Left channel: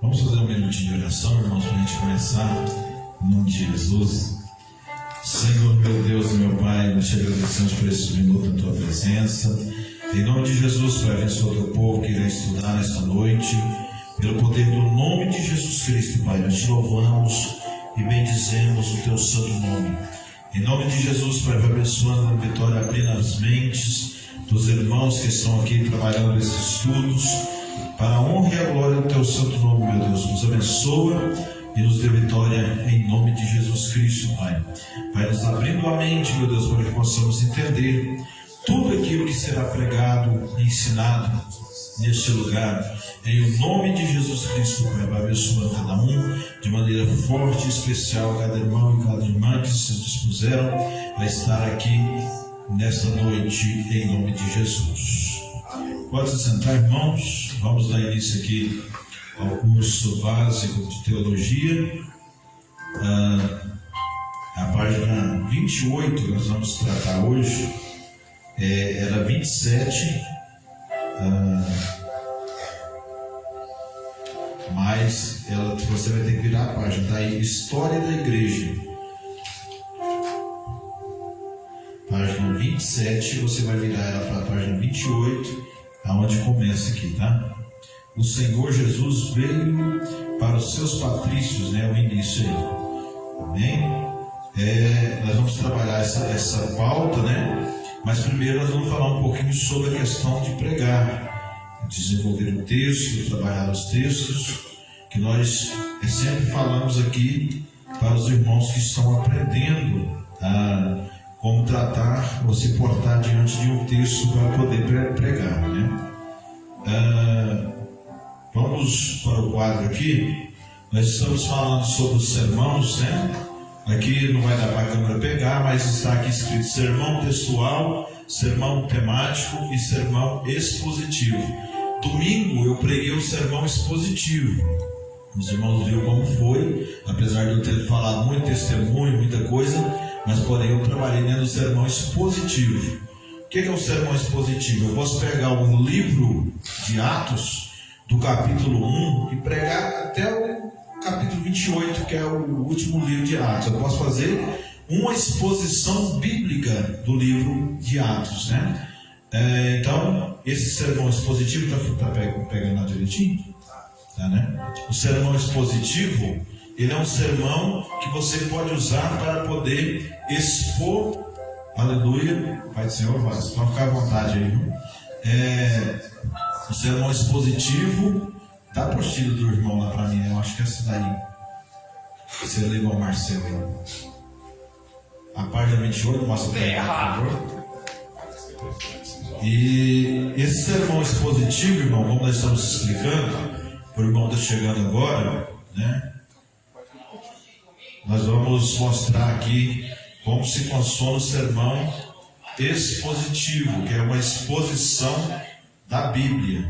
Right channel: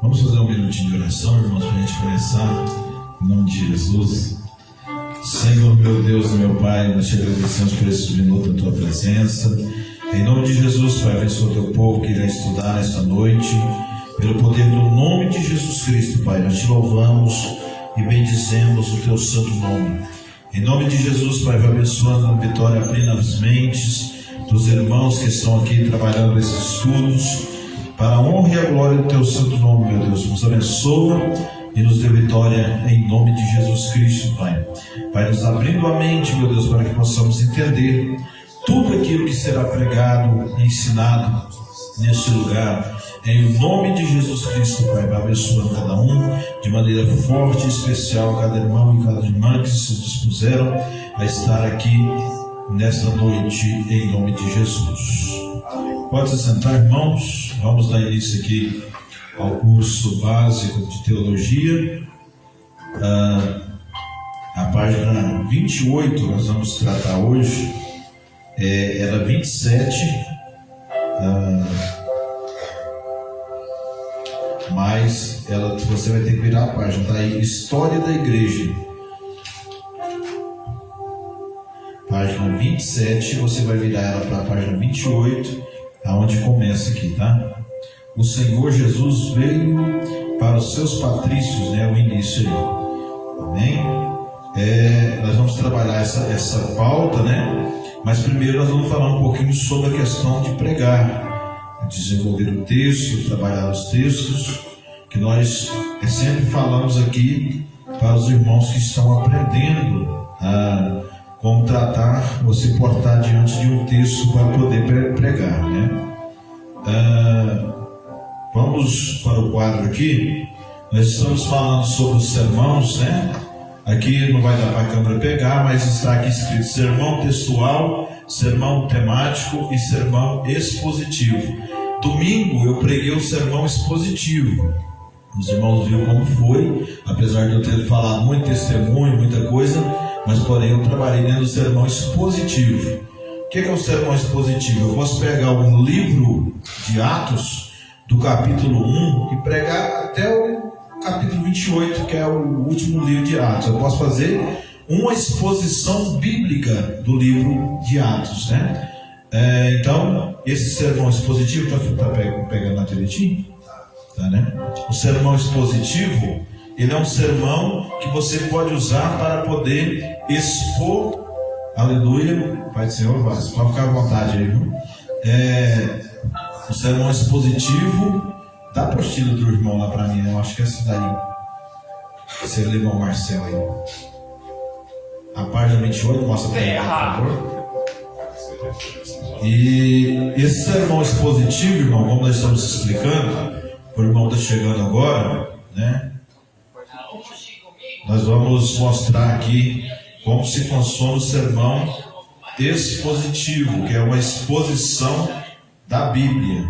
Vamos fazer um minutinho de oração, irmãos, para a gente começar, em nome de Jesus. Senhor, meu Deus e meu Pai, nós te agradecemos por esse minuto na tua presença. Em nome de Jesus, Pai, abençoa o teu povo que irá estudar nesta noite. Pelo poder do nome de Jesus Cristo, Pai, nós te louvamos e bendizemos o teu santo nome. Em nome de Jesus, Pai, vai abençoando a vitória, abrindo as mentes dos irmãos que estão aqui trabalhando nesses estudos, para a honra e a glória do teu santo nome, meu Deus. Nos abençoa e nos dê vitória em nome de Jesus Cristo, Pai. Vai nos abrindo a mente, meu Deus, para que possamos entender tudo aquilo que será pregado e ensinado neste lugar. Em nome de Jesus Cristo, Pai, vai abençoando cada um de maneira forte e especial, cada irmão e cada irmã que se dispuseram a estar aqui nesta noite, em nome de Jesus. Pode se sentar, irmãos. Vamos dar início aqui ao curso básico de teologia. A página 28 nós vamos tratar hoje. Era 27, mas você vai ter que virar a página. Está aí, História da Igreja. Página 27, você vai virar ela para a página 28, aonde começa aqui, tá? O Senhor Jesus veio para os seus patrícios, o início aí. Amém? Nós vamos trabalhar essa pauta, Mas primeiro nós vamos falar um pouquinho sobre a questão de pregar, desenvolver o texto, trabalhar os textos, que nós sempre falamos aqui para os irmãos que estão aprendendo como tratar, você portar diante de um texto para poder pregar, Vamos para o quadro aqui. Nós estamos falando sobre os sermãos, Aqui não vai dar para a câmera pegar, mas está aqui escrito sermão textual, sermão temático e sermão expositivo. Domingo eu preguei o sermão expositivo. Os irmãos viram como foi, apesar de eu ter falado muito testemunho, muita coisa, mas porém eu trabalhei dentro do sermão expositivo. O que é o sermão expositivo? Eu posso pegar um livro de Atos, do capítulo 1, e pregar até o capítulo 28, que é o último livro de Atos. Eu posso fazer uma exposição bíblica do livro de Atos, Então, esse sermão expositivo, está pegando na direitinho? O sermão expositivo, ele é um sermão que você pode usar para poder expor, aleluia, Pai do Senhor, pode ficar à vontade aí, viu? O sermão expositivo, dá a apostila do irmão lá para mim, eu acho que é essa daí, você lê, irmão Marcelo aí, a página 28, mostra para mim, por favor. E esse sermão expositivo, irmão, como nós estamos explicando, o irmão está chegando agora, Nós vamos mostrar aqui como se funciona o sermão expositivo, que é uma exposição da Bíblia.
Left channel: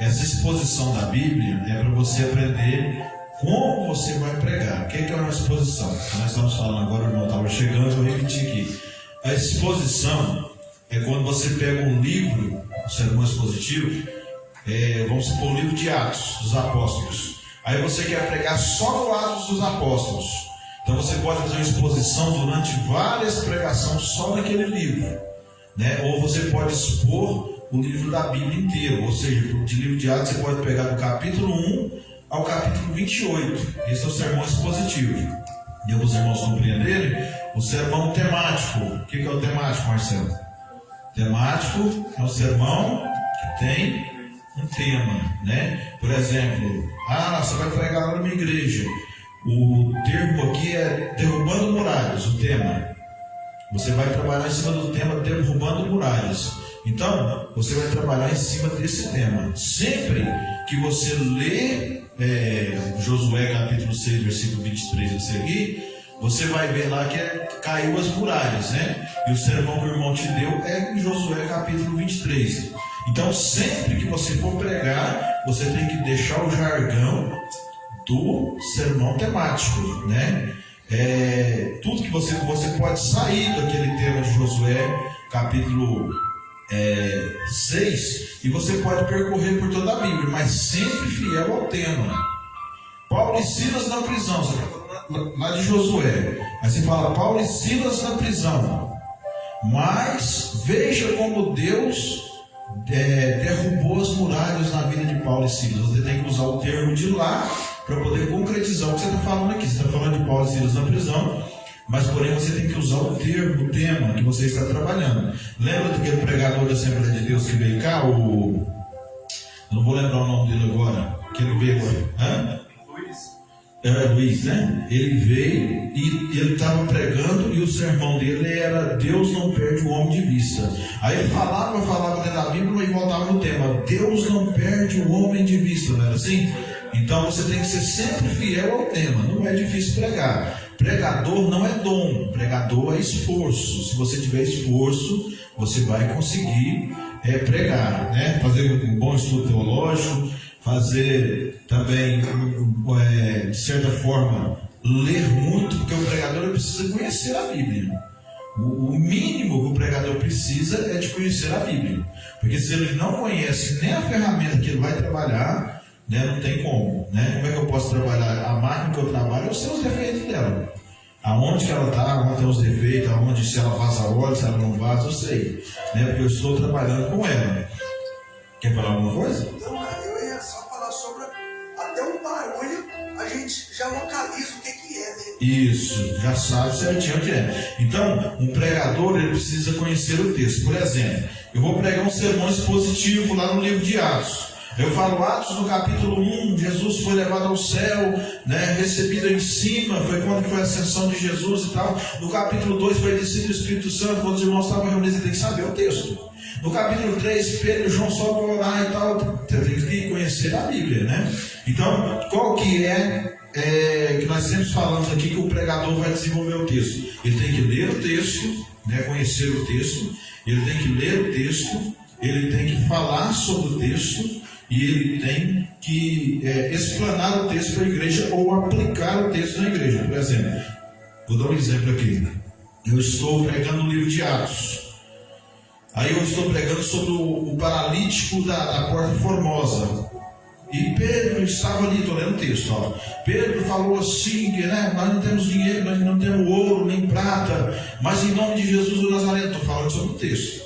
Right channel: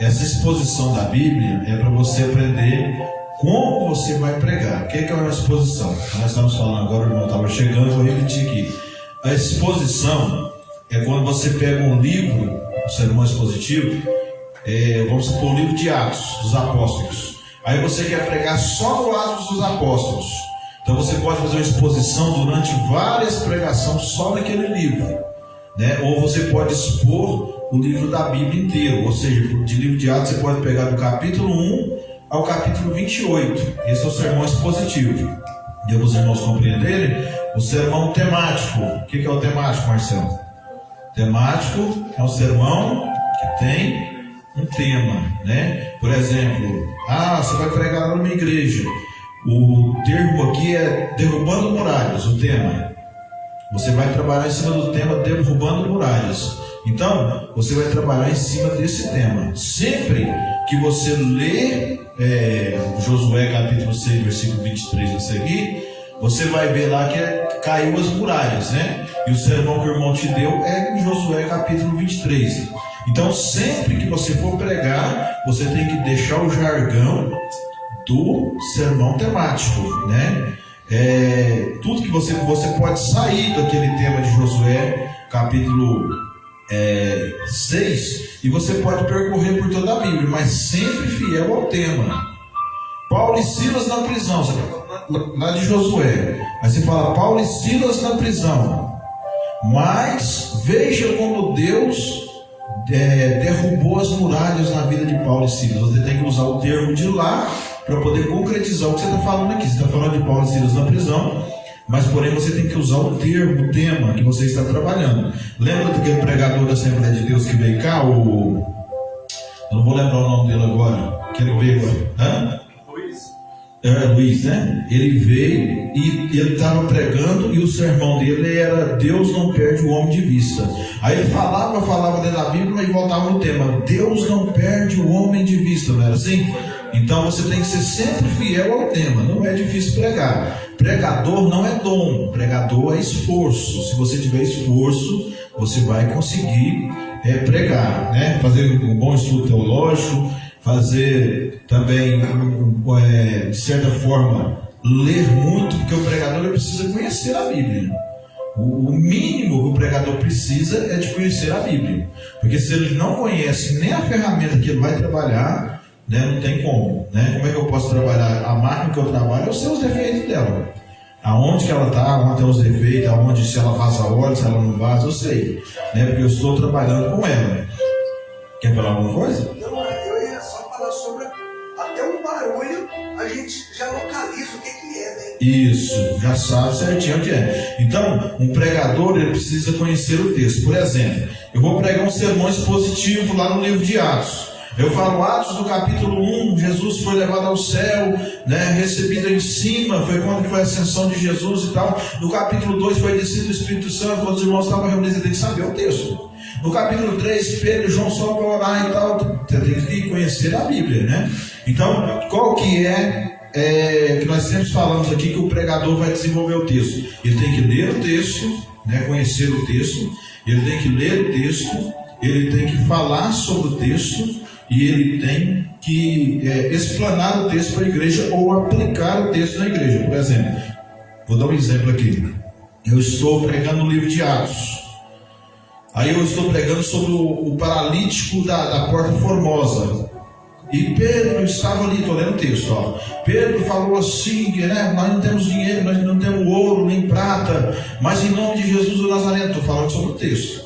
Essa exposição da Bíblia é para você aprender como você vai pregar. O que é uma exposição? Nós estamos falando agora, o irmão estava chegando, vou repetir aqui. A exposição é quando você pega um livro, um sermão expositivo, vamos supor, o livro de Atos dos Apóstolos. Aí você quer pregar só o Atos dos Apóstolos. Então você pode fazer uma exposição durante várias pregações só naquele livro, Ou você pode expor o livro da Bíblia inteiro. Ou seja, de livro de Atos você pode pegar do capítulo 1 ao capítulo 28. Esse é o sermão expositivo. Deu para os irmãos compreenderem? O sermão temático. O que é o temático, Marcelo? Temático é um sermão que tem um tema, Por exemplo, você vai pregar lá numa igreja. O termo aqui é derrubando muralhas, o tema. Você vai trabalhar em cima do tema derrubando muralhas. Então, você vai trabalhar em cima desse tema. Sempre que você lê Josué capítulo 6, versículo 23 a seguir, você vai ver lá que caiu as muralhas, E o sermão que o irmão te deu é em Josué capítulo 23. Então, sempre que você for pregar, você tem que deixar o jargão do sermão temático, Tudo que você pode sair daquele tema de Josué capítulo 6, e você pode percorrer por toda a Bíblia, mas sempre fiel ao tema. Paulo e Silas na prisão, lá de Josué, aí você fala Paulo e Silas na prisão, mas veja como Deus derrubou as muralhas na vida de Paulo e Silas. Você tem que usar o termo de lá para poder concretizar o que você está falando aqui. Você está falando de Paulo e Silas na prisão, mas porém você tem que usar o termo, o tema que você está trabalhando. Lembra daquele pregador da Assembleia de Deus que veio cá? Eu não vou lembrar o nome dele agora. Que ele veio agora. Era Luiz, né? Ele veio e ele estava pregando, e o sermão dele era Deus não perde o homem de vista. Aí ele falava dentro da Bíblia e voltava no tema, Deus não perde o homem de vista, não era assim? Então você tem que ser sempre fiel ao tema. Não é difícil pregar. Pregador não é dom, pregador é esforço. Se você tiver esforço, você vai conseguir pregar, né? Fazer um bom estudo teológico, fazer também, de certa forma, ler muito, porque o pregador precisa conhecer a Bíblia. O mínimo que o pregador precisa é de conhecer a Bíblia, porque se ele não conhece nem a ferramenta que ele vai trabalhar, né, não tem como, né? Como é que eu posso trabalhar? A máquina que eu trabalho, eu sei os defeitos dela, aonde que ela está, onde tem os defeitos, aonde, se ela vaza óleo, se ela não vaza, eu sei, né? Porque eu estou trabalhando com ela. Quer falar alguma coisa? Não, eu ia só falar sobre até um barulho, a gente já localiza o que é, né? Isso, já sabe certinho onde é. Então, um pregador, ele precisa conhecer o texto. Por exemplo, eu vou pregar um sermão expositivo lá no livro de Atos. Eu falo Atos do capítulo 1, Jesus foi levado ao céu, né, recebido em cima, foi quando foi a ascensão de Jesus e tal. No capítulo 2 foi descido o Espírito Santo, quando os irmãos estavam reunidos, você tem que saber o texto. No capítulo 3, Pedro e João só vão orar e tal, você tem que conhecer a Bíblia, né? Então, qual que que nós sempre falamos aqui que o pregador vai desenvolver o texto? Ele tem que ler o texto, né, conhecer o texto, ele tem que ler o texto, ele tem que falar sobre o texto, e ele tem que explanar o texto para a igreja ou aplicar o texto na igreja. Por exemplo, vou dar um exemplo aqui. Eu estou pregando o livro de Atos. Aí eu estou pregando sobre o paralítico da Porta Formosa. E Pedro estava ali, estou lendo o texto, ó. Pedro falou assim, né? Nós não temos dinheiro, nós não temos ouro, nem prata, mas em nome de Jesus do Nazareno, estou falando sobre o texto.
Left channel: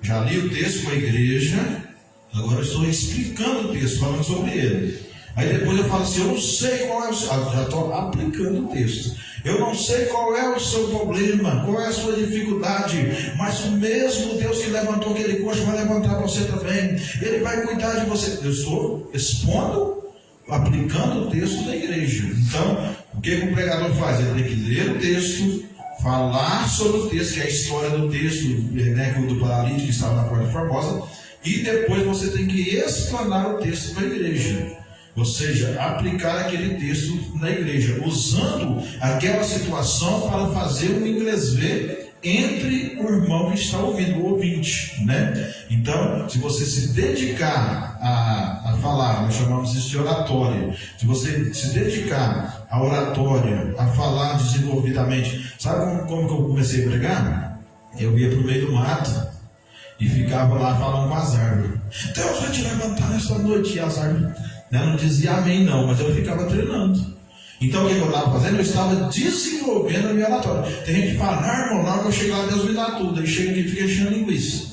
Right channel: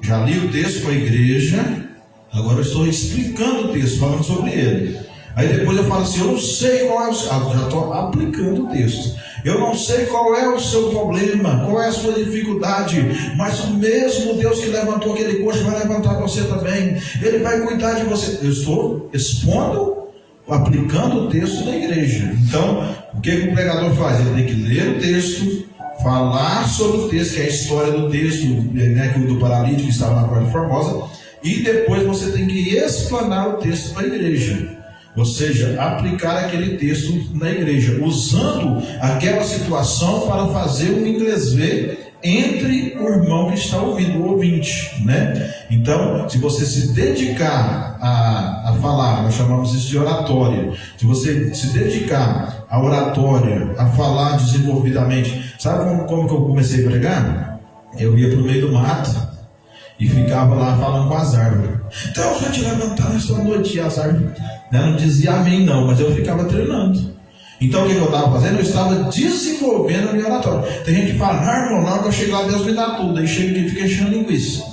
Já li o texto para a igreja. Agora eu estou explicando o texto, falando sobre ele. Aí depois eu falo assim, eu não sei qual é o seu... já estou aplicando o texto. Eu não sei qual é o seu problema, qual é a sua dificuldade, mas o mesmo Deus que levantou aquele coxo vai levantar você também. Ele vai cuidar de você. Eu estou expondo, aplicando o texto da igreja. Então, o que o pregador faz? Ele tem que ler o texto, falar sobre o texto, que é a história do texto, né, do paralítico que estava na Porta Formosa. E depois você tem que explanar o texto para a igreja, ou seja, aplicar aquele texto na igreja, usando aquela situação para fazer o inglês ver entre o irmão que está ouvindo, o ouvinte, né? Então, se você se dedicar a falar, nós chamamos isso de oratória. Se você se dedicar à oratória, a falar desenvolvidamente, sabe como que eu comecei a pregar? Eu ia para o meio do mato e ficava lá falando com as árvores. Deus vai te levantar nessa noite. E as árvores, né, não dizia amém não, mas eu ficava treinando. Então o que eu estava fazendo? Eu estava desenvolvendo a minha oratória. Tem gente que fala, não, irmão, na hora que eu chego lá, Deus me dá tudo. Aí chega aqui e fica enchendo linguiça.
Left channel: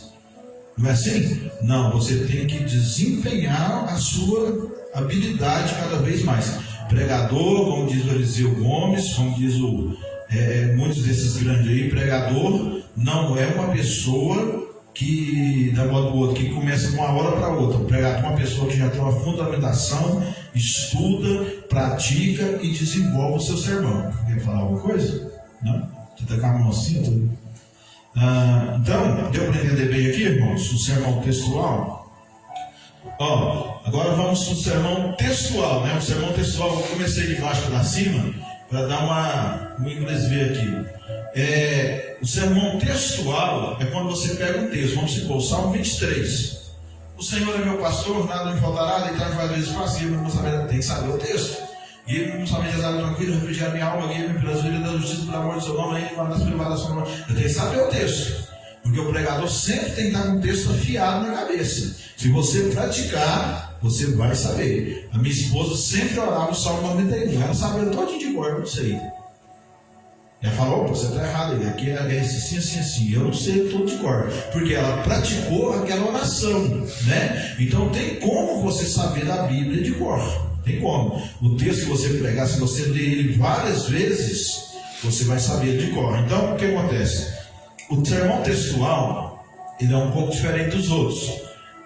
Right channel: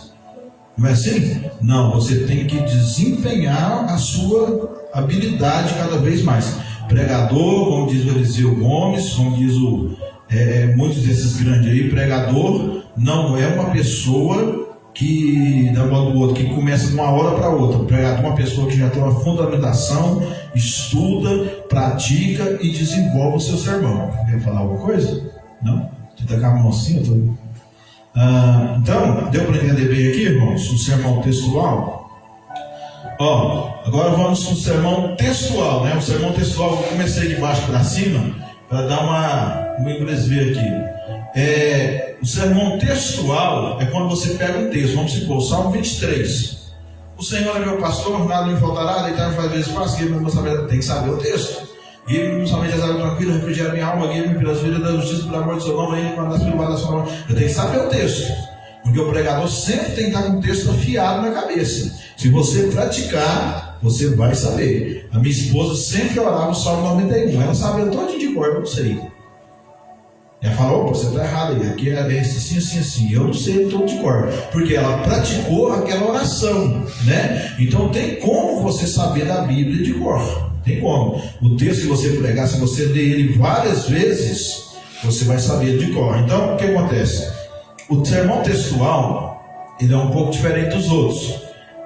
Não é assim? Não, você tem que desempenhar a sua habilidade cada vez mais. Pregador, como diz o Eliseu Gomes, como diz muitos desses grandes aí, pregador não é uma pessoa que dá uma do outro, que começa de uma hora para outra. Pregador é uma pessoa que já tem uma fundamentação, estuda, pratica e desenvolve o seu sermão. Quer falar alguma coisa? Não? Você está com a mão assim? Então, deu para entender bem aqui, irmãos? O sermão textual. Agora vamos para o sermão textual, né? O sermão textual, eu comecei de baixo para cima, para dar um inglês ver aqui. O sermão textual é quando você pega um texto, vamos supor, Salmo 23. O Senhor é meu pastor, nada me faltará, deitar faz vezes fácil, tem que saber o texto. Guia-me no somente as águas tranquilas, refrigerar minha alma, guia-me pelas vidas da justiça, pelo amor de seu nome, aí, quando as privadas da sua mão. Eu tenho que saber o texto. Porque o pregador sempre tem que estar com o texto afiado na cabeça. Se você praticar, você vai saber. A minha esposa sempre orava o Salmo 91. Ela sabia todinho de cor, eu não sei. Ela falou, você está errado aí, aqui é assim, assim, assim. Eu não sei todo de cor. Porque ela praticou aquela oração, né? Então tem como você saber da Bíblia de cor. Tem como. O texto que você pregar, se você ler ele várias vezes, você vai saber de cor. Então, o que acontece? O sermão textual, ele é um pouco diferente dos outros.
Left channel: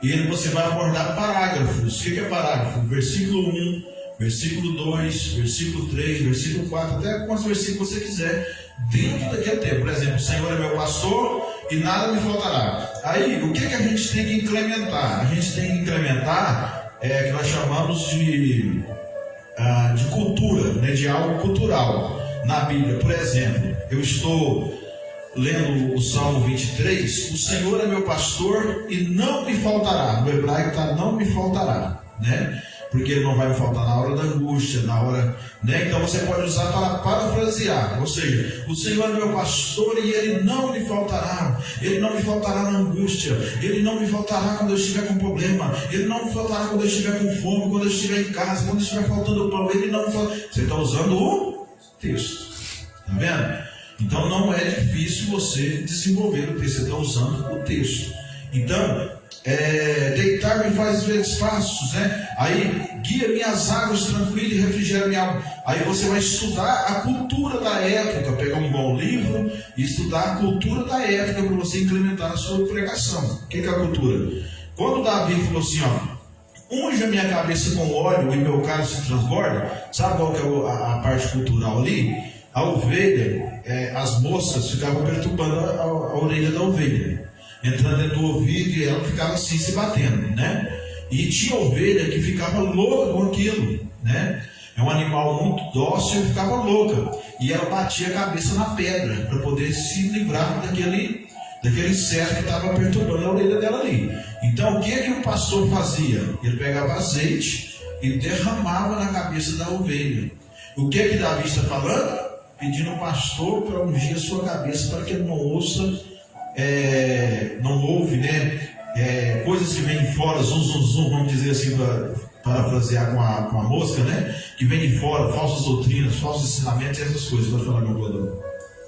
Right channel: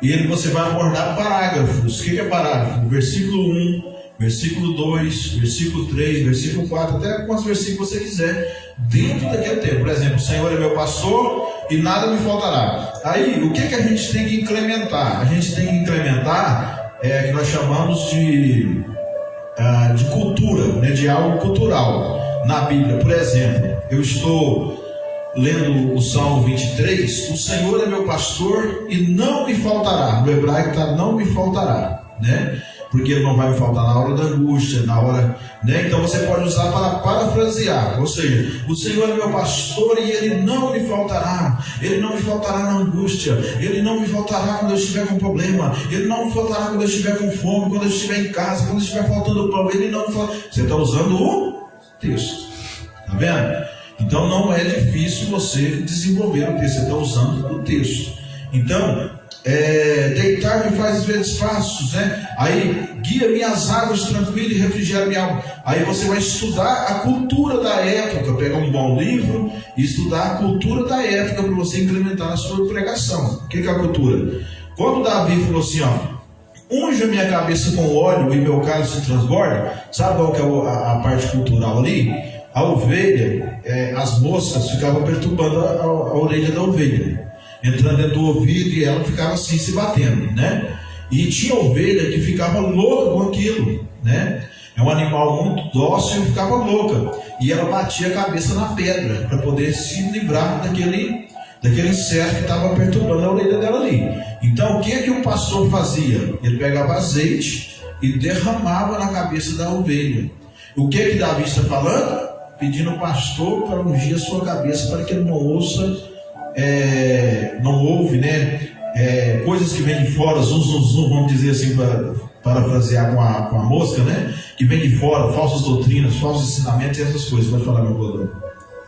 E ele você vai abordar parágrafos. O que é parágrafo? Versículo 1, versículo 2, versículo 3, versículo 4, até quantos versículos você quiser, dentro daquele tempo. Por exemplo, o Senhor é meu pastor e nada me faltará. Aí, o que a gente tem que incrementar? A gente tem que incrementar que nós chamamos de cultura, né, de algo cultural na Bíblia. Por exemplo, eu estou lendo o Salmo 23, o Senhor é meu pastor e não me faltará. No hebraico está não me faltará, né? Porque ele não vai me faltar na hora da angústia, na hora, né? Então você pode usar para parafrasear, ou seja, o Senhor é meu pastor e ele não me faltará. Ele não me faltará na angústia, ele não me faltará quando eu estiver com problema, ele não me faltará quando eu estiver com fome, quando eu estiver em casa, quando eu estiver faltando pão, ele não me faltará. Você está usando o texto, tá vendo? Então não é difícil você desenvolver o texto, você está usando o texto. Então, deitar-me faz vezes passos, né? Aí, guia minhas águas tranquilas e refrigera minha alma. Aí você vai estudar a cultura da época, pegar um bom livro e estudar a cultura da época para você implementar na sua pregação. O que é a cultura? Quando Davi falou assim, unja minha cabeça com óleo e meu cálice se transborda, sabe qual que é a parte cultural ali? A ovelha, as moças ficavam perturbando a orelha da ovelha, entrando dentro do ouvido, e ela ficava assim se batendo, né? E tinha ovelha que ficava louca com aquilo, né? É um animal muito dócil e ficava louca, e ela batia a cabeça na pedra para poder se livrar daquele inseto que estava perturbando a orelha dela ali. Então o que o pastor fazia? Ele pegava azeite e derramava na cabeça da ovelha. O que Davi está falando? Pedindo ao pastor para ungir a sua cabeça, para que ele não ouve, né? Coisas que vêm de fora, zum, vamos dizer assim, para parafrasear com a mosca, né? Que vem de fora, falsas doutrinas, falsos ensinamentos e essas coisas. Vai falar, meu poder.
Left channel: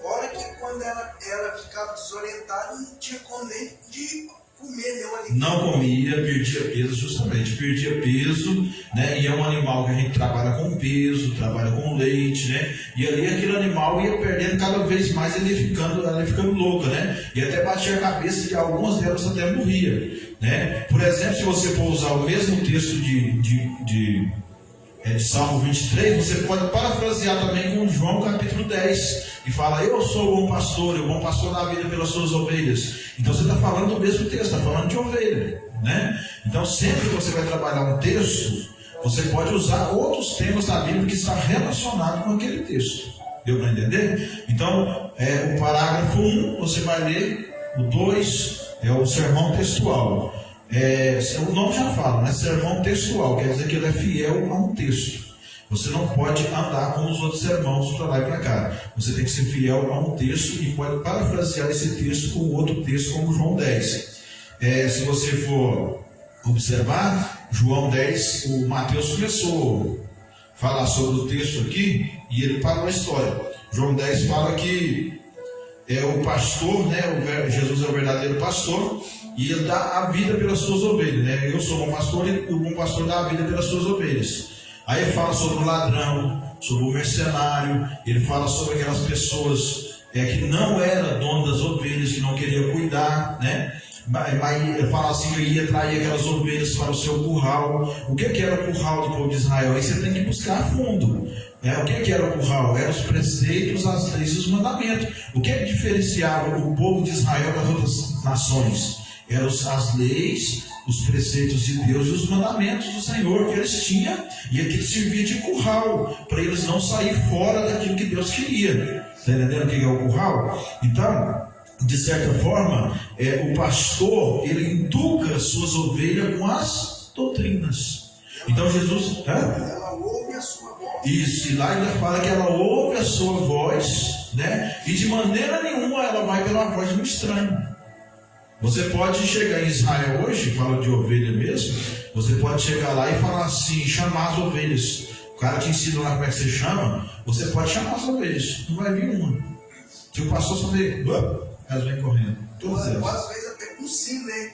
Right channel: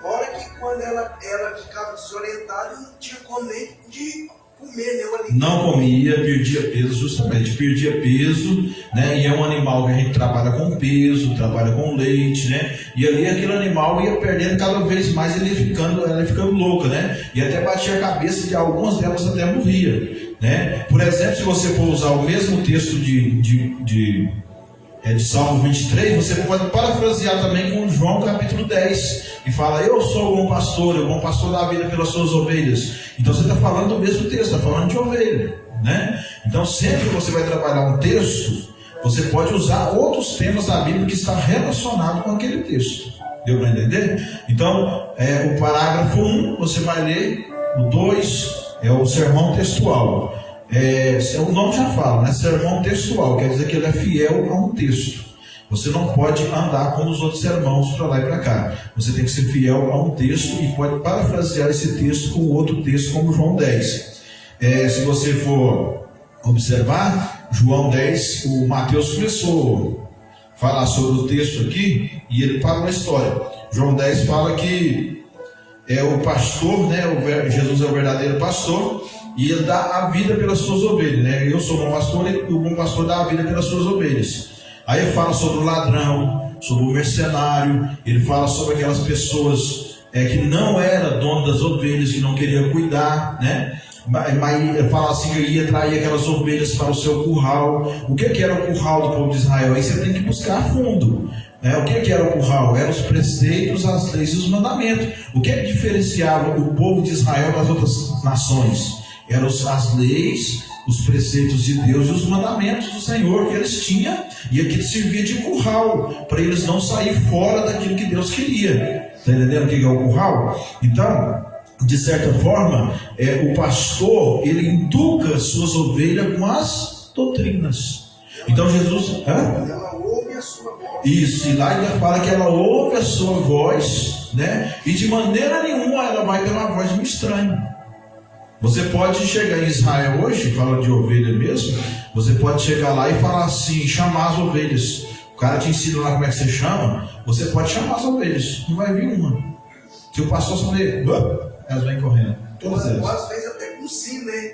Fora que quando ela ficava desorientada, não tinha como nem de comer nenhum alimento. Não comia, perdia peso, justamente, perdia peso, né? E é um animal que a gente trabalha com peso, trabalha com leite, né? E ali aquele animal ia perdendo cada vez mais, ela ia ficando louca, né? E até batia a cabeça, que algumas delas até morria, né? Por exemplo, se você for usar o mesmo texto de Salmo 23, você pode parafrasear também com João capítulo 10, e fala, eu sou o bom pastor da vida pelas suas ovelhas. Então você está falando do mesmo texto, está falando de ovelha, né? Então sempre que você vai trabalhar um texto, você pode usar outros temas da Bíblia que está relacionado com aquele texto. Deu para entender? Então, o parágrafo 1 você vai ler, o 2 é o sermão textual. O nome já fala, né? Sermão textual, quer dizer que ele é fiel a um texto. Você não pode andar como os outros sermãos para lá e para cá. Você tem que ser fiel a um texto e pode parafrasear esse texto com outro texto, como João 10. Se você for observar, João 10, o Mateus começou a falar sobre o texto aqui e ele parou a história. João 10 fala que o pastor, né? Jesus é o verdadeiro pastor e ele dá a vida pelas suas ovelhas, né? Eu sou o bom pastor e o bom pastor dá a vida pelas suas ovelhas. Aí ele fala sobre o ladrão, sobre o mercenário, ele fala sobre aquelas pessoas que não eram dono das ovelhas, que não queriam cuidar, né? Mas ele fala assim, eu ia trair aquelas ovelhas para o seu curral. O que era o curral do povo de Israel? Aí você tem que buscar a fundo. O que era o curral? Eram os preceitos, as leis e os mandamentos. O que diferenciava o povo de Israel das outras nações? Eram as leis, os preceitos de Deus e os mandamentos do Senhor que eles tinham, e aquilo servia de curral, para eles não sair fora daquilo que Deus queria. Está entendendo o que é o curral? Então, de certa forma, o pastor, ele educa as suas ovelhas com as doutrinas. Então Jesus... Ela ouve a sua voz. Isso, e lá ele fala que ela ouve a sua voz, né? E de maneira nenhuma ela vai pela voz de um estranho. Você pode chegar em Israel hoje, fala de ovelha mesmo, você pode chegar lá e falar assim, chamar as ovelhas. O cara te ensina lá como é que você chama, você pode chamar as ovelhas, não vai vir uma. Se o pastor fazer, elas vêm correndo. Todas elas. Às vezes até com sim, né?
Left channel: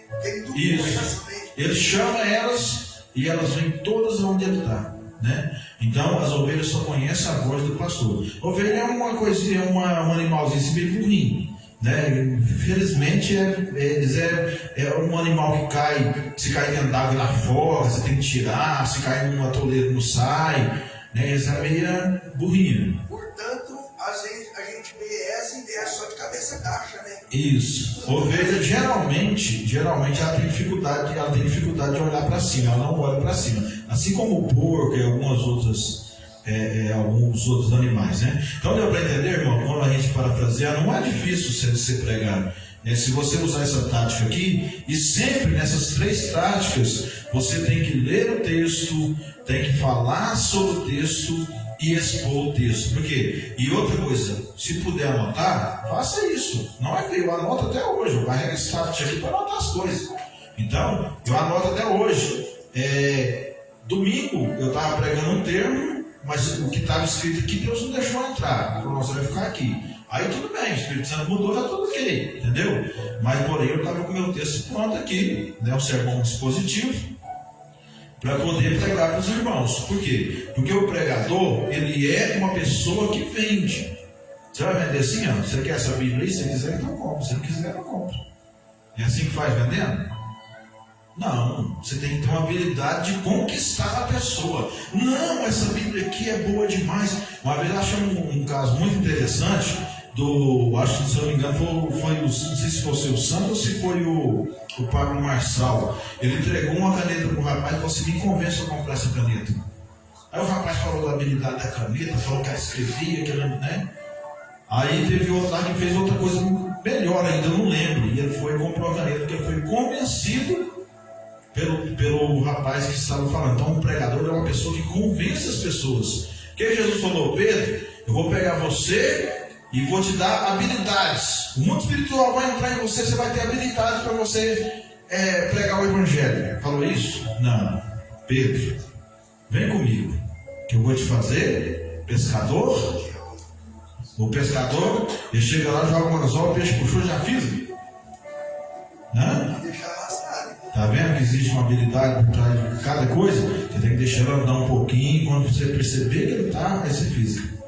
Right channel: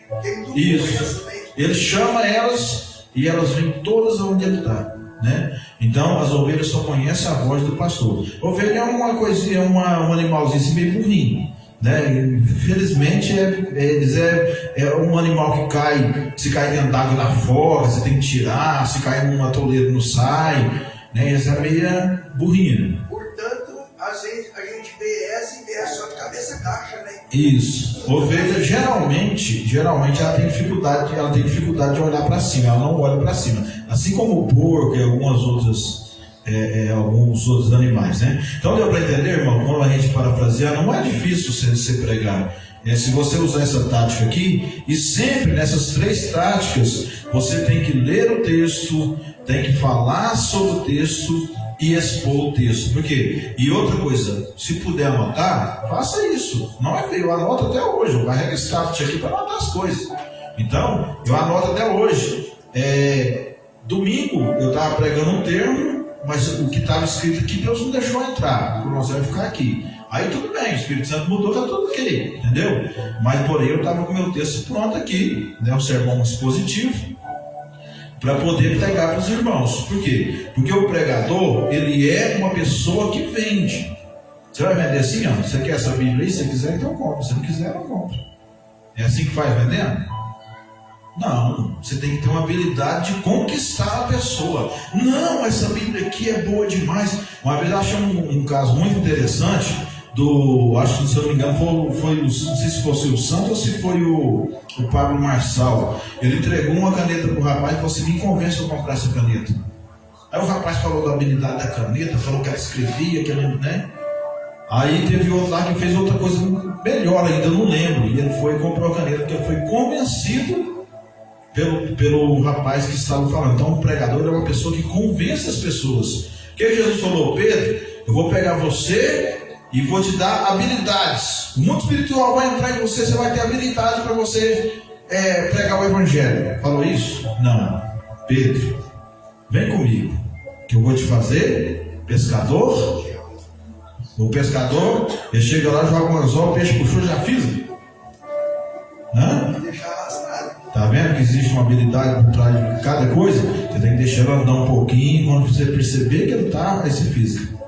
Isso. Ele chama elas e elas vêm todas onde ele está. Né? Então as ovelhas só conhecem a voz do pastor. Ovelha é uma coisinha, um animalzinho meio burrinho, né? Infelizmente é um animal que cai, se cai dentro d'água ele afoga, você tem que tirar, se cai num atoleiro não sai, né? Essa é meio burrinha. Portanto, a gente vê essa e vê só de cabeça baixa, né? Isso. Ovelha geralmente ela tem dificuldade de olhar para cima, ela não olha para cima. Assim como o porco e alguns outros animais, né? Então deu para entender, irmão, quando a gente parafrasear, não é difícil você pregar. Se você usar essa tática aqui, e sempre nessas 3 táticas, você tem que ler o texto, tem que falar sobre o texto e expor o texto. Por quê? E outra coisa, se puder anotar, faça isso. Não é feio, eu anoto até hoje. Eu carrego esse tablet aqui para anotar as coisas. Então, eu anoto até hoje. Domingo, eu estava pregando um termo, mas o que estava escrito aqui, Deus não deixou entrar. Você vai ficar aqui. Aí tudo bem, o Espírito Santo mudou, está tudo ok, entendeu? Mas porém eu estava com o meu texto pronto aqui, né? Um sermão expositivo, para poder pregar para os irmãos. Por quê? Porque o pregador, ele é uma pessoa que vende. Você vai vender assim, ó, você quer essa Bíblia aí? Se você quiser, então compra. Se não quiser, não compra. É assim que faz vendendo? Não, você tem que ter uma habilidade de conquistar a pessoa. Não, essa Bíblia aqui é boa demais. Uma vez eu achei um caso muito interessante acho que, se eu não me engano, foi não sei se fosse o Santos ou se foi o Pablo Marçal. Ele entregou uma caneta para o rapaz e falou assim: me convence a comprar essa caneta. Aí o rapaz falou da habilidade da caneta, falou que ela escrevia, que ela, né? Aí teve outro lá que fez outra coisa melhor ainda, eu não lembro. E ele foi e comprou a caneta, porque ele foi convencido pelo rapaz que estava falando. Então o pregador é uma pessoa que convence as pessoas. Porque Jesus falou: Pedro, eu vou pegar você e vou te dar habilidades. O mundo espiritual vai entrar em você, você vai ter habilidades para você pregar o evangelho. Falou isso? Não. Pedro, vem comigo, que eu vou te fazer pescador. O pescador, ele chega lá, joga um anzol, o peixe puxou, já fiz. Tá vendo que existe uma habilidade por trás de cada coisa? Você tem que deixar ela andar um pouquinho, quando você perceber que ele está, aí você física.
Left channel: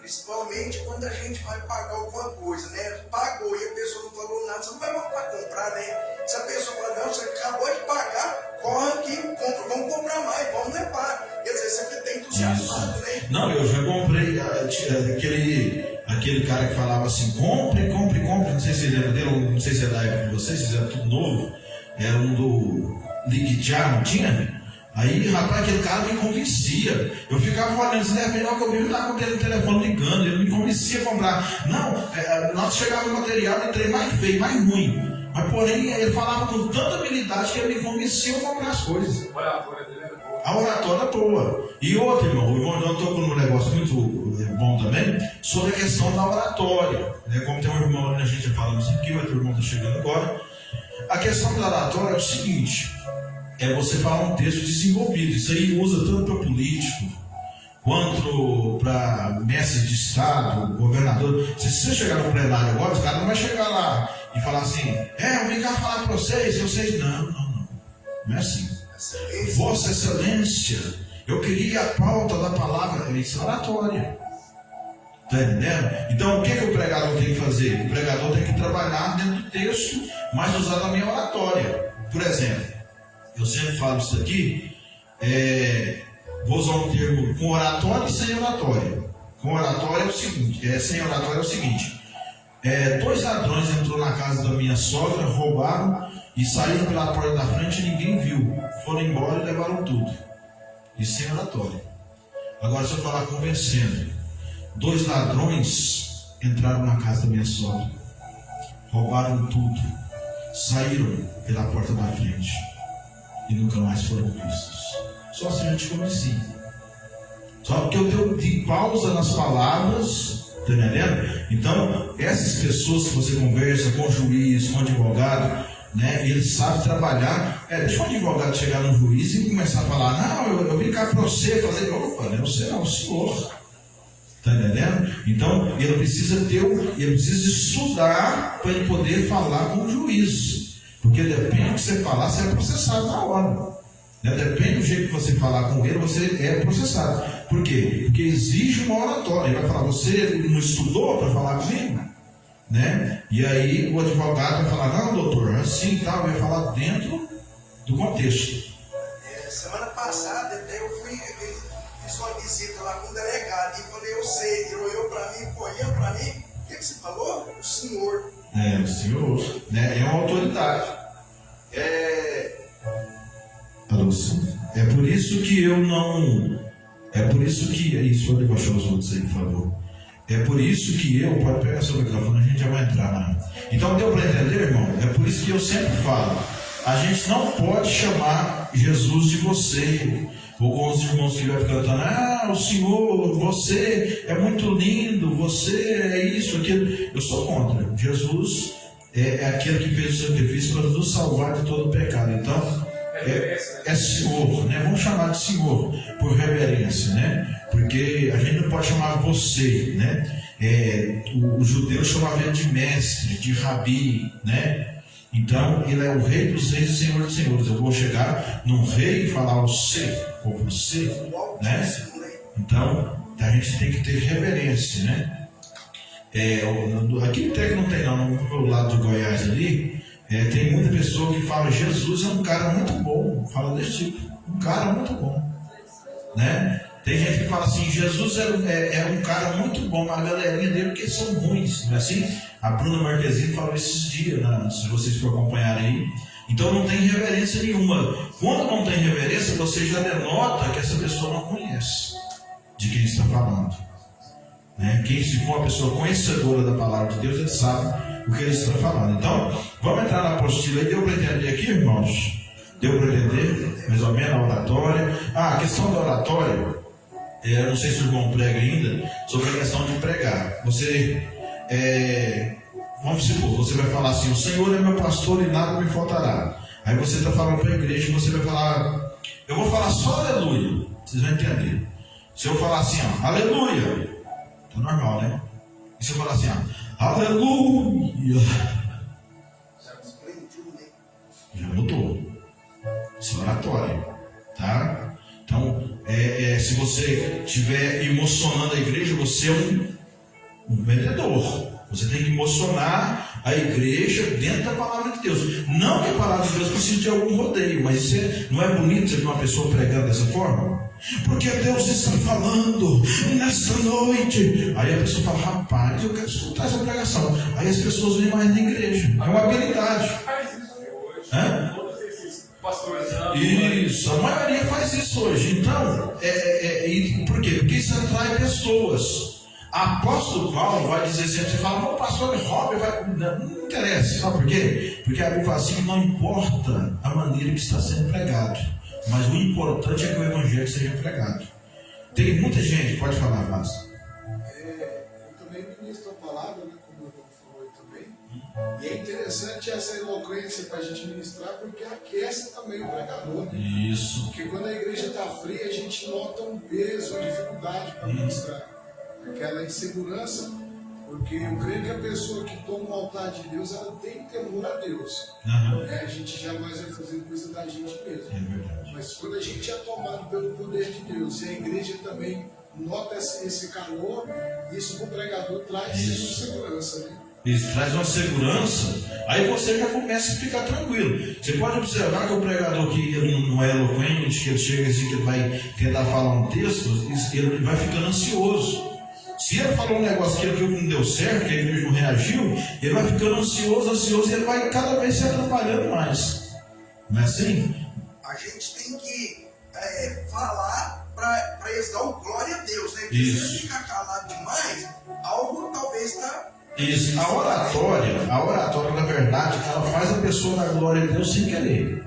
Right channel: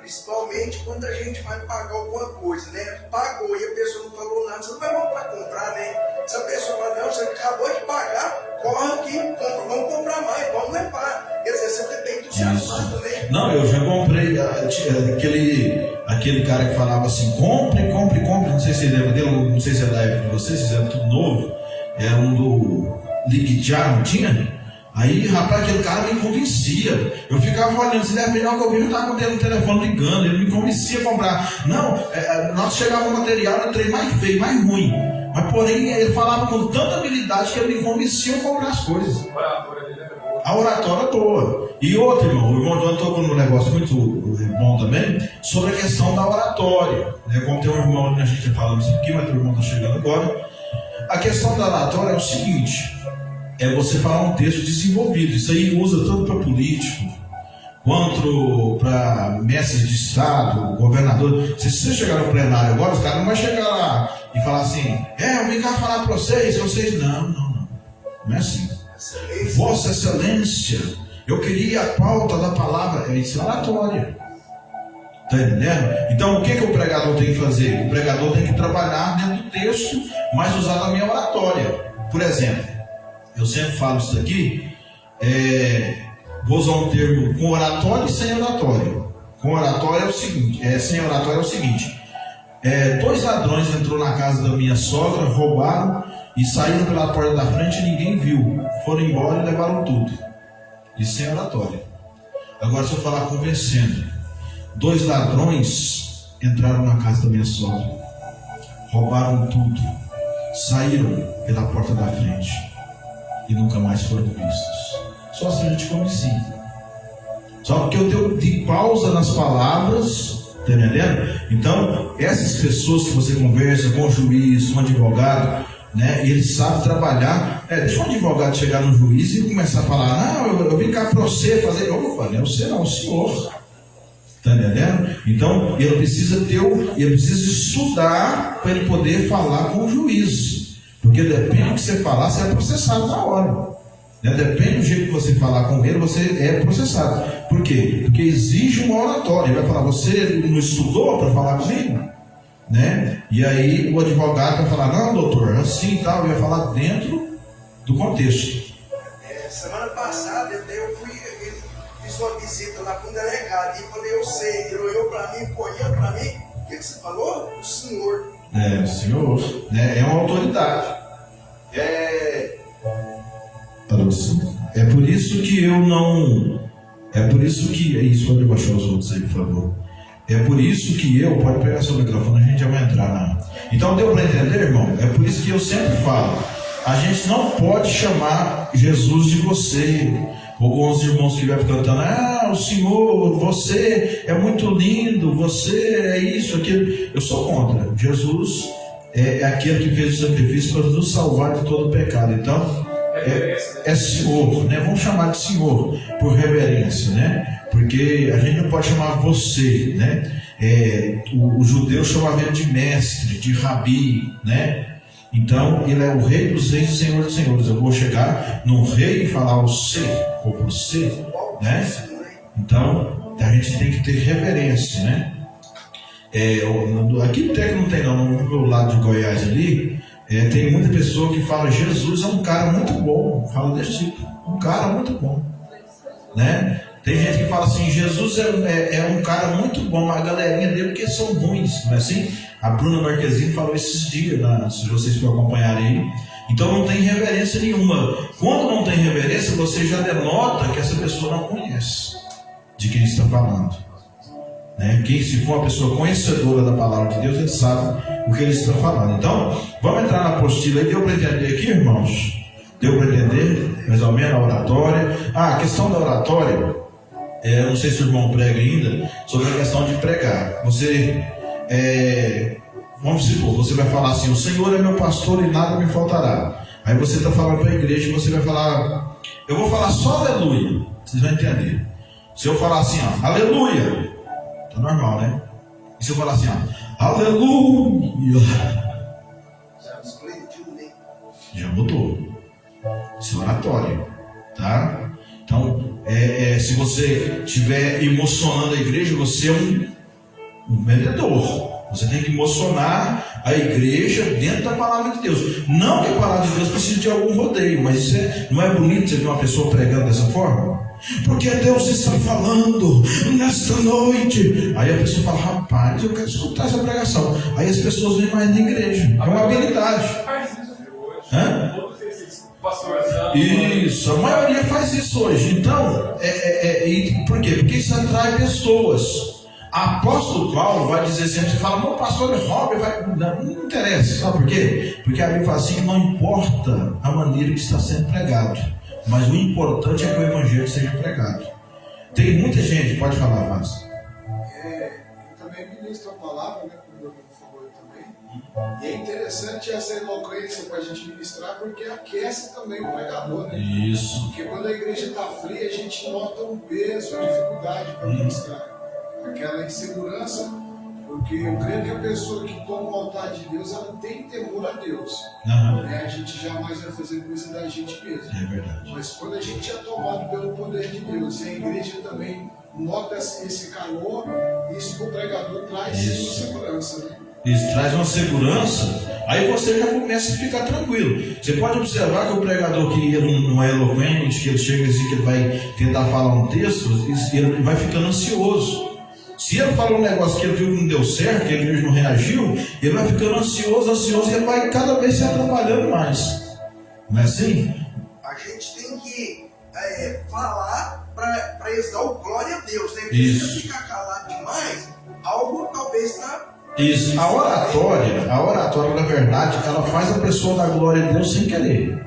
Principalmente quando a gente vai pagar alguma coisa, né? Pagou e a pessoa não falou nada, você não vai mal para comprar, né? Se a pessoa fala: não, você acabou de pagar, corre aqui, compra, vamos comprar mais, vamos levar. Quer dizer, você tem entusiasmado, né? Não, eu já comprei aquele cara que falava assim: compre, não sei se você lembra dele, não sei se é da época de vocês, vocês eram tudo novo, era um do Ligue Já, não tinha? Aí, rapaz, aquele cara me convencia. Eu ficava olhando, se é melhor que eu vi, eu estava com o telefone ligando, ele me convencia a comprar. Não, nós chegava no material, eu entrei mais feio, mais ruim. Mas porém, ele falava com tanta habilidade que ele me convencia a comprar as coisas. A oratória é boa. E outro, irmão, o irmão João tocou num negócio muito bom também, sobre a questão da oratória. Né? Como tem um irmão ali, a gente fala isso aqui, mas o irmão está chegando agora. A questão da oratória é o seguinte: é você falar um texto desenvolvido. Isso aí usa tanto para político quanto para mestres de estado, governador. Se você chegar no plenário agora, os caras não vão chegar lá e falar assim: eu vim cá falar para vocês. Não é assim. Vossa Excelência, eu queria a pauta da palavra. Isso é oratória. Está entendendo? Então o que o pregador tem que fazer? O pregador tem que trabalhar dentro do texto, mas usar também a oratória. Por exemplo, eu sempre falo isso aqui, vou usar um termo com oratória e sem oratória. Com oratória é o seguinte, sem oratória é o seguinte: 2 ladrões entrou na casa da minha sogra, roubaram e saíram pela porta da frente e ninguém viu. Foram embora e levaram tudo. Isso sem oratória. Agora, se eu falar convencendo: 2 ladrões entraram na casa da minha sogra, roubaram tudo, saíram pela porta da frente e nunca mais foram vistos. Só assim a gente conhecia. Só porque eu dei pausa nas palavras, tá entendendo? Então, essas pessoas que você conversa com o juiz, com o advogado, né? Ele sabe trabalhar. Deixa um advogado chegar no juiz e começar a falar: não, eu vim cá para você fazer. Opa, não é você, não, o senhor. Está entendendo? Então ele precisa estudar para ele poder falar com o juiz, porque depende do que você falar, você é processado na hora, né? Depende do jeito que você falar com ele, você é processado. Por quê? Porque exige uma oratória. Ele vai falar: você não estudou para falar comigo? Né? E aí o advogado vai falar: não, doutor, assim e tal. Ele vai falar dentro do contexto. Semana passada eu fiz uma visita lá com o delegado e falei: eu sei, ele olhou para mim, olhou para mim. O que você falou? O senhor. O senhor, né? É uma autoridade. É por isso que eu não. É por isso que. Isso, pode baixar os outros aí, por favor. É por isso que eu. Pode pegar seu microfone, a gente já vai entrar. Então deu para entender, irmão? É por isso que eu sempre falo: a gente não pode chamar Jesus de você. Alguns irmãos que vai cantando: o Senhor, você é muito lindo, você é isso, aquilo. Eu sou contra. Jesus é aquele que fez o sacrifício para nos salvar de todo o pecado. Então é Senhor, né? Vamos chamar de Senhor por reverência, né? Porque a gente não pode chamar você, né? O judeu chamava ele de mestre, de rabi, né? Então ele é o rei dos reis e senhor dos senhores. Eu vou chegar num rei e falar ou você, né? Então a gente tem que ter reverência, né? Aqui até que não tem, não, no lado de Goiás ali, tem muita pessoa que fala: Jesus é um cara muito bom. Fala desse tipo: um cara muito bom, né? Tem gente que fala assim: Jesus é um cara muito bom, mas a galerinha dele porque são ruins, não é assim? A Bruna Marquezine falou esses dias, né? Se vocês for acompanhar aí. Então não tem reverência nenhuma. Quando não tem reverência, você já denota que essa pessoa não conhece de quem está falando, né? Quem, se for uma pessoa conhecedora da palavra de Deus, ele sabe o que ele está falando. Então vamos entrar na apostila aí. Deu para entender aqui, irmãos? Deu para entender mais ou menos a oratória? A questão da oratória, eu não sei se o irmão prega ainda sobre a questão de pregar. Vamos supor, você vai falar assim: o Senhor é meu pastor e nada me faltará. Aí você está falando para a igreja e você vai falar: eu vou falar só aleluia. Vocês vão entender. Se eu falar assim, aleluia, tá normal, né? E se eu falar assim, aleluia, já mudou. Isso é oratório, tá? Então, se você estiver emocionando a igreja, você é um vendedor. Você tem que emocionar a igreja dentro da palavra de Deus. Não que a palavra de Deus precise de algum rodeio, mas não é bonito você ver uma pessoa pregando dessa forma? Porque Deus está falando nesta noite. Aí a pessoa fala: rapaz, eu quero escutar essa pregação. Aí as pessoas vêm mais na igreja. É uma habilidade. Isso, a maioria faz isso hoje. Então, por quê? Porque isso atrai pessoas. Apóstolo Paulo vai dizer sempre: você fala, meu pastor é Robert, não interessa. Sabe por quê? Porque a Bíblia fala assim: não importa a maneira que está sendo pregado, mas o importante é que o evangelho seja pregado. Tem muita gente, pode falar, Márcio. Eu também ministro a palavra, né, como o irmão falou também. E é interessante essa eloquência para a gente ministrar, porque aquece também o pregador, né? Isso. Porque quando a igreja está fria, a gente nota um peso, a dificuldade para ministrar. Aquela insegurança, porque eu creio que a pessoa que toma o altar de Deus, ela tem temor a Deus. Né? A gente jamais vai fazer coisa da gente mesmo. É verdade. Mas quando a gente é tomado pelo poder de Deus, e a igreja também nota esse calor, isso para o pregador traz segurança, né? Isso traz uma segurança. Aí você já começa a ficar tranquilo. Você pode observar que o pregador que ele não é eloquente, que ele chega assim, que ele vai tentar falar um texto, ele vai ficando ansioso. Se ele fala um negócio que ele viu que não deu certo, que a igreja não reagiu, ele vai ficando ansioso, e ele vai cada vez se atrapalhando mais. Não é assim? A gente tem que falar para eles dar o glória a Deus, né? Porque isso. Se ficar calado demais, algo talvez está... Isso. A oratória, na verdade, ela faz a pessoa dar glória a Deus sem querer.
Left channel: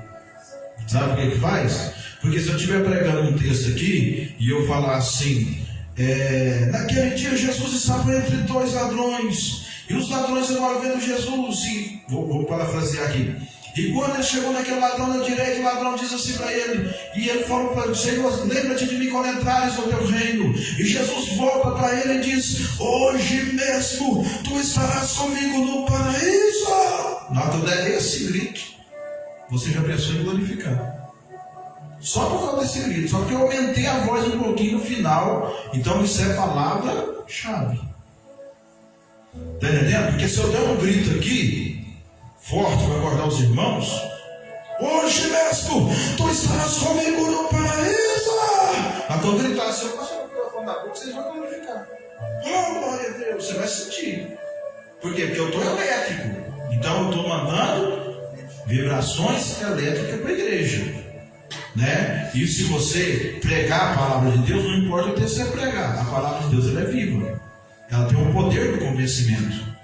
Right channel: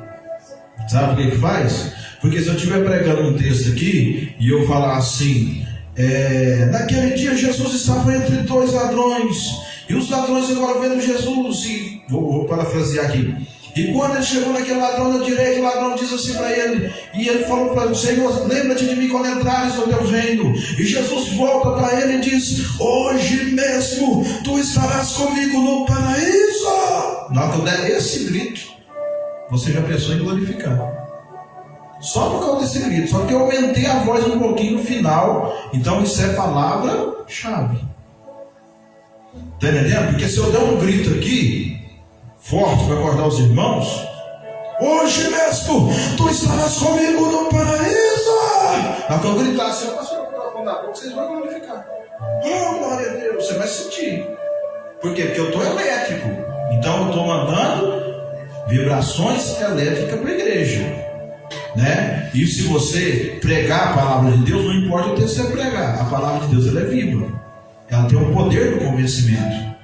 Sabe o que faz? Porque se eu estiver pregando um texto aqui e eu falar assim: naquele dia Jesus estava entre dois ladrões, e os ladrões agora vendo Jesus, e vou parafrasear aqui, E quando ele chegou naquele ladrão da direita, o ladrão diz assim para ele, e ele falou para o Senhor, lembra-te de mim quando entrares no teu reino. E Jesus volta para ele e diz, hoje mesmo tu estarás comigo no paraíso. Na hora que eu der esse grito, você já pensou em glorificar. Só por causa desse grito, só que eu aumentei a voz um pouquinho no final. Então isso é palavra-chave. Está entendendo? Porque se eu der um grito aqui forte para acordar os irmãos, hoje mesmo tu estarás comigo no paraíso. Na que eu gritar assim, eu passo o microfone da boca, vocês vão glorificar. Oh, glória a Deus, você vai sentir. Por quê? Porque eu estou elétrico. Então eu estou mandando vibrações elétricas para a igreja, né? E se você pregar a palavra de Deus, não importa o que você pregar, a palavra de Deus ela é viva, ela tem o poder do convencimento.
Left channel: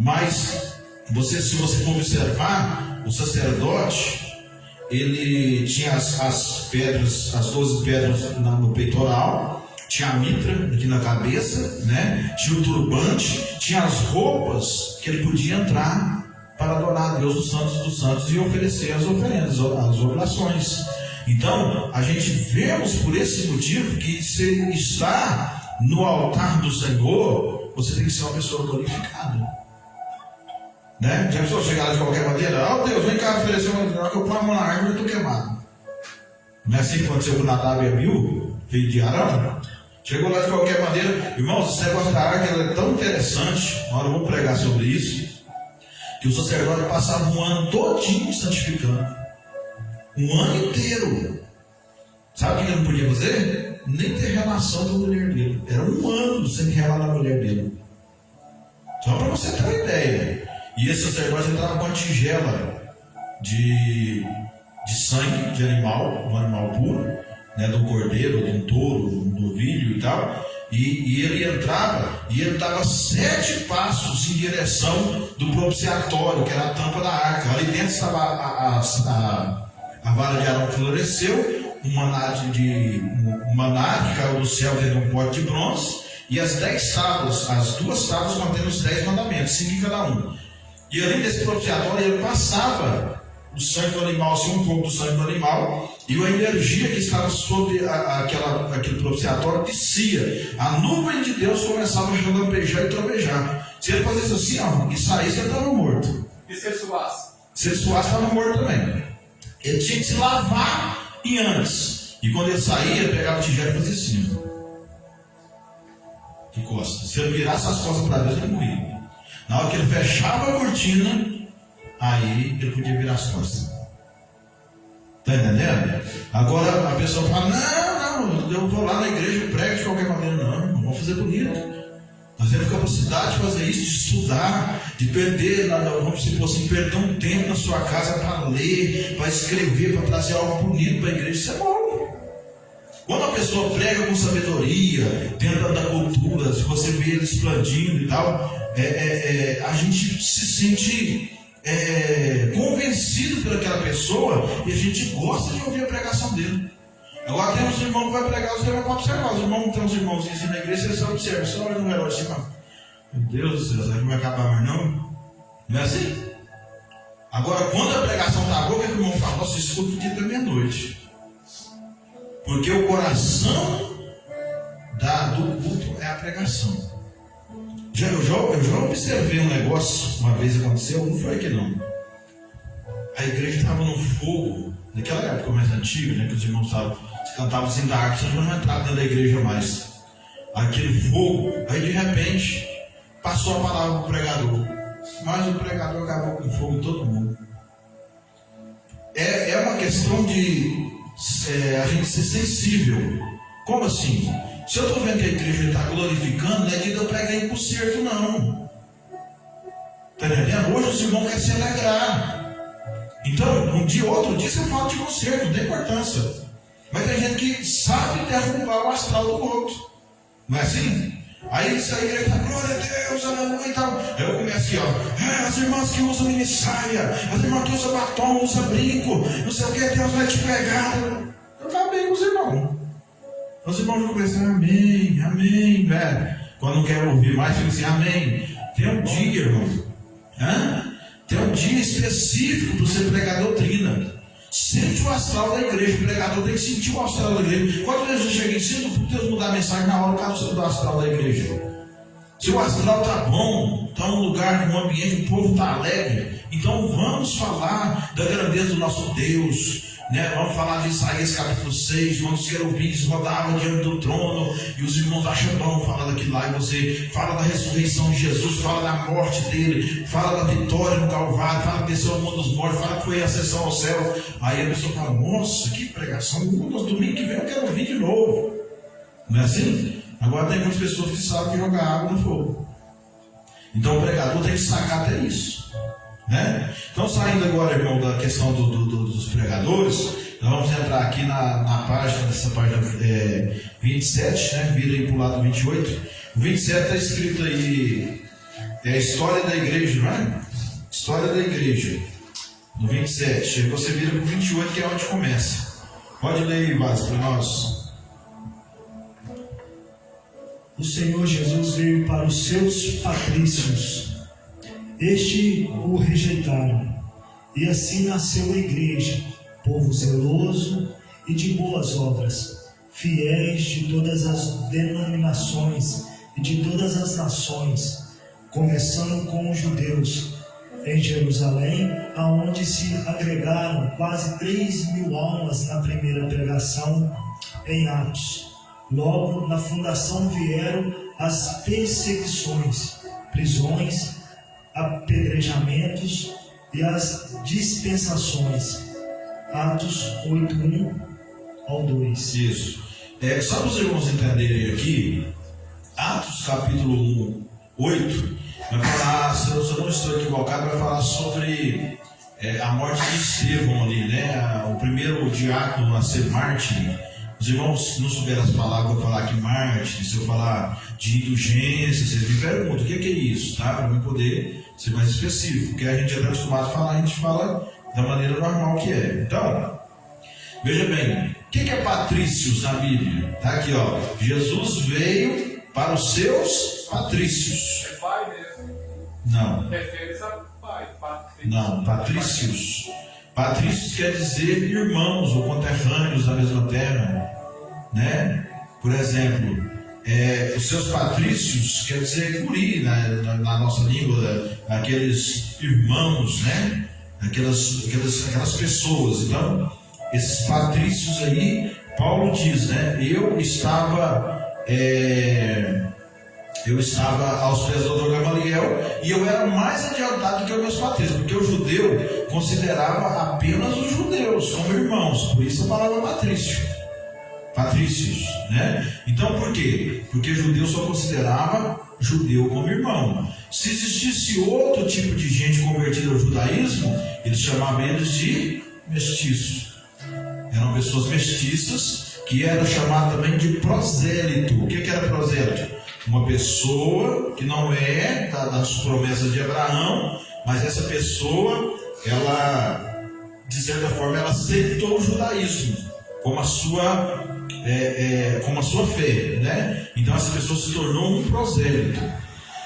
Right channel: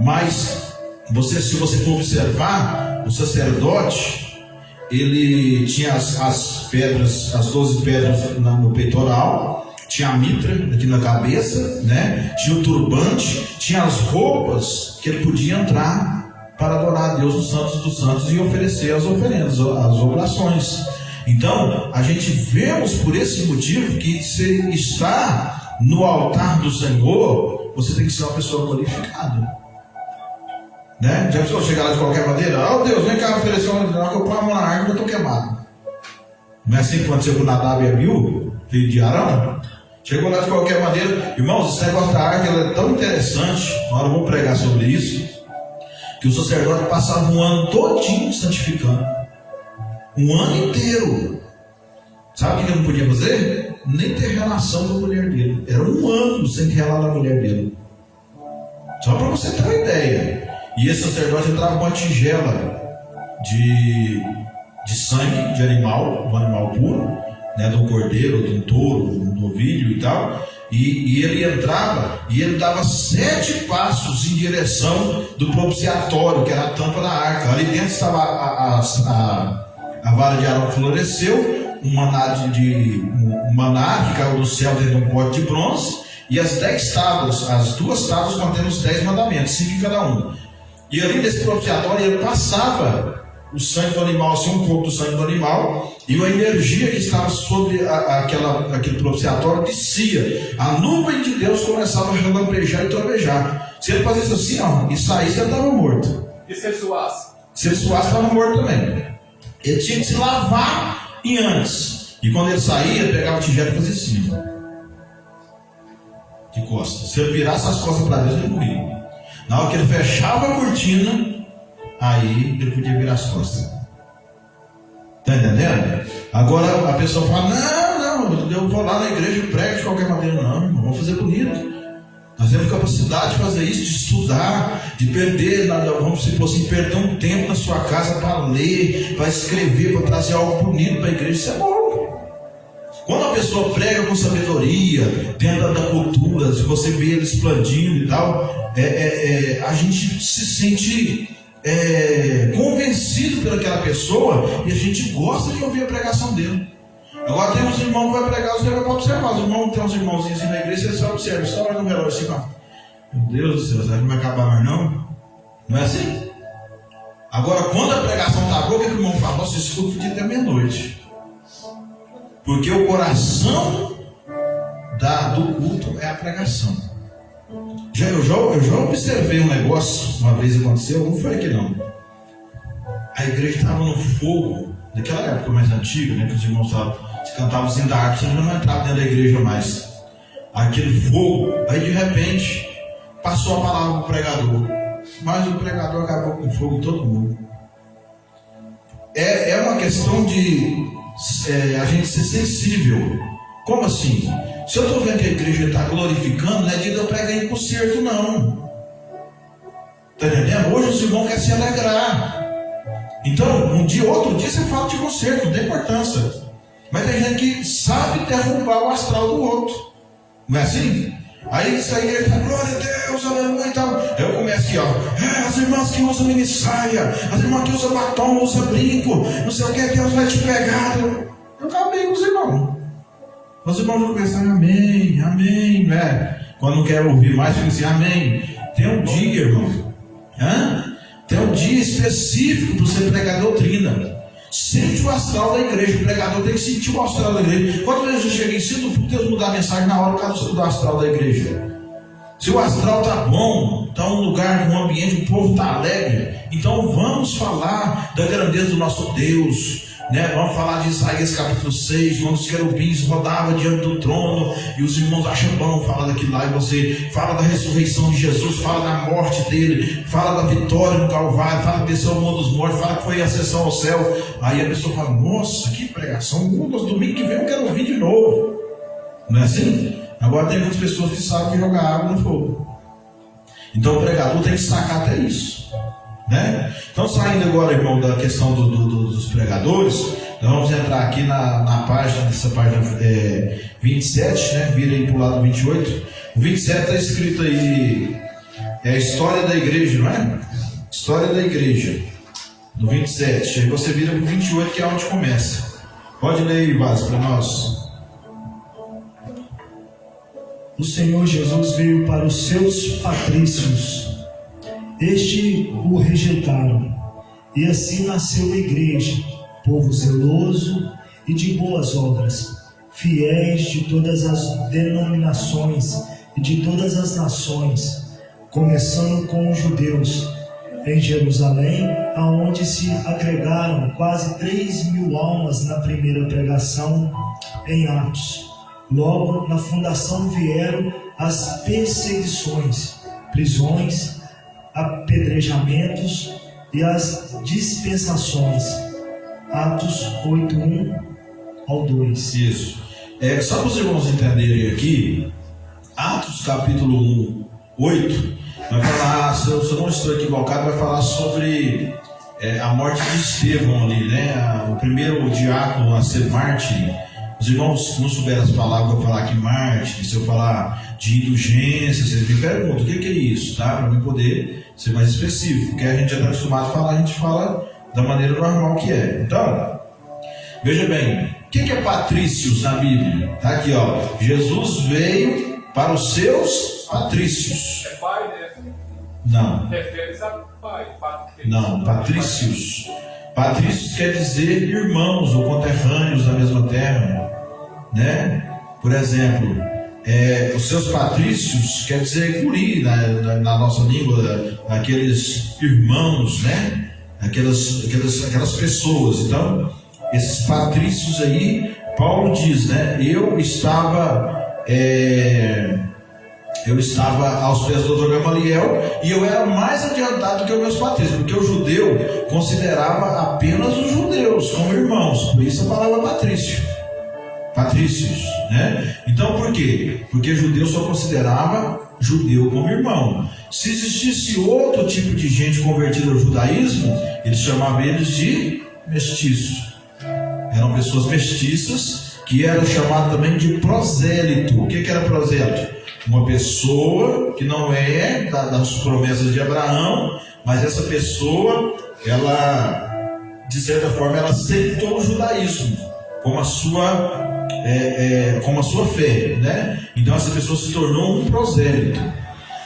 Mas se você for observar, o sacerdote, ele tinha as pedras, as 12 pedras no peitoral, tinha a mitra aqui na cabeça, né? Tinha o turbante, tinha as roupas que ele podia entrar para adorar a Deus nos santos dos santos e oferecer as oferendas, as orações. Então, a gente vemos por esse motivo que se está no altar do Senhor, você tem que ser uma pessoa glorificada. Né? Já precisou chegar lá de qualquer maneira? Oh Deus, vem cá oferecer uma que eu ponho a mão na árvore e eu estou queimado. Não é assim que aconteceu com Nadab e Abiú, filho de Arão? Chegou lá de qualquer maneira. Irmãos, esse negócio da árvore ela é tão interessante. Agora eu vou pregar sobre isso. Que o sacerdote passava um ano todinho santificando. Um ano inteiro. Sabe o que ele não podia fazer? Nem ter relação com a mulher dele. Era um ano sem relar na mulher dele. Só para você ter uma ideia. E esse sacerdote entrava com uma tigela de sangue de animal, um animal puro, né, de um cordeiro, de um touro, de um novilho e tal. E ele entrava e ele dava 7 passos em direção do propiciatório, que era a tampa da arca. Ali dentro estava a vara de Arão que floresceu, um maná que caiu do céu dentro de um pote de bronze, e as 10 tábuas, as 2 tábuas contendo os 10 mandamentos, 5 em cada um. E ali nesse propiciatório ele passava o sangue do animal, assim, um pouco do sangue do animal, e a energia que estava sobre aquele propiciatório descia. A nuvem de Deus começava a relampejar e trovejar. Se ele fazia isso assim, ó, e saísse, ele estava morto. E se ele suasse? Se ele suasse, estava morto também. Ele tinha que se lavar em antes. E quando ele saía, ele pegava o tigela e fazia assim, de costas. Se ele virasse as costas para Deus, ele morria. Na hora que ele fechava a cortina, aí ele podia virar as costas. Está entendendo? Agora a pessoa fala, não, eu vou lá na igreja e prego de qualquer maneira. Não, irmão, vamos fazer bonito. Nós temos capacidade de fazer isso, de estudar, de perder, vamos supor assim, perder um tempo na sua casa para ler, para escrever, para trazer algo bonito para a igreja. Isso é bom. Quando a pessoa prega com sabedoria, dentro da cultura, se você vê ele expandindo e tal, a gente se sente convencido pelaquela pessoa e a gente gosta de ouvir a pregação dele. Agora tem uns irmãos que vai pregar, você vai observar. Os irmãos, tem uns irmãozinhos assim na igreja, você só observa, só olha no relógio assim, ó. Meu Deus do céu, será que não vai acabar mais não? Não é assim? Agora, quando a pregação está boa, o que o irmão fala? Você escuta o dia até meia-noite. Porque o coração do culto é a pregação. Eu já observei um negócio, uma vez aconteceu, não foi aqui não. A igreja estava no fogo, naquela época mais antiga, né, que os irmãos cantavam assim da harpa, você não entrava dentro da igreja mais. Aquele fogo, aí de repente passou a palavra para o pregador, mas o pregador acabou com fogo em todo mundo. É uma questão de a gente ser sensível. Como assim? Se eu estou vendo que a igreja está glorificando, não é de eu pregar em concerto, não. Está entendendo? Hoje o irmão quer se alegrar. Então, um dia, outro dia você fala de concerto, não tem importância. Mas tem gente que sabe derrubar o astral do outro. Não é assim? Aí isso aí ele fala, glória a Deus, aleluia e tal. Eu começo aqui, ó. As irmãs que usam minissaia, as irmãs que usam batom, usam brinco, não sei o que, Deus vai te pegar. Eu acabei com os irmãos. Os irmãos vão começar, amém, amém, né? Quando não quer ouvir mais, fica assim, amém. Tem um dia, irmão. Tem um dia específico para você pregar a doutrina. Sente o astral da igreja. O pregador tem que sentir o astral da igreja. Quantas vezes eu cheguei e sinto Deus mudar a mensagem na hora por causa do astral da igreja? Se o astral está bom, está um lugar, um ambiente, o povo está alegre, então vamos falar da grandeza do nosso Deus, né? Vamos falar de Isaías capítulo 6, quando os querubins rodavam diante do trono e os irmãos acham bom falar daquilo lá, e você fala da ressurreição de Jesus, fala da morte dele, fala da vitória no Calvário, fala que desceu ao mundo dos mortos, fala que foi a ascensão ao céu. Aí a pessoa fala: nossa, que pregação, domingo que vem eu quero ouvir de novo. Não é assim? Agora tem muitas pessoas que sabem jogar água no fogo. Então o pregador tem que sacar até isso, né? Então, saindo agora, irmão, da questão dos pregadores, nós vamos entrar aqui na página, nessa página 27, né? Vira aí para o lado 28. O 27 está escrito aí, é a história da igreja, não é? História da igreja, no 27. Aí você vira para o 28, que é onde começa. Pode ler aí, Vaz, para nós. O Senhor Jesus veio para os seus patrícios. Estes o rejeitaram, e assim nasceu a igreja, povo zeloso e de boas obras, fiéis de todas as denominações e de todas as nações, começando com os judeus. Em Jerusalém, aonde se agregaram quase 3.000 almas na primeira pregação em Atos. Logo na fundação vieram as perseguições, prisões, apedrejamentos e as dispensações. Atos 8:1 ao 2. Isso. Só para os irmãos entenderem aqui, Atos capítulo 1, 8, vai falar, se eu não estou equivocado, vai falar sobre a morte de Estevão ali, né? O primeiro diácono a ser mártir. Os irmãos não souberam as palavras, eu vou falar aqui mártir, se eu falar de indulgência, vocês me perguntam o que é isso, tá? Para eu poder ser mais específico, porque a gente já está acostumado a falar, a gente fala da maneira normal que é. Então, veja bem, o que é patrícios na Bíblia? Tá aqui, ó. Jesus veio para os seus patrícios. É pai, né? Não. Refere-se a pai. Não, patrícios. Patrícios quer dizer irmãos ou conterrâneos da mesma terra, né? Por exemplo, os seus patrícios quer dizer guri na nossa língua, aqueles irmãos, né? Aquelas pessoas. Então, esses patrícios aí, Paulo diz, né? Eu estava aos pés do Dr. Gamaliel e eu era mais adiantado que os meus patrícios, porque o judeu considerava apenas os judeus como irmãos, por isso a palavra patrícios, né? Então por quê? Porque judeu só considerava judeu como irmão. Se existisse outro tipo de gente convertida ao judaísmo, eles chamavam eles de mestiços. Eram pessoas mestiças que eram chamadas também de prosélito. O que era prosélito? Uma pessoa que não é das promessas de Abraão, mas essa pessoa, ela, de certa forma, ela aceitou o judaísmo como a sua fé, né? Então essa pessoa se tornou um prosélito.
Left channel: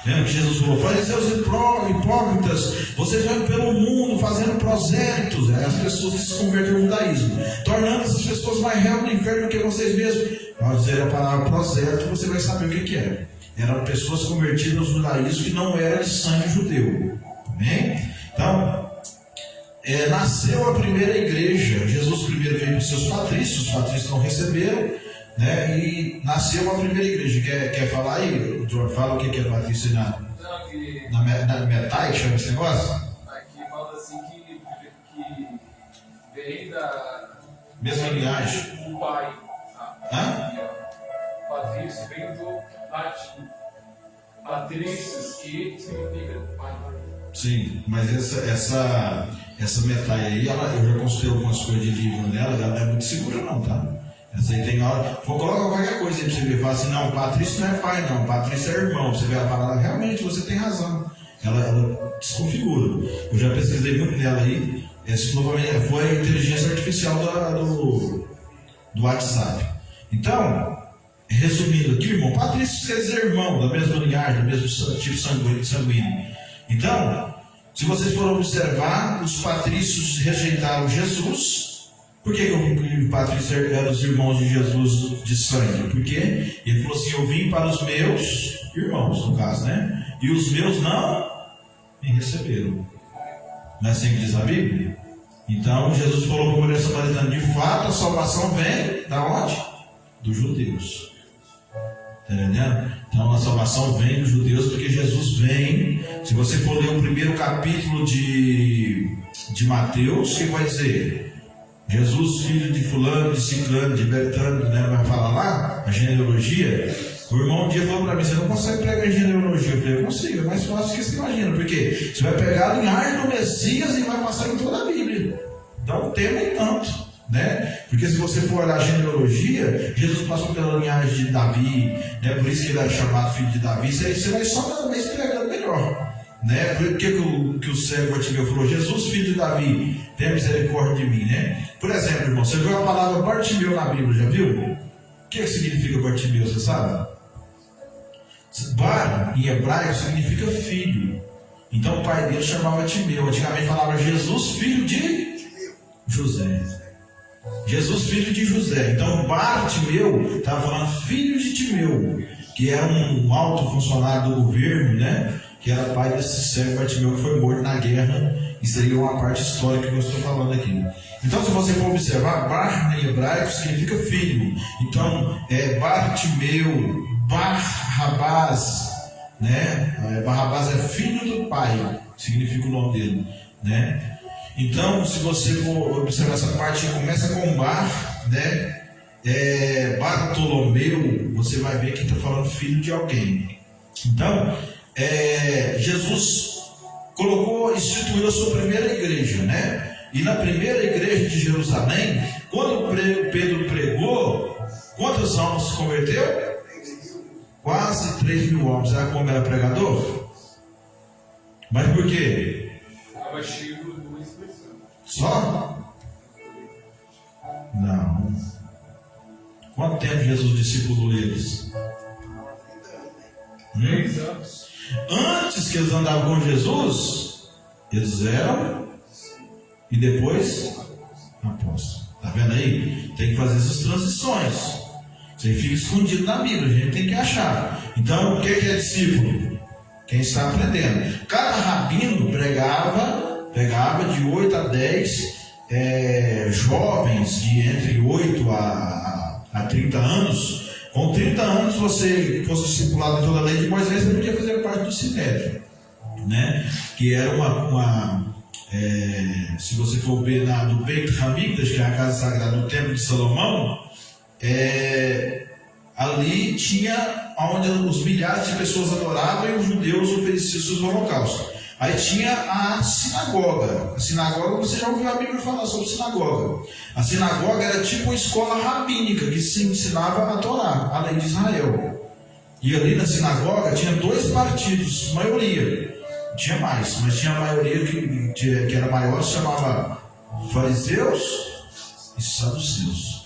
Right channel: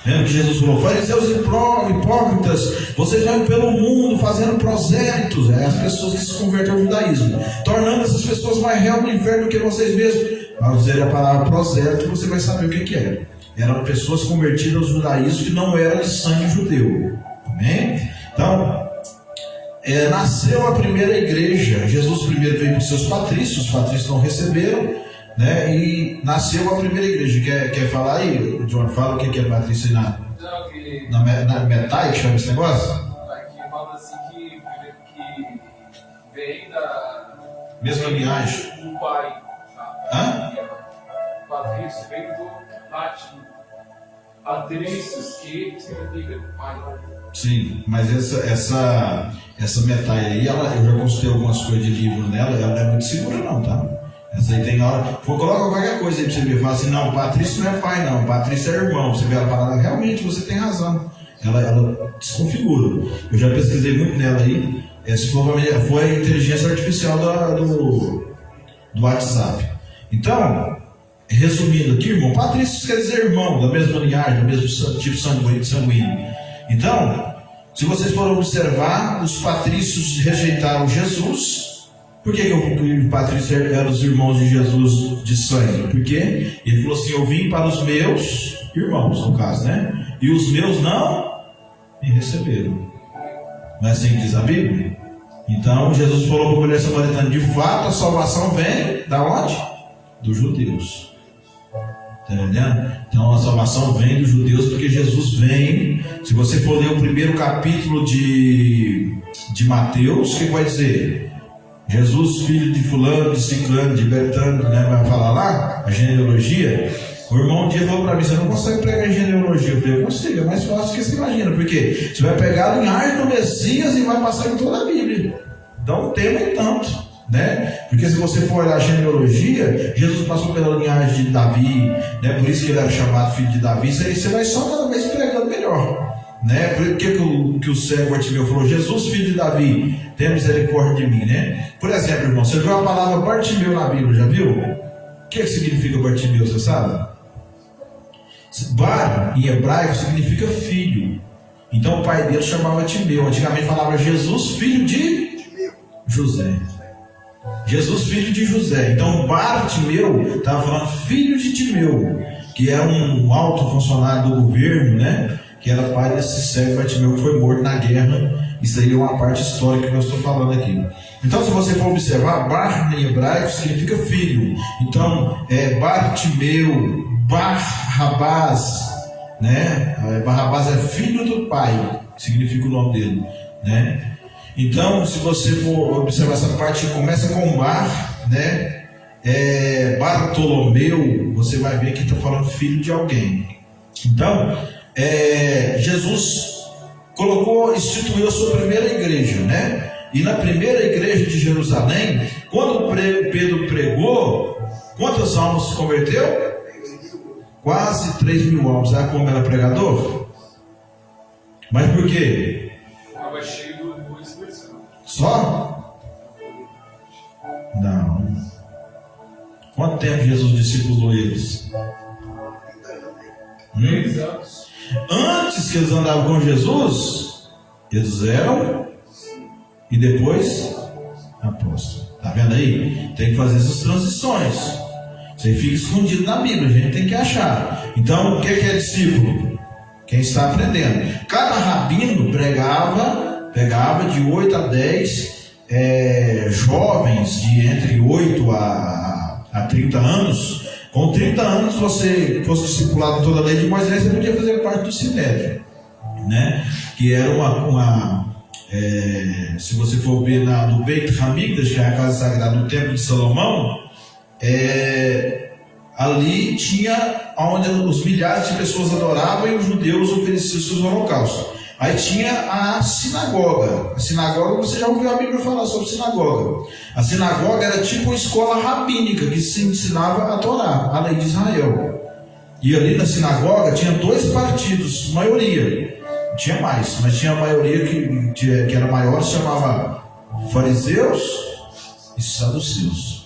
Lembra que Jesus falou: fariseus hipócritas, vocês vão pelo mundo fazendo prosélitos, as pessoas que se converteram ao judaísmo, tornando essas pessoas mais réus do inferno que vocês mesmos. Ao dizer a palavra prosélito, você vai saber o que é. Eram pessoas convertidas ao judaísmo que não eram de sangue judeu. Amém? Então, nasceu a primeira igreja. Jesus primeiro veio para os seus patrícios, os patrícios não receberam, né? E nasceu a primeira igreja. Quer falar aí? O John fala o que é patrício na Metai, que chama esse negócio? Aqui fala assim que vem da mesma linhagem. Do pai. Hã? Patrício vem do latim. Patrícios, que significa pai. Sim, mas essa Metai aí, eu já consultei algumas coisas de livro nela, ela não é muito segura não, tá? Essa aí tem hora, coloca qualquer coisa aí pra você ver, fala assim: não, Patrício não é pai não, Patrício é irmão. Você vê ela falando: realmente você tem razão. Ela desconfigura. Eu já pesquisei muito nela aí. Essa foi a inteligência artificial do WhatsApp. Então, resumindo aqui, irmão, patrício quer dizer irmão, da mesma linhagem, do mesmo tipo sanguíneo. Então, Se vocês forem observar, os patrícios rejeitaram Jesus. Por que os patrícios eram os irmãos de Jesus de sangue? Porque ele falou assim: eu vim para os meus irmãos, no caso, né? E os meus não me receberam. Não é assim que diz a Bíblia? Então Jesus falou para a mulher samaritana: de fato a salvação vem da onde? Dos judeus. Está entendendo? Então a salvação vem dos judeus, porque Jesus vem. Se você for ler o primeiro capítulo de Mateus, o que vai dizer? Jesus, filho de fulano, de ciclano, de Betânia, né? Vai falar lá a genealogia. O irmão um dia falou para mim: você não consegue pregar genealogia? Eu falei: eu consigo, é mais fácil do que você imagina, porque você vai pegar a linhagem do Messias e vai passar em toda a Bíblia. Então não tem nem tanto, né? Porque se você for olhar a genealogia, Jesus passou pela linhagem de Davi, né? Por isso que ele era chamado filho de Davi. Isso aí você vai só cada vez pregando melhor, né? Por que o cego Bartimeu falou: Jesus, filho de Davi, tenha misericórdia de mim, né? Por exemplo, irmão, você viu a palavra Bartimeu na Bíblia, já viu? O que significa Bartimeu, você sabe? Bar, em hebraico, significa filho. Então o pai dele chamava Timeu. Antigamente falava Jesus, filho de José. Jesus, filho de José. Então Bartimeu estava falando filho de Timeu, que era um alto funcionário do governo, né? Que era pai desse cego Bartimeu que foi morto na guerra. Isso aí é uma parte histórica que eu estou falando aqui. Então, se você for observar, Bar em hebraico significa filho. Então, Bartimeu, Barrabás, né? Barrabás é filho do pai, significa o nome dele, né? Então, se você for observar essa parte que começa com Bar, né? Bartolomeu, você vai ver que está falando filho de alguém. Então, Jesus instituiu a sua primeira igreja, né? E na primeira igreja de Jerusalém, quando Pedro pregou, quantas almas se converteu? Quase 3.000 almas. Sabe como era pregador? Mas por quê? Estava cheio do Espírito Santo. Só? Não. Quanto tempo Jesus discipulou eles? 3 anos. Antes que eles andavam com Jesus, eles eram, e depois apóstolos. Está vendo aí? Tem que fazer essas transições. Isso aí fica escondido na Bíblia, a gente tem que achar. Então, o que é discípulo? Quem está aprendendo. Cada rabino pegava de 8 a 10 jovens de entre 8 a 30 anos. Com 30 anos, você fosse discipulado em toda a lei de Moisés, você podia fazer parte do Sinédrio, né? Que era se você for ver no Beit Hamikdash, que é a casa sagrada do Templo de Salomão, ali tinha onde os milhares de pessoas adoravam e os judeus ofereciam seus holocaustos. Aí tinha a sinagoga. A sinagoga, você já ouviu a Bíblia falar sobre sinagoga. A sinagoga era tipo uma escola rabínica que se ensinava a Torá, a lei de Israel. E ali na sinagoga tinha 2 partidos, maioria. Tinha mais, mas tinha a maioria que era maior, se chamava fariseus e saduceus.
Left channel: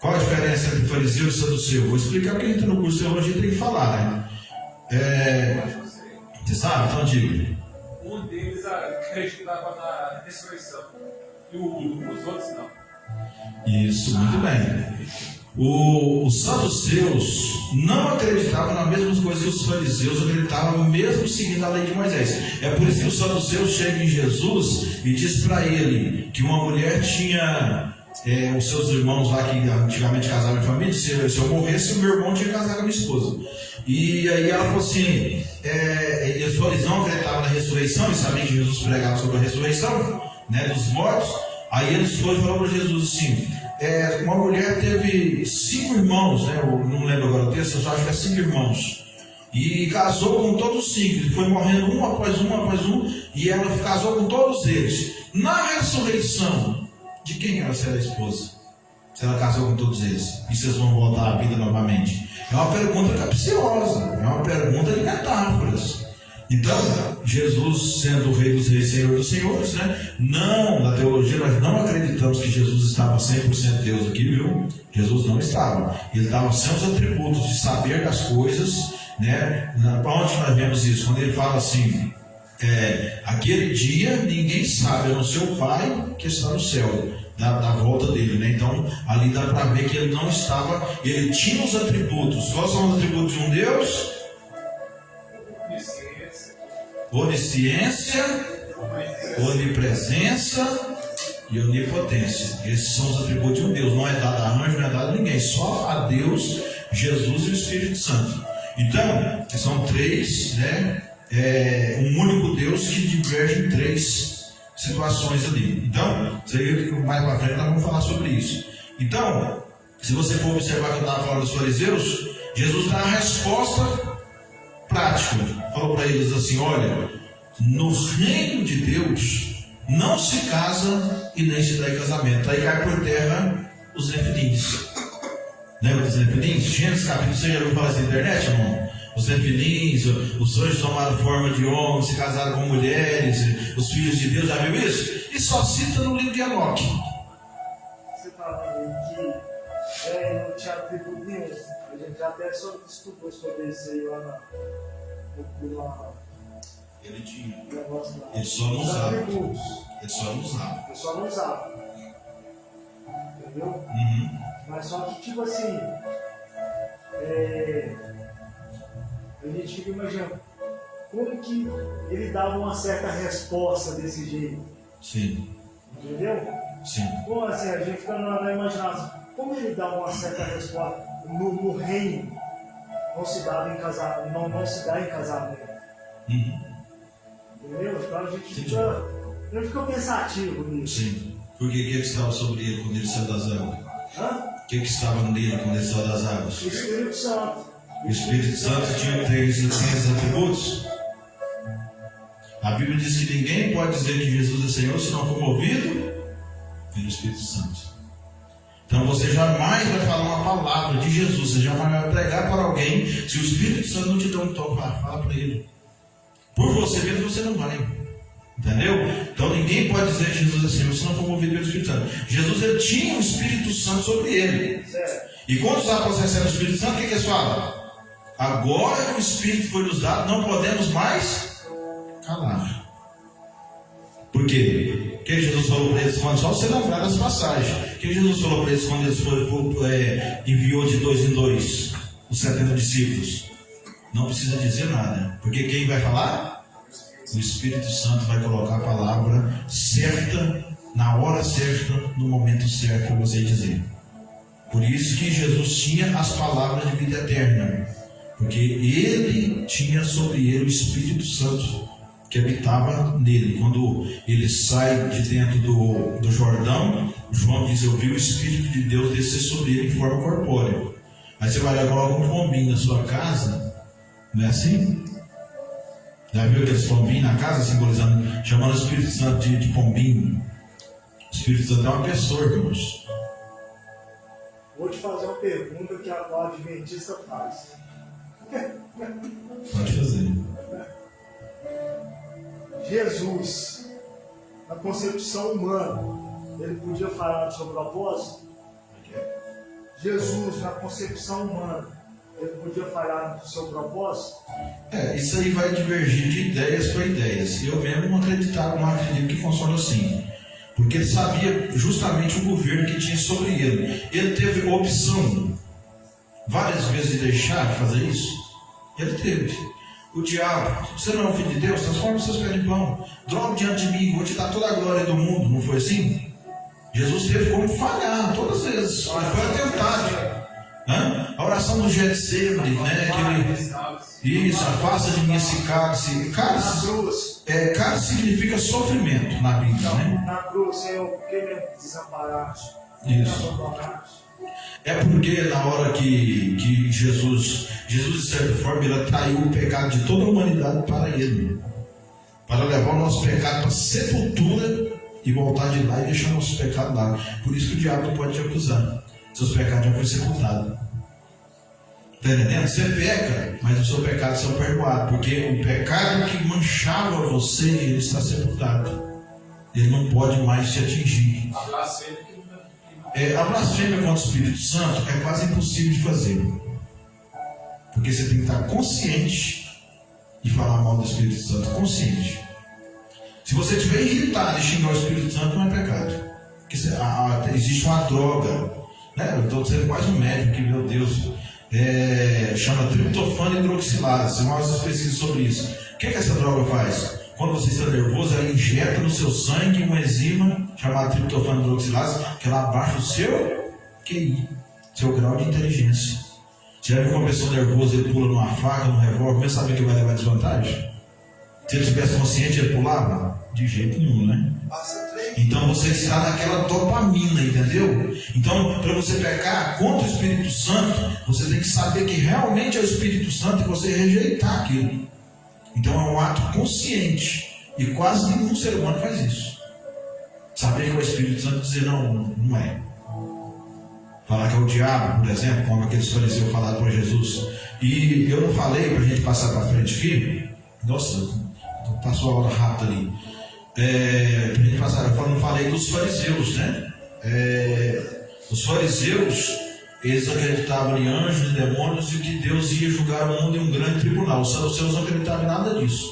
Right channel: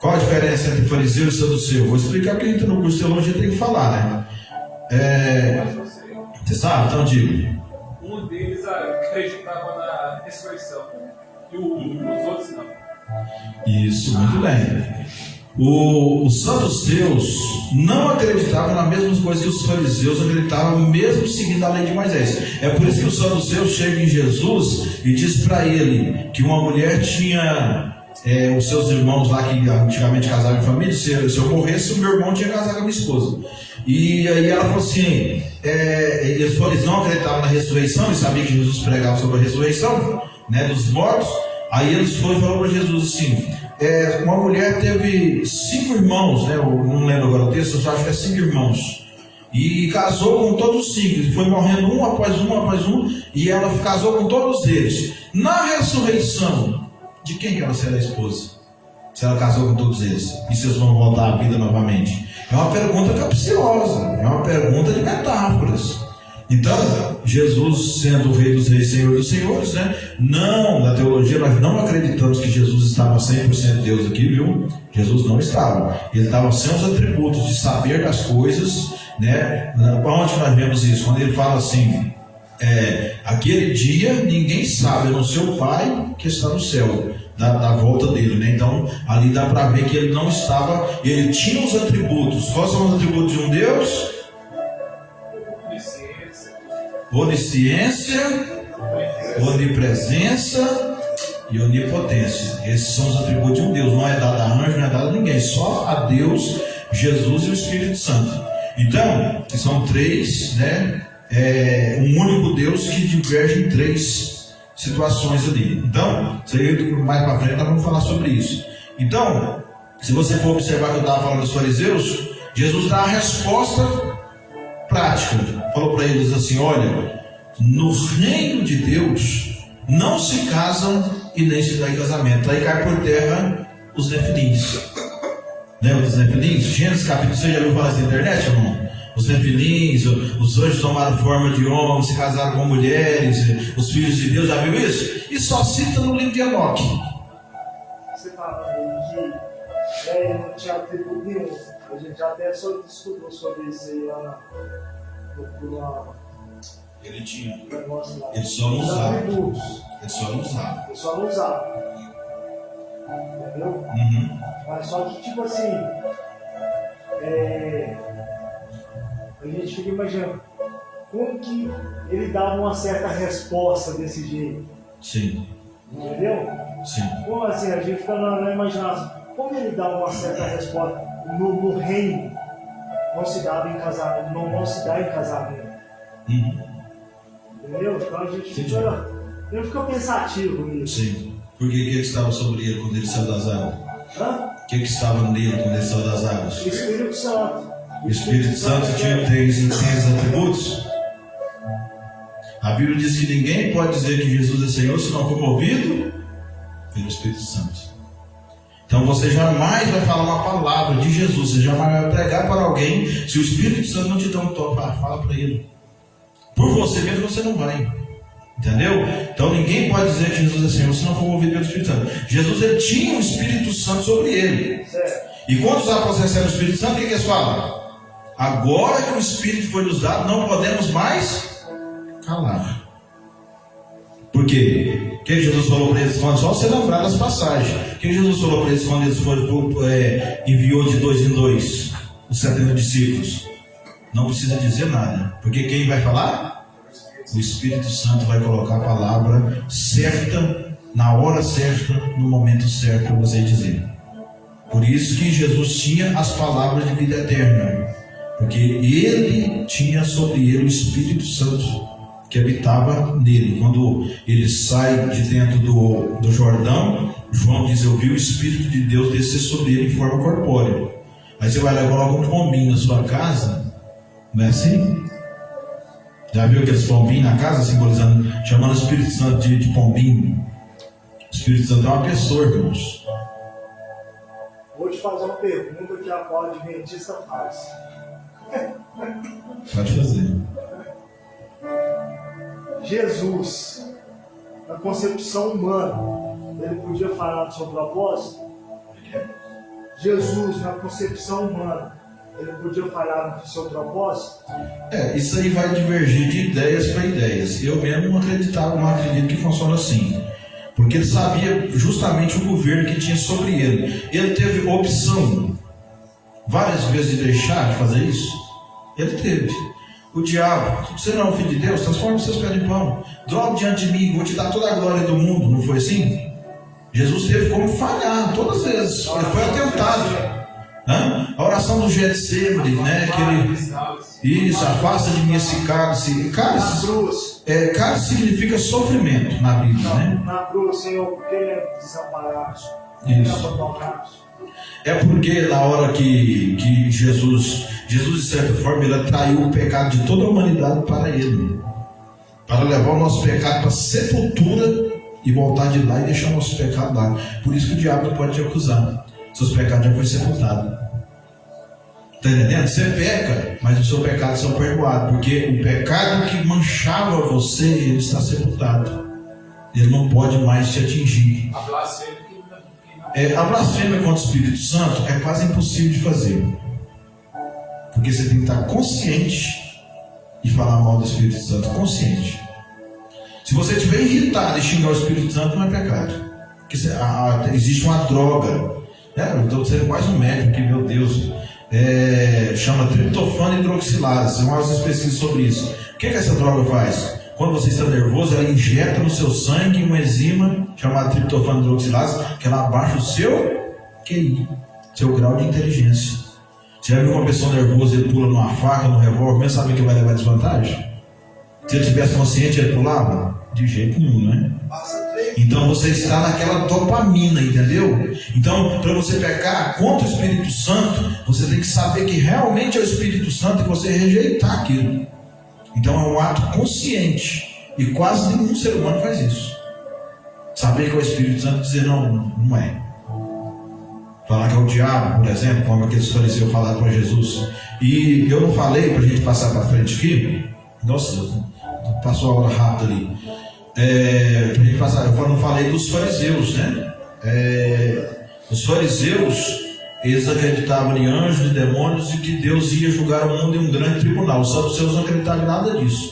Qual a diferença entre fariseu e saduceu? Vou explicar porque a gente no curso de teologia tem que falar, né? Você sabe? Então diga. Um deles acreditava na ressurreição e os outros não. Isso, muito bem. Os saduceus não acreditavam nas mesmas coisas que os fariseus acreditavam, mesmo seguindo a lei de Moisés. É por isso que os saduceus chegam em Jesus e diz para ele que uma mulher tinha os seus irmãos lá que antigamente casavam em família. Se eu morresse, o meu irmão tinha que casar com a minha esposa. E aí ela falou assim, eles não acreditavam na ressurreição e sabiam que Jesus pregava sobre a ressurreição, né, dos mortos. Aí eles foram e falaram para Jesus assim, uma mulher teve 5 irmãos, né, eu não lembro agora o texto, eu só acho que é 5 irmãos, e casou com todos os 5, foi morrendo um após um, e ela casou com todos eles. Na ressurreição, de quem ela será esposa? Se ela casou com todos eles, e se eles vão voltar à vida novamente? É uma pergunta capciosa, é uma pergunta de metáforas. Então, Jesus, sendo o Rei dos Reis, Senhor dos Senhores, né? Não, na teologia nós não acreditamos que Jesus estava 100% Deus aqui, viu? Jesus não estava. Ele estava sem os atributos de saber das coisas, né? Para onde nós vemos isso? Quando ele fala assim, aquele dia ninguém sabe, a não ser o Pai que está no céu, da volta dele, né? Então ali dá para ver que ele não estava, ele tinha os atributos. Quais são os atributos de um Deus? Onisciência, onipresença e onipotência. Esses são os atributos de um Deus. Não é dado a anjo, não é dado a ninguém, só a Deus, Jesus e o Espírito Santo. Então, são três, né? Um único Deus que diverge em três situações ali. Então, mais para frente nós vamos falar sobre isso. Então, se você for observar que eu estava falando dos fariseus, Jesus dá a resposta prática. Falou para eles assim: olha, no reino de Deus não se casam e nem se dá em casamento. Aí cai por terra os nefilins. Lembra dos nefilins? Gênesis capítulo 6, já ouviu falar assim na internet, irmão? Os nefilins, os anjos tomaram forma de homens, se casaram com mulheres, os filhos de Deus, já viu isso? E só cita no livro de Enoque. Você fala aí que não tinha atributo nenhum. A gente até só estudou sobre isso aí lá Ele tinha. negócio lá. Ele só não usava. Atributos. Ele só não usava. Ele só não usava. Entendeu? Uhum. Mas só que, tipo assim, a gente fica imaginando como que ele dava uma certa resposta desse jeito. Sim. Entendeu? Sim. Como assim, a gente fica na imaginação, como ele dá uma certa resposta no reino, não se dá em casamento, não se dá em casamento. Uhum. Entendeu? Então a gente Entendi. fica pensativo nisso. Sim. Porque o que estava sobre ele quando ele saiu das águas? Hã? O que estava nele quando ele saiu das águas? O Espírito Santo. O Espírito Santo tinha três atributos. A Bíblia diz que ninguém pode dizer que Jesus é Senhor se não for movido pelo Espírito Santo. Então você jamais vai falar uma palavra de Jesus, você jamais vai pregar para alguém se o Espírito Santo não te dá um toque. Fala para ele. Por você mesmo você não vai. Entendeu? Então ninguém pode dizer que Jesus é Senhor se não for movido pelo Espírito Santo. Jesus, ele tinha o Espírito Santo sobre ele. Certo. E quando os apóstolos recebem o Espírito Santo, o que eles falam? Agora que o Espírito foi nos dado, não podemos mais calar. Por quê? O que Jesus falou para eles quando? Só você lembrar das passagens. O que Jesus falou para eles quando eles enviou de 2 em 2 os 70 discípulos? Não precisa dizer nada. Porque quem vai falar? O Espírito Santo vai colocar a palavra certa, na hora certa, no momento certo para você dizer. Por isso que Jesus tinha as palavras de vida eterna. Porque ele tinha sobre ele o Espírito Santo que habitava nele. Quando ele sai de dentro do Jordão, João diz: eu vi o Espírito de Deus descer sobre ele em forma corpórea. Aí você vai levar algum pombinho na sua casa, não é assim? Já viu aqueles pombinhos na casa simbolizando, chamando o Espírito Santo de pombinho? O Espírito Santo é uma pessoa, irmãos. Vou te fazer uma pergunta que a qual adventista faz. Pode fazer. Jesus, na concepção humana, ele podia falar do seu propósito? Jesus, na concepção humana, ele podia falar do seu propósito? Isso aí vai divergir de ideias para ideias. Eu mesmo não acredito que funciona assim. Porque ele sabia justamente o governo que tinha sobre ele. Ele teve opção várias vezes de deixar de fazer isso. Ele teve. O diabo: você não é o filho de Deus, transforma os seus pés em pão. Droga diante de mim, vou te dar toda a glória do mundo. Não foi assim? Jesus teve como falhar todas as vezes. Ele foi atentado. A oração do Getsemane, né? Isso, afasta de mim esse cálice. Cálice significa sofrimento na Bíblia, né? Na cruz, Senhor, porque ele é desamparado. Isso. É porque na hora que Jesus, de certa forma, ele atraiu o pecado de toda a humanidade para ele. Para levar o nosso pecado para a sepultura e voltar de lá e deixar o nosso pecado lá. Por isso que o diabo não pode te acusar. Seus pecados já foram sepultados. Está entendendo? Você peca, mas os seus pecados são perdoados. Porque o pecado que manchava você, ele está sepultado. Ele não pode mais te atingir. A blasfêmia contra o Espírito Santo é quase impossível de fazer. Porque você tem que estar consciente e falar mal do Espírito Santo. Consciente. Se você estiver irritado e xingar o Espírito Santo, não é pecado. Porque existe uma droga, né? Eu estou sendo mais um médico que, meu Deus, chama triptofano hidroxilase. Tem umas pesquisas sobre isso. O que essa droga faz? Quando você está nervoso, ela injeta no seu sangue uma enzima chamada triptofano hidroxilase, que ela abaixa o seu QI, seu grau de inteligência. Você já viu uma pessoa nervosa e ele pula numa faca, num revólver, mesmo sabendo que vai levar desvantagem? Se ele tivesse consciente, ele pulava? De jeito nenhum, né? Então você está naquela dopamina, entendeu? Então, para você pecar contra o Espírito Santo, você tem que saber que realmente é o Espírito Santo e você rejeitar aquilo. Então é um ato consciente. E quase nenhum ser humano faz isso. Saber que é o Espírito Santo e dizer não é. Falar que é o diabo, por exemplo, como aqueles fariseus falaram para Jesus. E eu não falei, para a gente passar para frente aqui. Nossa, passou a hora rápida ali. Para a gente passar, eu não falei dos fariseus, né? Os fariseus, eles acreditavam em anjos e demônios e que Deus ia julgar o mundo em um grande tribunal. Os saduceus não acreditavam em nada disso,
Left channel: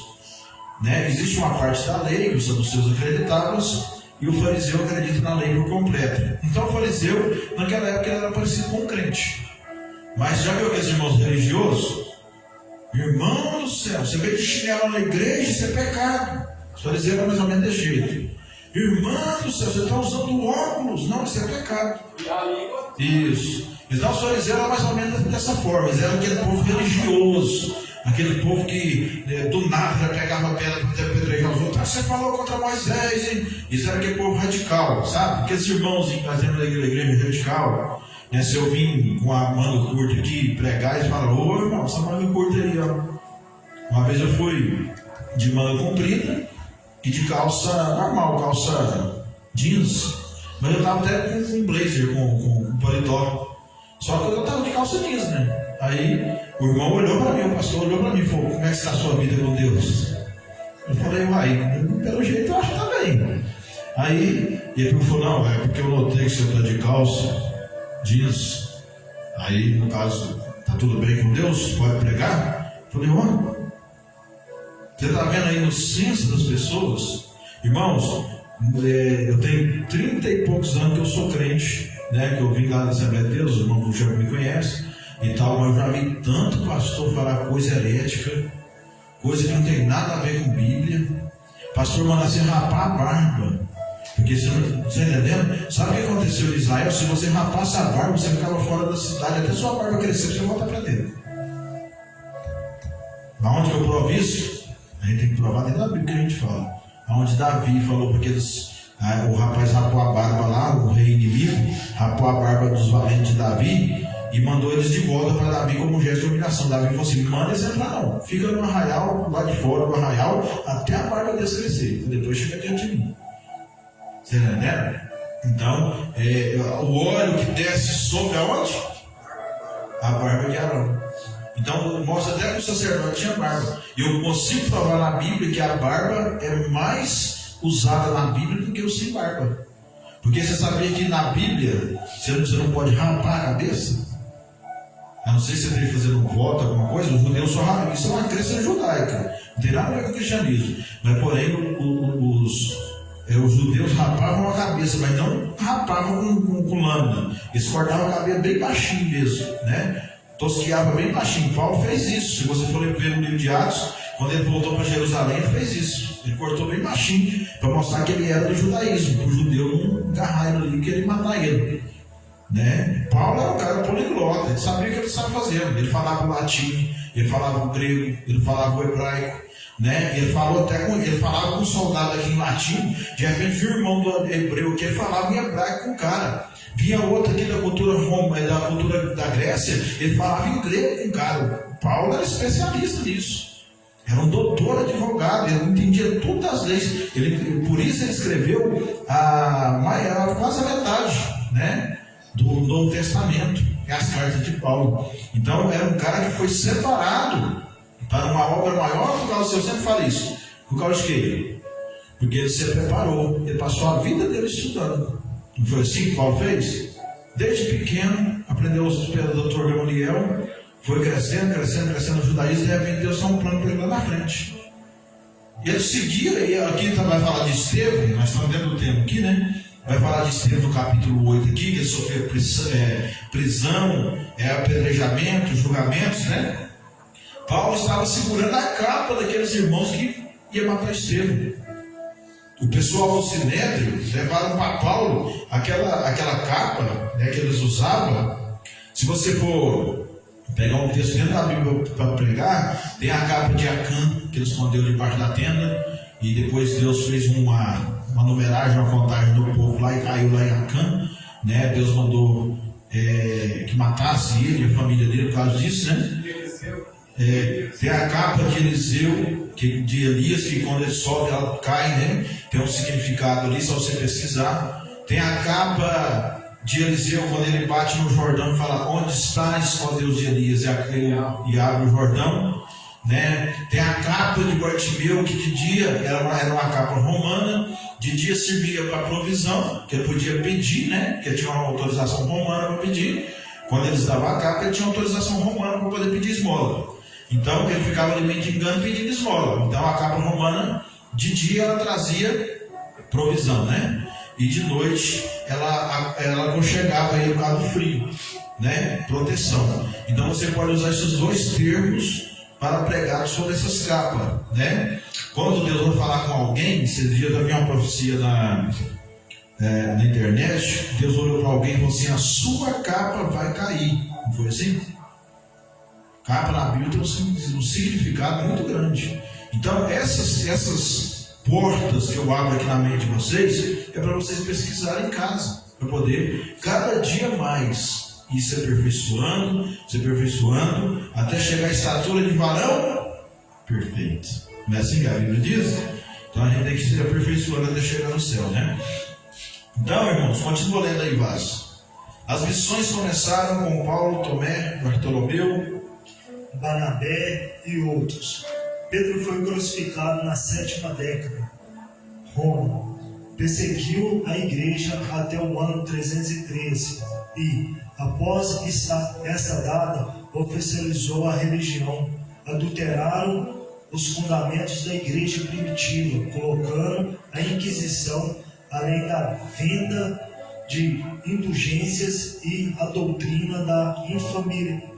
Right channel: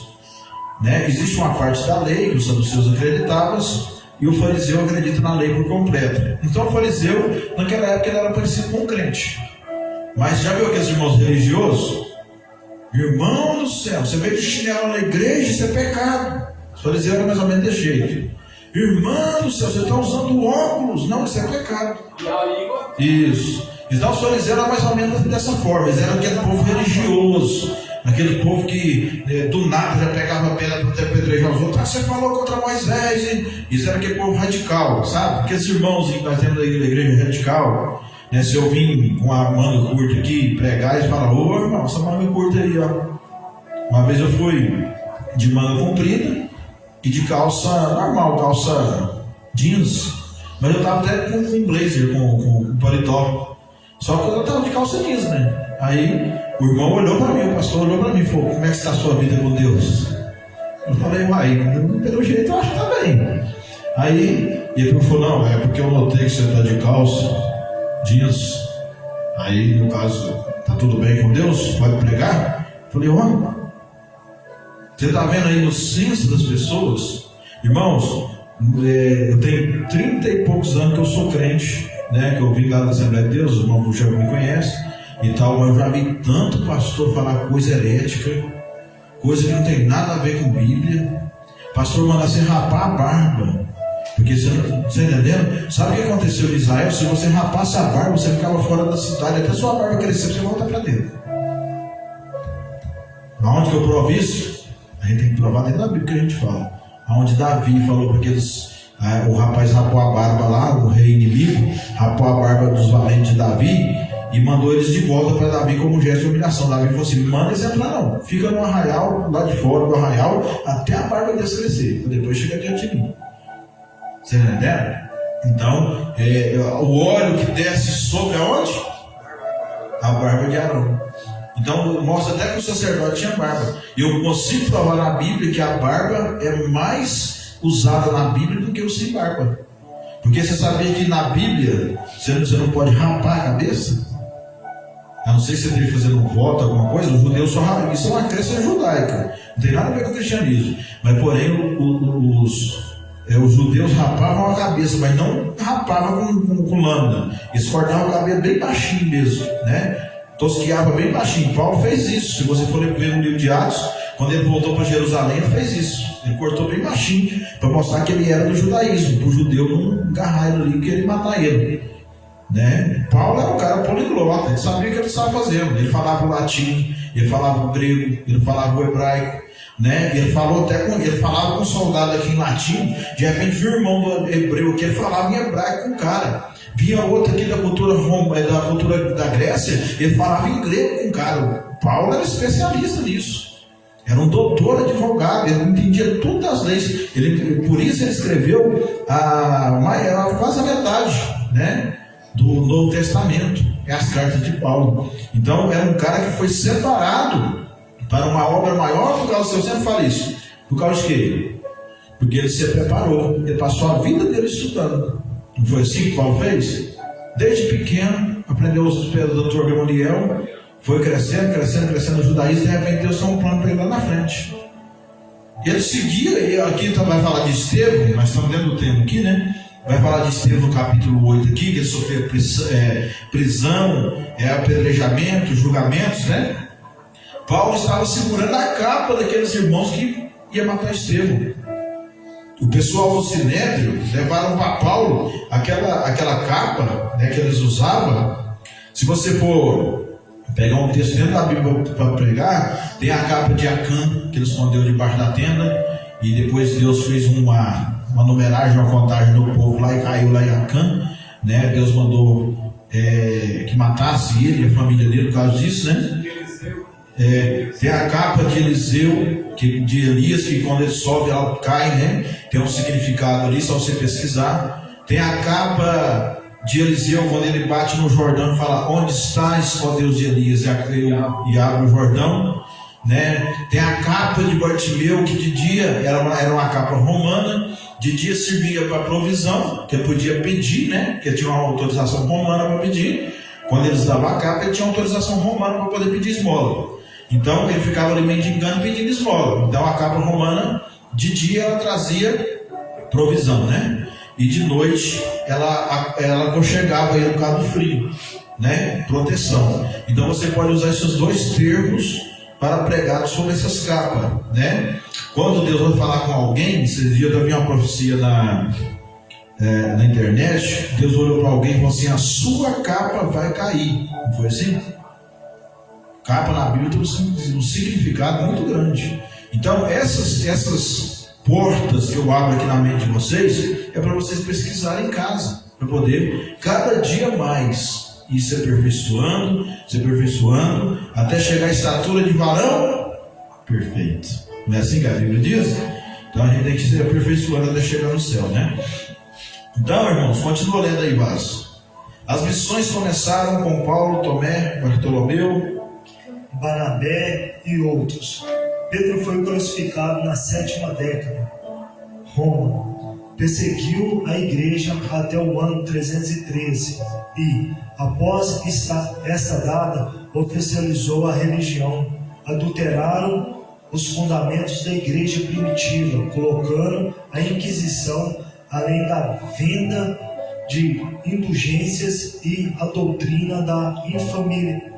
né? Existe uma parte da lei que os saduceus acreditavam e o fariseu acredita na lei por completo. Então o fariseu, naquela época, ele era parecido com um crente. Mas já viu aqueles irmãos religiosos? Irmão do céu, você veio de chinelo na igreja, isso é pecado. Os fariseus eram mais ou menos desse jeito. Irmão do céu, você está usando óculos. Não, isso é pecado. E a língua? Isso. Então os fariseus eram mais ou menos dessa forma. Eles eram aquele povo religioso, aquele povo que do nada já pegava pedra para apedrejar os outros. Você falou contra Moisés, hein? Isso era aquele povo radical, sabe? Aqueles irmãos que nós temos na igreja radical, né? Se eu vim com a manga curta aqui pregar, eles falam: ô irmão, essa manga curta aí, ó. Uma vez eu fui de manga comprida e de calça normal, calça jeans, mas eu estava até com um blazer, com paletó. Só que eu estava de calça jeans, né? Aí o irmão olhou para mim, o pastor olhou para mim e falou: como é que está a sua vida com Deus? Eu falei: uai, pelo jeito eu acho que está bem. Aí ele falou: não, é porque eu notei que você está de calça jeans. Aí no caso, está tudo bem com Deus? Pode pregar? Eu falei: olha, você está vendo aí no senso das pessoas? Irmãos, eu tenho 30 e poucos anos que eu sou crente, né? Que eu vim lá da Assembleia de Deus, os irmãos já me conhecem e tal, mas eu já vi tanto pastor falar coisa herética, coisa que não tem nada a ver com Bíblia. Pastor manda você rapar a barba, porque você entendendo? Sabe o que aconteceu em Israel? Se você rapasse a barba, você ficava fora da cidade, até sua barba crescer, você volta para dentro. Aonde que eu provo isso? A gente tem que provar dentro da Bíblia que a gente fala. Onde Davi falou para aqueles, o rapaz rapou a barba lá, o rei inimigo, rapou a barba dos valentes de Davi e mandou eles de volta para Davi como gesto de humilhação. Davi falou assim: manda eles entrar não, fica no arraial, lá de fora do arraial, até a barba deles crescer, depois chega diante de mim. Você entendeu? Então, o óleo que desce sobre aonde? A barba de Arão. Então mostra até que o sacerdote tinha barba. E eu consigo provar na Bíblia que a barba é mais usada na Bíblia do que o sem barba. Porque você sabia que na Bíblia você não pode rapar a cabeça? A não ser se você esteja fazendo um voto, alguma coisa. Os judeus só rapam. Isso é uma crença judaica. Não tem nada a ver com o cristianismo. Mas porém os judeus rapavam a cabeça, mas não rapavam com lâmina. Eles cortavam o cabelo bem baixinho mesmo, né? Tosquiava bem baixinho. Paulo fez isso. Se você for ver no livro de Atos, quando ele voltou para Jerusalém, ele fez isso. Ele cortou bem baixinho para mostrar que ele era do judaísmo, para o judeu não agarrar ele ali, que ele matar ele, né? Paulo era um cara poliglota, ele sabia o que ele estava fazendo. Ele falava o latim, ele falava o grego, ele falava o hebraico, né? Ele falava com um soldado aqui em latim. De repente viu o irmão do hebreu que ele falava em hebraico com o cara. Vinha outro aqui da cultura da Grécia, ele falava em grego com o cara. Paulo era especialista nisso. Era um doutor advogado, ele entendia todas as leis. Por isso ele escreveu quase a metade, né, do Novo Testamento, as cartas de Paulo. Então era um cara que foi separado para uma obra maior por causa, eu sempre falo isso, por causa de quê? Porque ele se preparou, ele passou a vida dele estudando. Não foi assim que Paulo fez? Desde pequeno, aprendeu os pés do Dr. Gamaliel, foi crescendo o judaísmo, e de repente Deus tem um plano para ele lá na frente. Ele seguia, e aqui vai falar de Estevão, nós estamos dentro do tema aqui, né? Vai falar de Estevão no capítulo 8 aqui, que ele sofreu prisão, apedrejamento, julgamentos, né? Paulo estava segurando a capa daqueles irmãos que iam matar Estevão. O pessoal do Sinédrio levaram para Paulo aquela capa, né, que eles usavam. Se você for pegar um texto dentro da Bíblia para pregar, tem a capa de Acã, que ele escondeu debaixo da tenda, e depois Deus fez uma numeragem, uma contagem do povo lá e caiu lá em Acã, né? Deus mandou que matasse ele e a família dele por causa disso, né? Tem a capa de Eliseu, de Elias, que quando ele sobe ela cai, né? Tem um significado ali, só você pesquisar. Tem a capa de Eliseu, quando ele bate no Jordão e fala: onde estás, ó Deus de Elias? E abre o Jordão, né? Tem a capa de Bartimeu, que de dia era uma capa romana, de dia servia para provisão, que ele podia pedir, né? Porque tinha uma autorização romana para pedir. Quando eles davam a capa, ele tinha autorização romana para poder pedir esmola. Então ele ficava ali mendigando, pedindo esmola. Então a capa romana, de dia ela trazia provisão, né? E de noite ela aconchegava ele por causa do frio, né? Proteção. Então você pode usar esses dois termos para pregar sobre essas capas, né? Quando Deus vai falar com alguém, esse dia eu vi uma profecia na internet. Deus olhou para alguém e falou assim: a sua capa vai cair. Não foi assim? Capa na Bíblia tem um significado muito grande. Então essas portas que eu abro aqui na mente de vocês é para vocês pesquisarem em casa, para poder cada dia mais ir se aperfeiçoando, até chegar à estatura de varão perfeito. Não é assim que a Bíblia diz? Então a gente tem que se aperfeiçoando até chegar no céu, né? Então, irmãos, continua lendo aí, Vaz. As missões começaram com Paulo, Tomé, Bartolomeu, Barnabé e outros. Pedro foi crucificado na 7ª década. Roma perseguiu a igreja até o ano 313 e, após essa data, oficializou a religião. Adulteraram os fundamentos da igreja primitiva, colocando a Inquisição, além da venda de indulgências e a doutrina da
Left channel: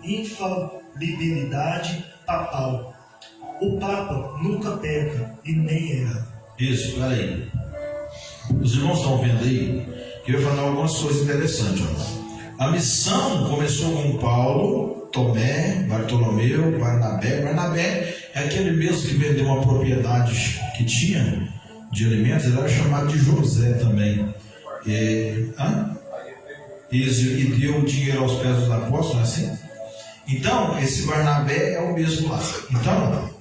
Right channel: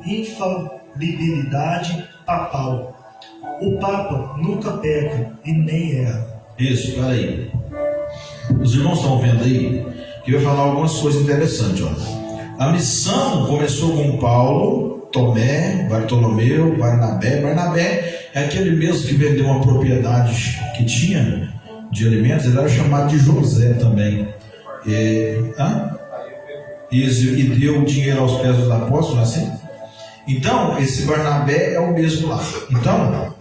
infalibilidade papal. O Papa nunca peca e nem erra. Isso, peraí. Os irmãos estão vendo aí que eu vou falar algumas coisas interessantes. Ó. A missão começou com Paulo, Tomé, Bartolomeu, Barnabé. Barnabé é aquele mesmo que vendeu uma propriedade que tinha de alimentos. Ele era chamado de José também. E deu dinheiro aos pés dos apóstolos, não é assim? Então, esse Barnabé é o mesmo lá. Então,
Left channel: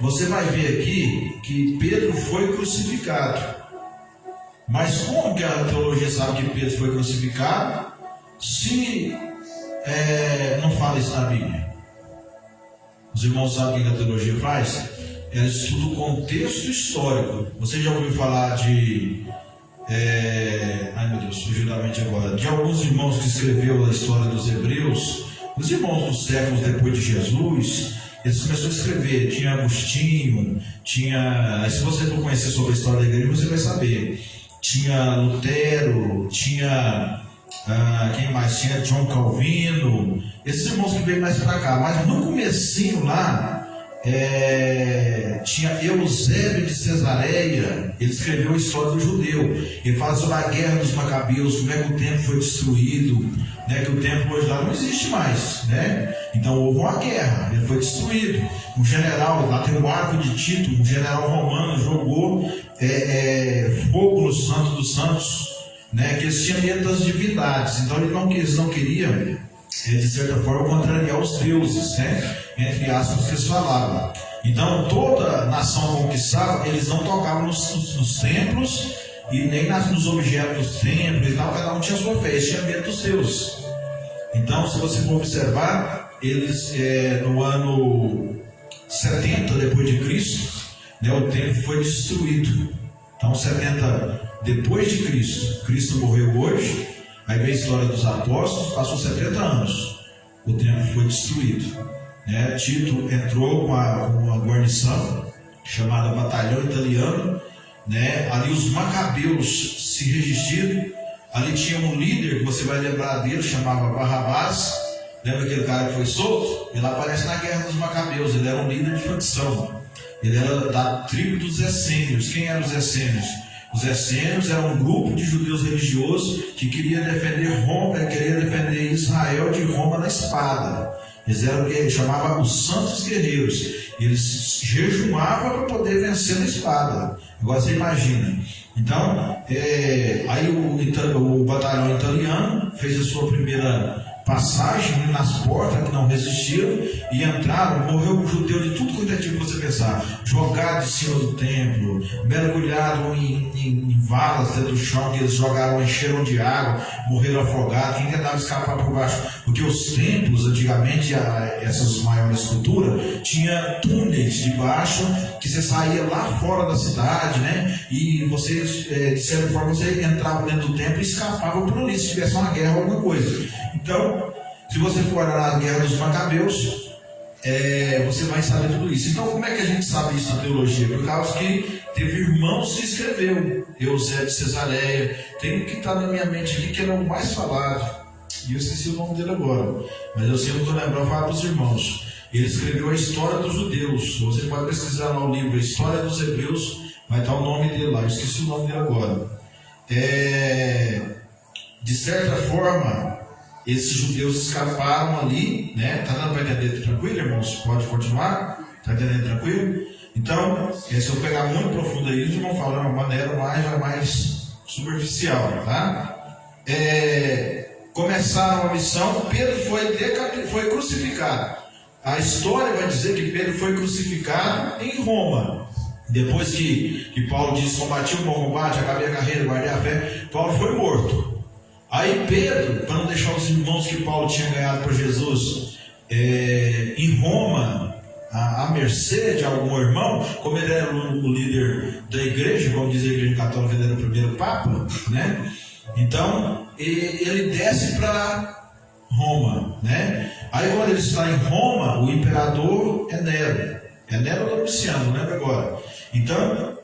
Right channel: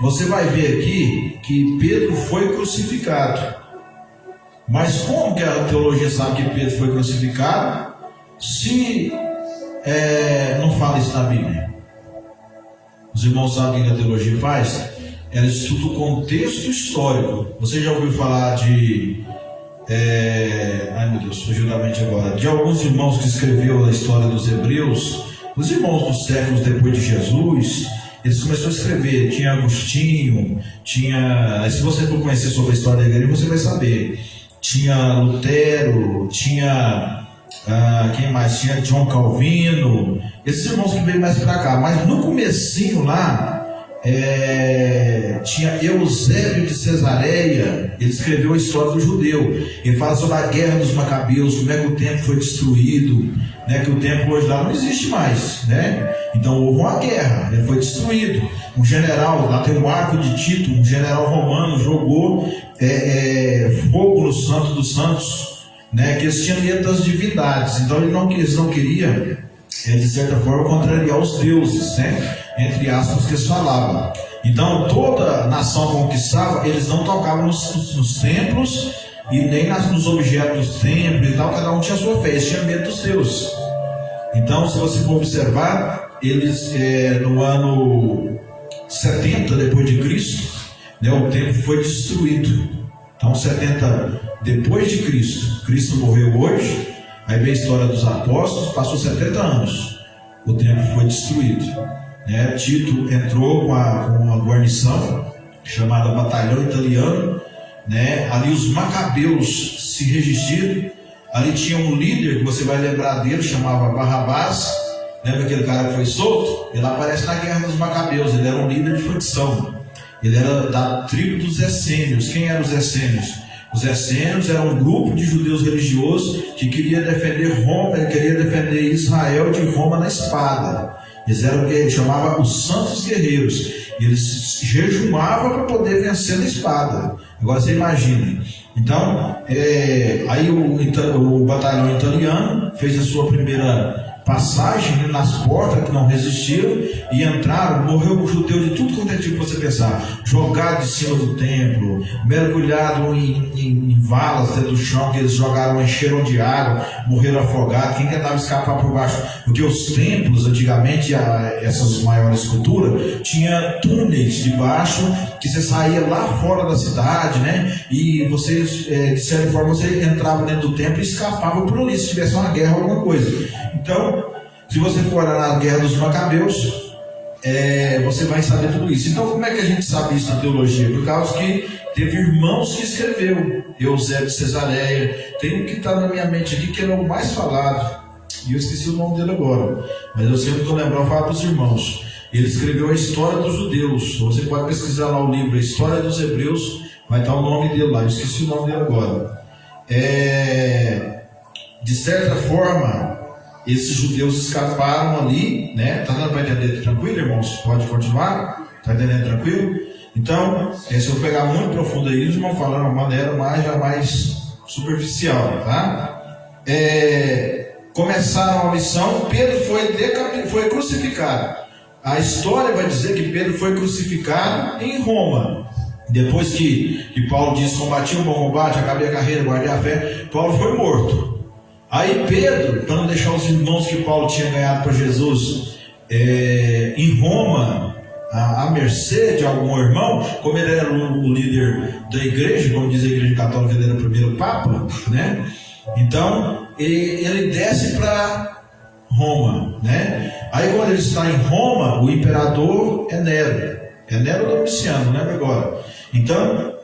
você vai ver aqui que Pedro foi crucificado. Mas como que a teologia sabe que Pedro foi crucificado se não fala isso na Bíblia? Os irmãos sabem o que a teologia faz? Ela estuda o contexto histórico. Você já ouviu falar de... ai meu Deus, fugiu da mente agora. De alguns irmãos que escreveu a história dos hebreus, os irmãos dos séculos depois de Jesus, eles começaram a escrever. Tinha Agostinho, se você for conhecer sobre a história da igreja, você vai saber. Tinha Lutero, tinha quem mais? Tinha John Calvino. Esses irmãos que veio mais para cá. Mas no comecinho lá, tinha Eusébio de Cesareia. Ele escreveu a história do judeu. Ele fala sobre a guerra dos Macabeus, como é que o templo foi destruído, né? Que o templo hoje lá não existe mais, né? Então houve uma guerra, ele foi destruído. Um general, lá tem um arco de Tito, um general romano jogou fogo no Santo dos Santos, né? Que eles tinham medo das divindades. Então eles não queriam, de certa forma, contrariar os deuses, né? Entre aspas, que eles falavam. Então toda nação conquistava, eles não tocavam nos templos e nem nos objetos dos templos e tal. Cada um tinha a sua fé, eles tinham medo dos deuses. Então, se você for observar, eles no ano 70 depois de Cristo, né, o templo foi destruído. Então 70 depois de Cristo, Cristo morreu hoje. Aí veio a história dos apóstolos, passou 70 anos, o templo foi destruído. né? Tito entrou com uma guarnição chamada Batalhão Italiano, né? Ali os macabeus se resistiram. Ali tinha um líder que você vai lembrar dele, chamava Barrabás. Lembra aquele cara que foi solto? Ele aparece na Guerra dos Macabeus. Ele era um líder de facção. Ele era da tribo dos Essênios. Quem eram os Essênios? Os Essênios eram um grupo de judeus religiosos que queria defender Roma, queria defender Israel de Roma na espada. Eles eram o que ele chamava os Santos Guerreiros. Eles jejuavam para poder vencer na espada. Agora você imagina. Então, aí o batalhão italiano fez a sua primeira passagem nas portas, que não resistiram, e entraram. Morreu o judeu de tudo quanto é tipo você pensar, jogado de cima do templo, mergulhado em valas dentro do chão, que eles jogaram, encheram de água, morreram afogados. Quem tentava escapar por baixo, porque os templos antigamente, essas maiores culturas, tinha túneis de baixo que você saía lá fora da cidade, né? E você, de certa forma, você entrava dentro do templo e escapava por ali se tivesse uma guerra ou alguma coisa. Então, se você for olhar na Guerra dos Macabeus, você vai saber tudo isso. Então, como é que a gente sabe isso na teologia? Por causa que teve irmãos que escreveu. Eusébio de Cesareia. Tem um que está na minha mente aqui, que ele é o mais falado. E eu esqueci o nome dele agora. Mas eu sempre estou lembrando, eu falo para os irmãos. Ele escreveu a História dos Judeus. Você pode pesquisar lá o livro, a História dos Hebreus. Vai estar o nome dele lá. Eu esqueci o nome dele agora. De certa forma, esses judeus escaparam ali, né? Está dando para entender tranquilo, irmãos? Pode continuar? Está entendendo tranquilo? Então, se eu pegar muito profundo aí, eles vão falar de uma maneira mais superficial, tá? Começaram a missão, Pedro foi crucificado. A história vai dizer que Pedro foi crucificado em Roma. Depois que Paulo disse: combati o bom combate, acabei a carreira, guardei a fé, Paulo foi morto. Aí Pedro, para não deixar os irmãos que Paulo tinha ganhado para Jesus em Roma, à mercê de algum irmão, como ele era o líder da igreja, como diz a igreja católica, ele era o primeiro papa, né? Então ele desce para Roma, né? Aí quando ele está em Roma, o imperador é Nero Domiciano, lembra agora? Então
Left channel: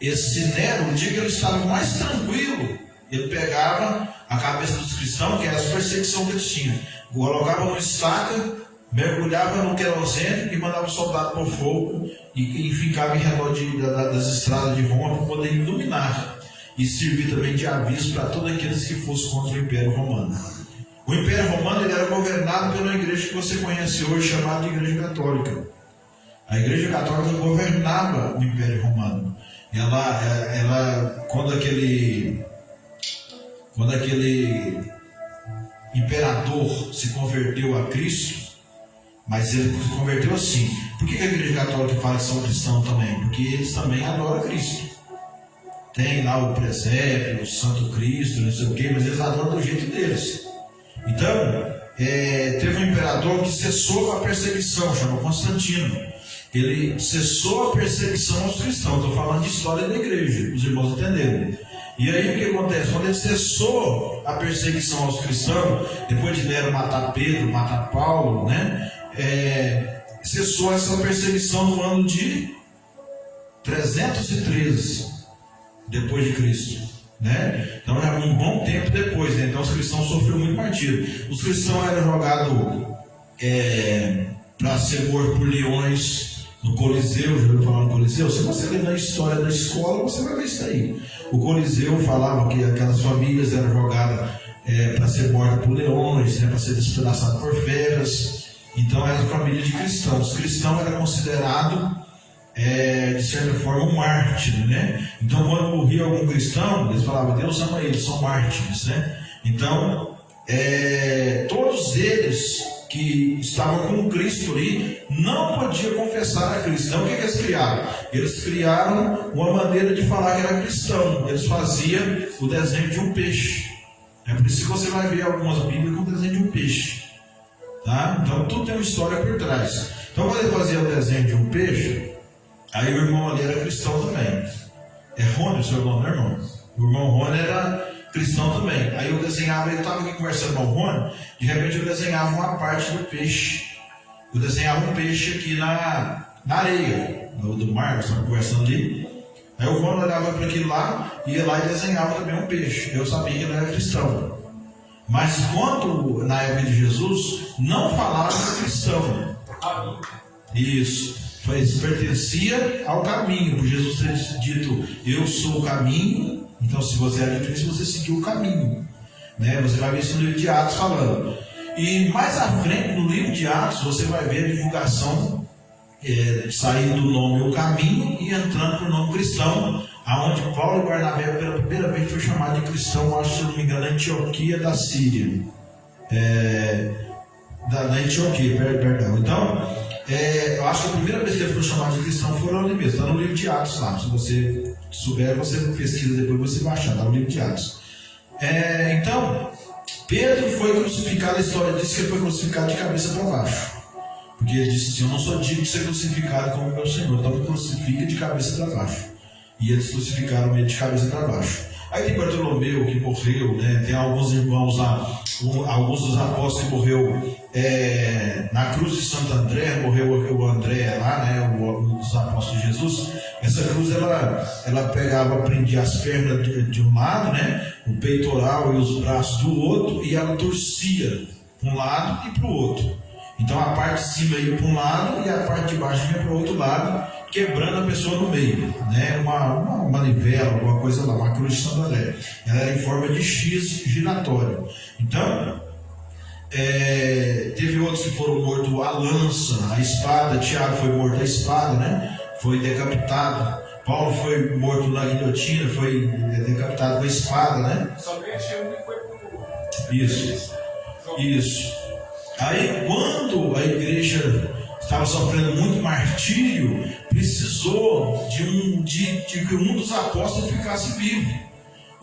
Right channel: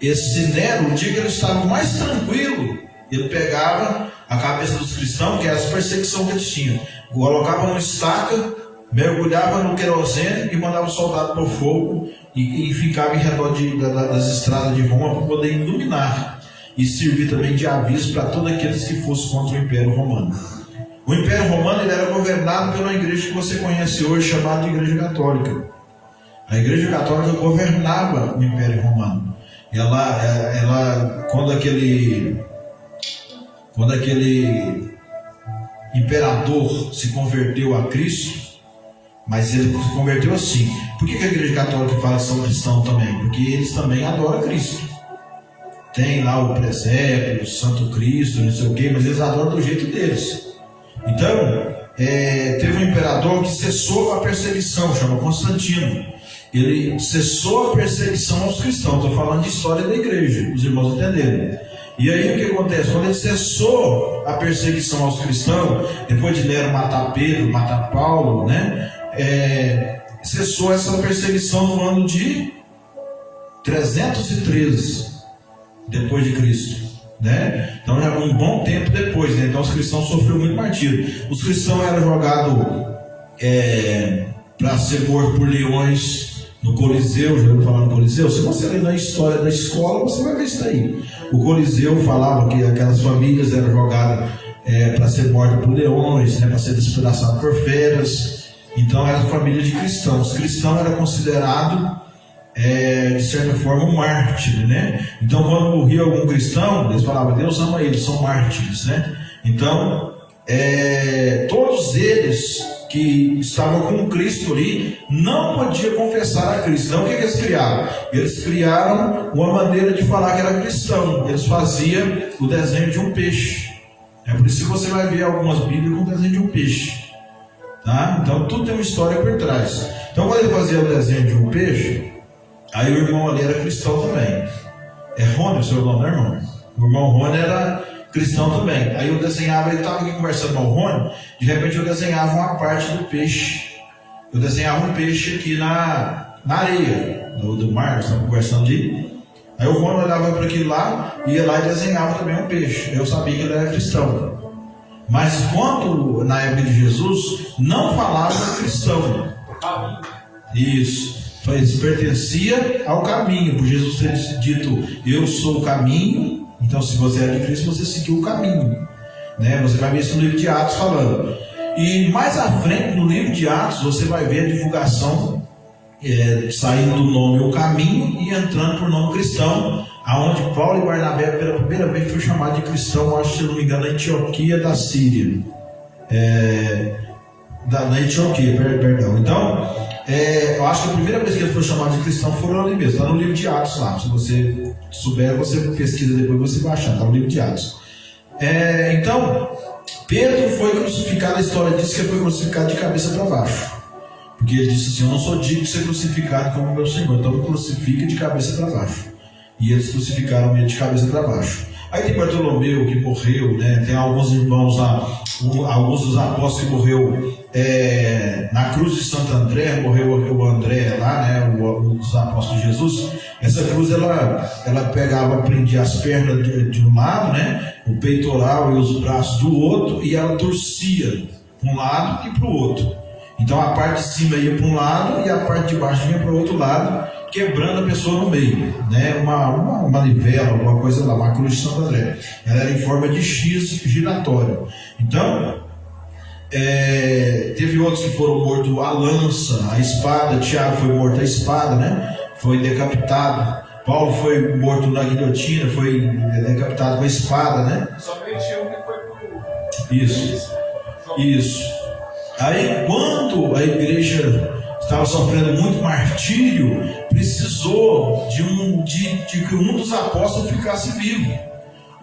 esse Nero, o dia que ele estava mais tranquilo, ele pegava a cabeça dos cristãos, que é as perseguições que eles tinham, colocava no estaca, mergulhava no querosene e mandava o soldado para o fogo e ficava em redor das estradas de Roma para poder iluminar e servir também de aviso para todos aqueles que fossem contra o Império Romano. O Império Romano ele era governado pela igreja que você conhece hoje, chamada de Igreja Católica. A Igreja Católica governava o Império Romano. Ela quando aquele imperador se converteu a Cristo, mas ele se converteu assim. Por que a Igreja Católica fala que são cristãos também? Porque eles também adoram Cristo. Tem lá o presépio, o Santo Cristo, não sei o que, mas eles adoram do jeito deles. Então, teve um imperador que cessou a perseguição, chama Constantino. Ele cessou a perseguição aos cristãos. Estou falando de história da igreja, os irmãos entenderem. E aí o que acontece? Quando ele cessou a perseguição aos cristãos, depois de Nero matar Pedro, matar Paulo, né? Cessou essa perseguição no ano de 313 depois de Cristo, né? Então já um bom tempo depois, né? Então os cristãos sofreram muito martírio. Os cristãos eram jogados para ser mortos por leões no Coliseu. Já ouviu falar no Coliseu? Se você ler na história da escola, você vai ver isso aí. O Coliseu falava que aquelas famílias eram jogadas para ser mortas por leões, né, para ser despedaçadas por feras. Então era família de cristãos. Cristão era considerado de certa forma um mártir, né? Então quando morria algum cristão, eles falavam: Deus ama eles, são mártires, né? Então todos eles que estavam com Cristo ali não podiam confessar a Cristo. Então o que eles criaram? Eles criaram uma maneira de falar que era cristão. Eles faziam o desenho de um peixe. É por isso que você vai ver algumas bíblias com o desenho de um peixe, tá? Então tudo tem uma história por trás. Então quando ele fazia o desenho de um peixe, aí o irmão ali era cristão também. É Rony o seu nome, né, irmão? O irmão Rony era cristão também. Aí eu desenhava, ele estava aqui conversando com o Rony, de repente eu desenhava uma parte do peixe. eu desenhava um peixe aqui na areia do mar, nós estávamos conversando ali. Aí o Rômulo olhava para aquilo lá, ia lá e desenhava também um peixe. Eu sabia que ele era cristão. Mas quando, na época de Jesus, não falava cristão. Isso. Pertencia ao caminho. Por Jesus ter dito, eu sou o caminho. Então, se você é de Cristo, você seguiu o caminho. Né? Você vai ver isso no livro de Atos falando. E mais à frente, no livro de Atos, você vai ver a divulgação saindo do nome o caminho e entrando por nome cristão, aonde Paulo e Barnabé pela primeira vez foi chamado de cristão, acho que, se não me engano, na Antioquia da Síria. Na Antioquia, perdão. Então, eu acho que a primeira vez que ele foi chamado de cristão foi ali mesmo, está no livro de Atos lá. Se você souber, você pesquisa depois, você vai achar, está no livro de Atos. Então, Pedro foi crucificado, a história diz que ele foi crucificado de cabeça para baixo. Porque ele disse assim, eu não sou digno de ser crucificado como meu Senhor, então me crucifica de cabeça para baixo. E eles crucificaram ele de cabeça para baixo. Aí tem Bartolomeu que morreu, né? Tem alguns irmãos lá, alguns dos apóstolos que morreu na cruz de Santo André, morreu o André lá, né? Um dos apóstolos de Jesus. Essa cruz ela pegava, prendia as pernas de um lado, né? O peitoral e os braços do outro, e ela torcia para um lado e para o outro. Então a parte de cima ia para um lado e a parte de baixo vinha para o outro lado, quebrando a pessoa no meio, né? Uma manivela, alguma coisa lá, uma cruz de Santo André. Ela era em forma de X giratório. Então, teve outros que foram mortos a lança, a espada. Tiago foi morto a espada, né? Foi decapitado. Paulo foi morto na guilhotina, foi decapitado com a espada, né? Somente um que foi pro... Isso. Aí, quando a igreja estava sofrendo muito martírio, precisou de que um dos apóstolos ficasse vivo.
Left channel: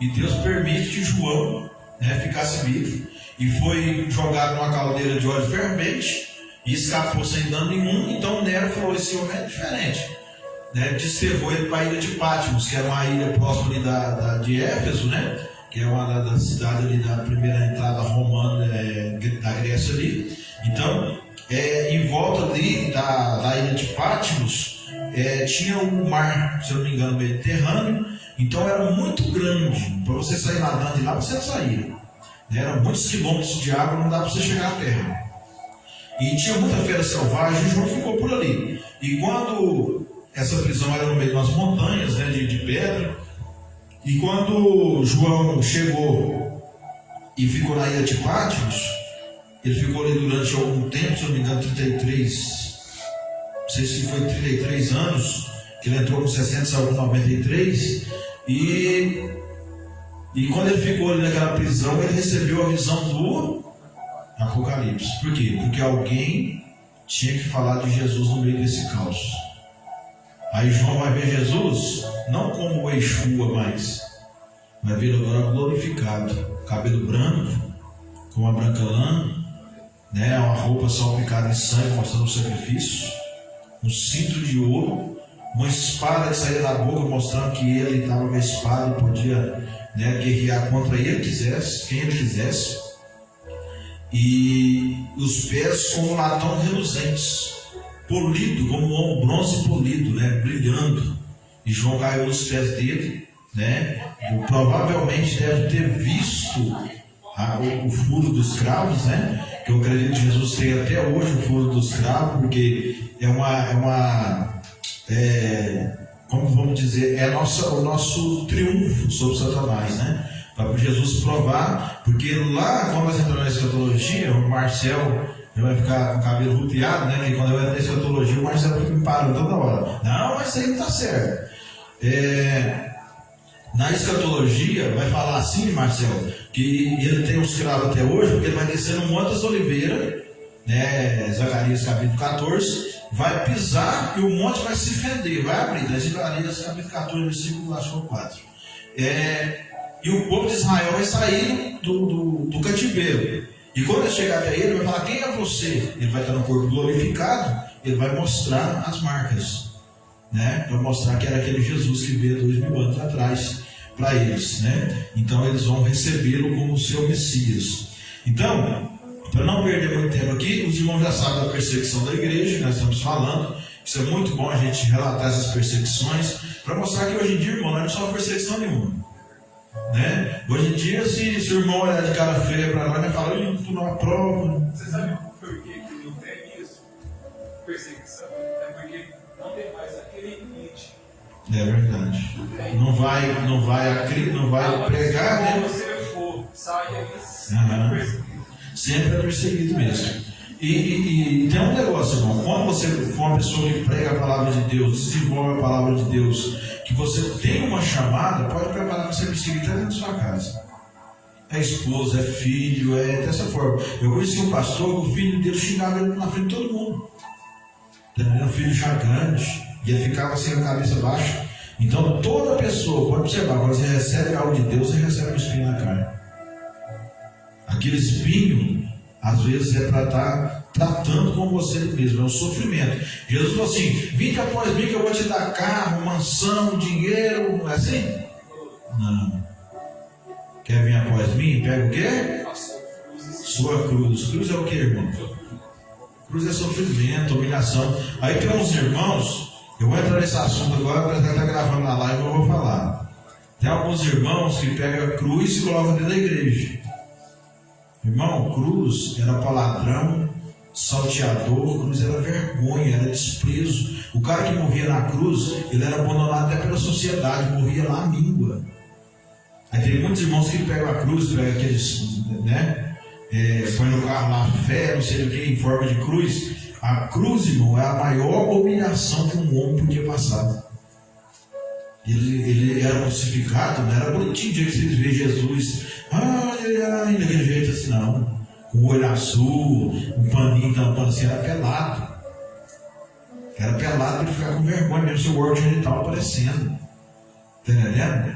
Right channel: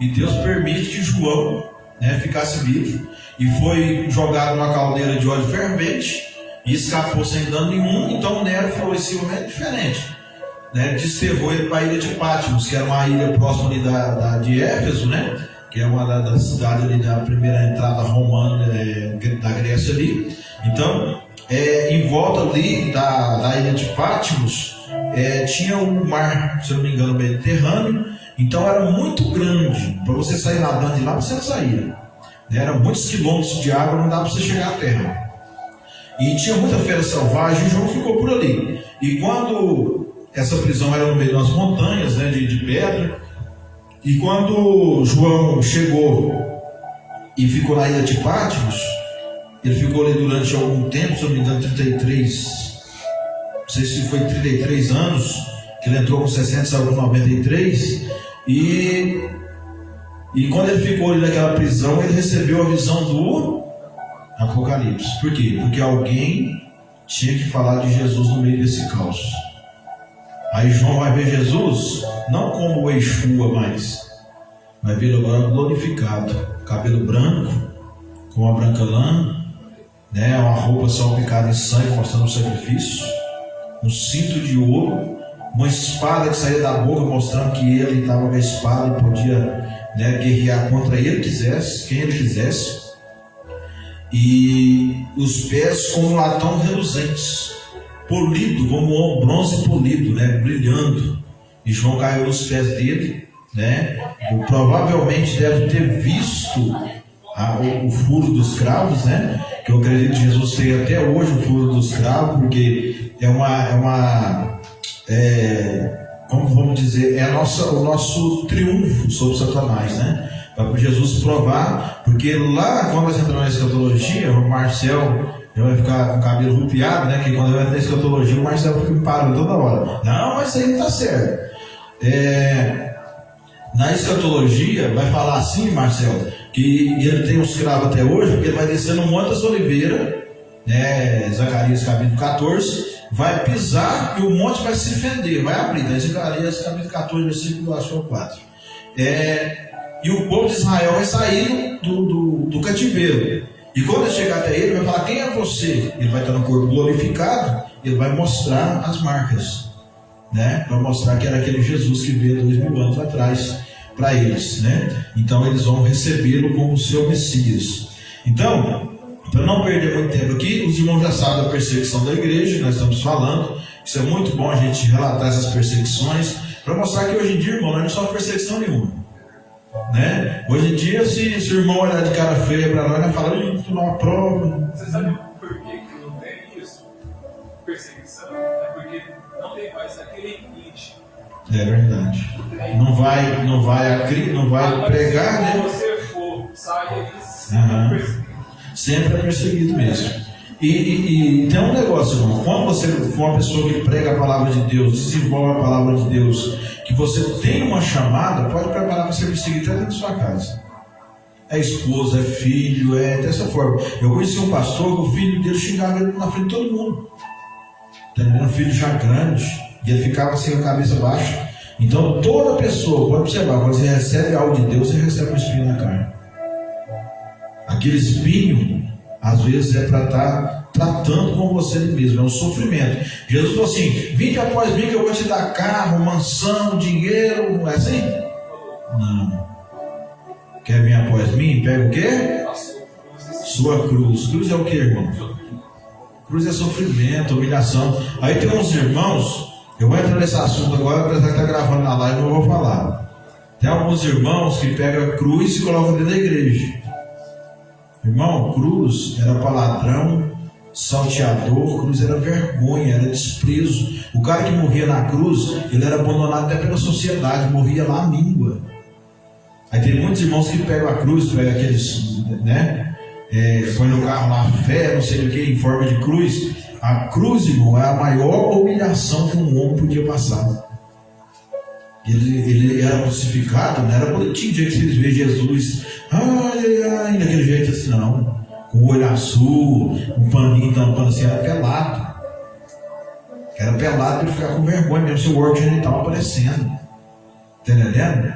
E Deus permite que João, né, ficasse vivo. E foi jogado numa caldeira de óleo fervente e escapou sem dano nenhum. Então Nero falou: esse homem é diferente. Né? Desterrou ele para a ilha de Patmos, que era uma ilha próxima ali de Éfeso, né? Que é uma das cidades ali da primeira entrada romana da Grécia ali. Então, em volta ali da ilha de Patmos, tinha um mar, se eu não me engano, Mediterrâneo. Então era muito grande, para você sair nadando de lá, você não saía. Eram muitos quilômetros de água, não dava para você chegar à terra. E tinha muita fera selvagem, e João ficou por ali. E quando essa prisão era no meio das montanhas, né, de pedra, e quando João chegou e ficou na ilha de Patmos, ele ficou ali durante algum tempo, se eu não me engano, 33, não sei se foi 33 anos, que ele entrou com 60, saiu com 93, e quando ele ficou ali naquela prisão, ele recebeu a visão do Apocalipse. Por quê? Porque alguém tinha que falar de Jesus no meio desse caos. Aí João vai ver Jesus, não como o Yeshua mais, vai ver agora glorificado, cabelo branco, com uma branca lã, né, uma roupa salpicada em sangue, mostrando o sacrifício, um cinto de ouro, uma espada que saía da boca, mostrando que ele estava com a espada e podia, né, guerrear contra ele quisesse, quem ele quisesse, e os pés como latão reluzentes, polido, como um bronze polido, né, brilhando. E João caiu nos pés dele, né? Provavelmente deve ter visto o furo dos cravos, né? Que eu acredito que Jesus tem até hoje o furo dos cravos, porque como vamos dizer, o nosso triunfo sobre Satanás, né? Para Jesus provar, porque lá, quando nós entramos na escatologia, o Marcel vai ficar com o cabelo rupiado, né? Que quando eu entro na escatologia, o Marcelo fica me parando toda hora. Não, mas isso aí não está certo. Na escatologia, vai falar assim, Marcelo, que ele tem os cravos até hoje, porque ele vai descer no Monte das Oliveiras, né? Zacarias capítulo 14, vai pisar e o monte vai se fender, vai abrir. Né? Zacarias capítulo 14, versículo 4. E o povo de Israel vai sair do cativeiro. E quando ele chegar até ele, vai falar: quem é você? Ele vai estar no corpo glorificado, ele vai mostrar as marcas, né? Para mostrar que era aquele Jesus que veio 2000 anos atrás para eles, né? Então eles vão recebê-lo como seu Messias. Então, para não perder muito tempo aqui, os irmãos já sabem da perseguição da igreja, que nós estamos falando. Isso é muito bom a gente relatar essas perseguições, para mostrar que hoje em dia, irmão, não é só perseguição nenhuma. Né? Hoje em dia, se o irmão olhar de cara feia para nós, vai falar, tu não aprova. Você sabe por que não tem isso? Perseguição? É porque não tem mais aquele limite. É verdade. Não vai pregar, se né? você for, sai aí, Uhum. Sempre é perseguido mesmo. E tem um negócio, irmão. Quando você for uma pessoa que prega a palavra de Deus, desenvolve a palavra de Deus, que você tem uma chamada, pode preparar para ser perseguido até dentro da sua casa. É esposa, é filho, é dessa forma. Eu conheci um pastor, o filho dele xingava ele na frente de todo mundo. Era um filho já grande, e ele ficava assim, a cabeça baixa. Então toda pessoa, pode observar, quando você recebe algo de Deus, você recebe um espinho na carne. Aquele espinho, às vezes, é para estar tratando com você mesmo, é um sofrimento. Jesus falou assim: vinde após mim que eu vou te dar carro, mansão, dinheiro, não é assim? Não. Quer vir após mim? Pega o quê? Sua cruz. Cruz é o que, irmão? Cruz é sofrimento, humilhação. Aí tem uns irmãos, eu vou entrar nesse assunto agora, apesar de estar gravando na live, eu vou falar. Tem alguns irmãos que pegam a cruz e colocam dentro da igreja. Irmão, cruz era para ladrão, salteador, cruz era vergonha, era desprezo. O cara que morria na cruz, ele era abandonado até pela sociedade, morria na míngua. Aí tem muitos irmãos que pegam a cruz, pegam aqueles, né? Põe no carro lá, fé, não sei o que, em forma de cruz. A cruz, irmão, é a maior humilhação que um homem podia passar. Ele era crucificado, não era bonitinho, dia que vocês veem Jesus, daquele jeito assim, não, com o olho azul, um paninho tampando assim, era pelado para ele ficar com vergonha, mesmo seu órgão genital aparecendo, tá entendendo?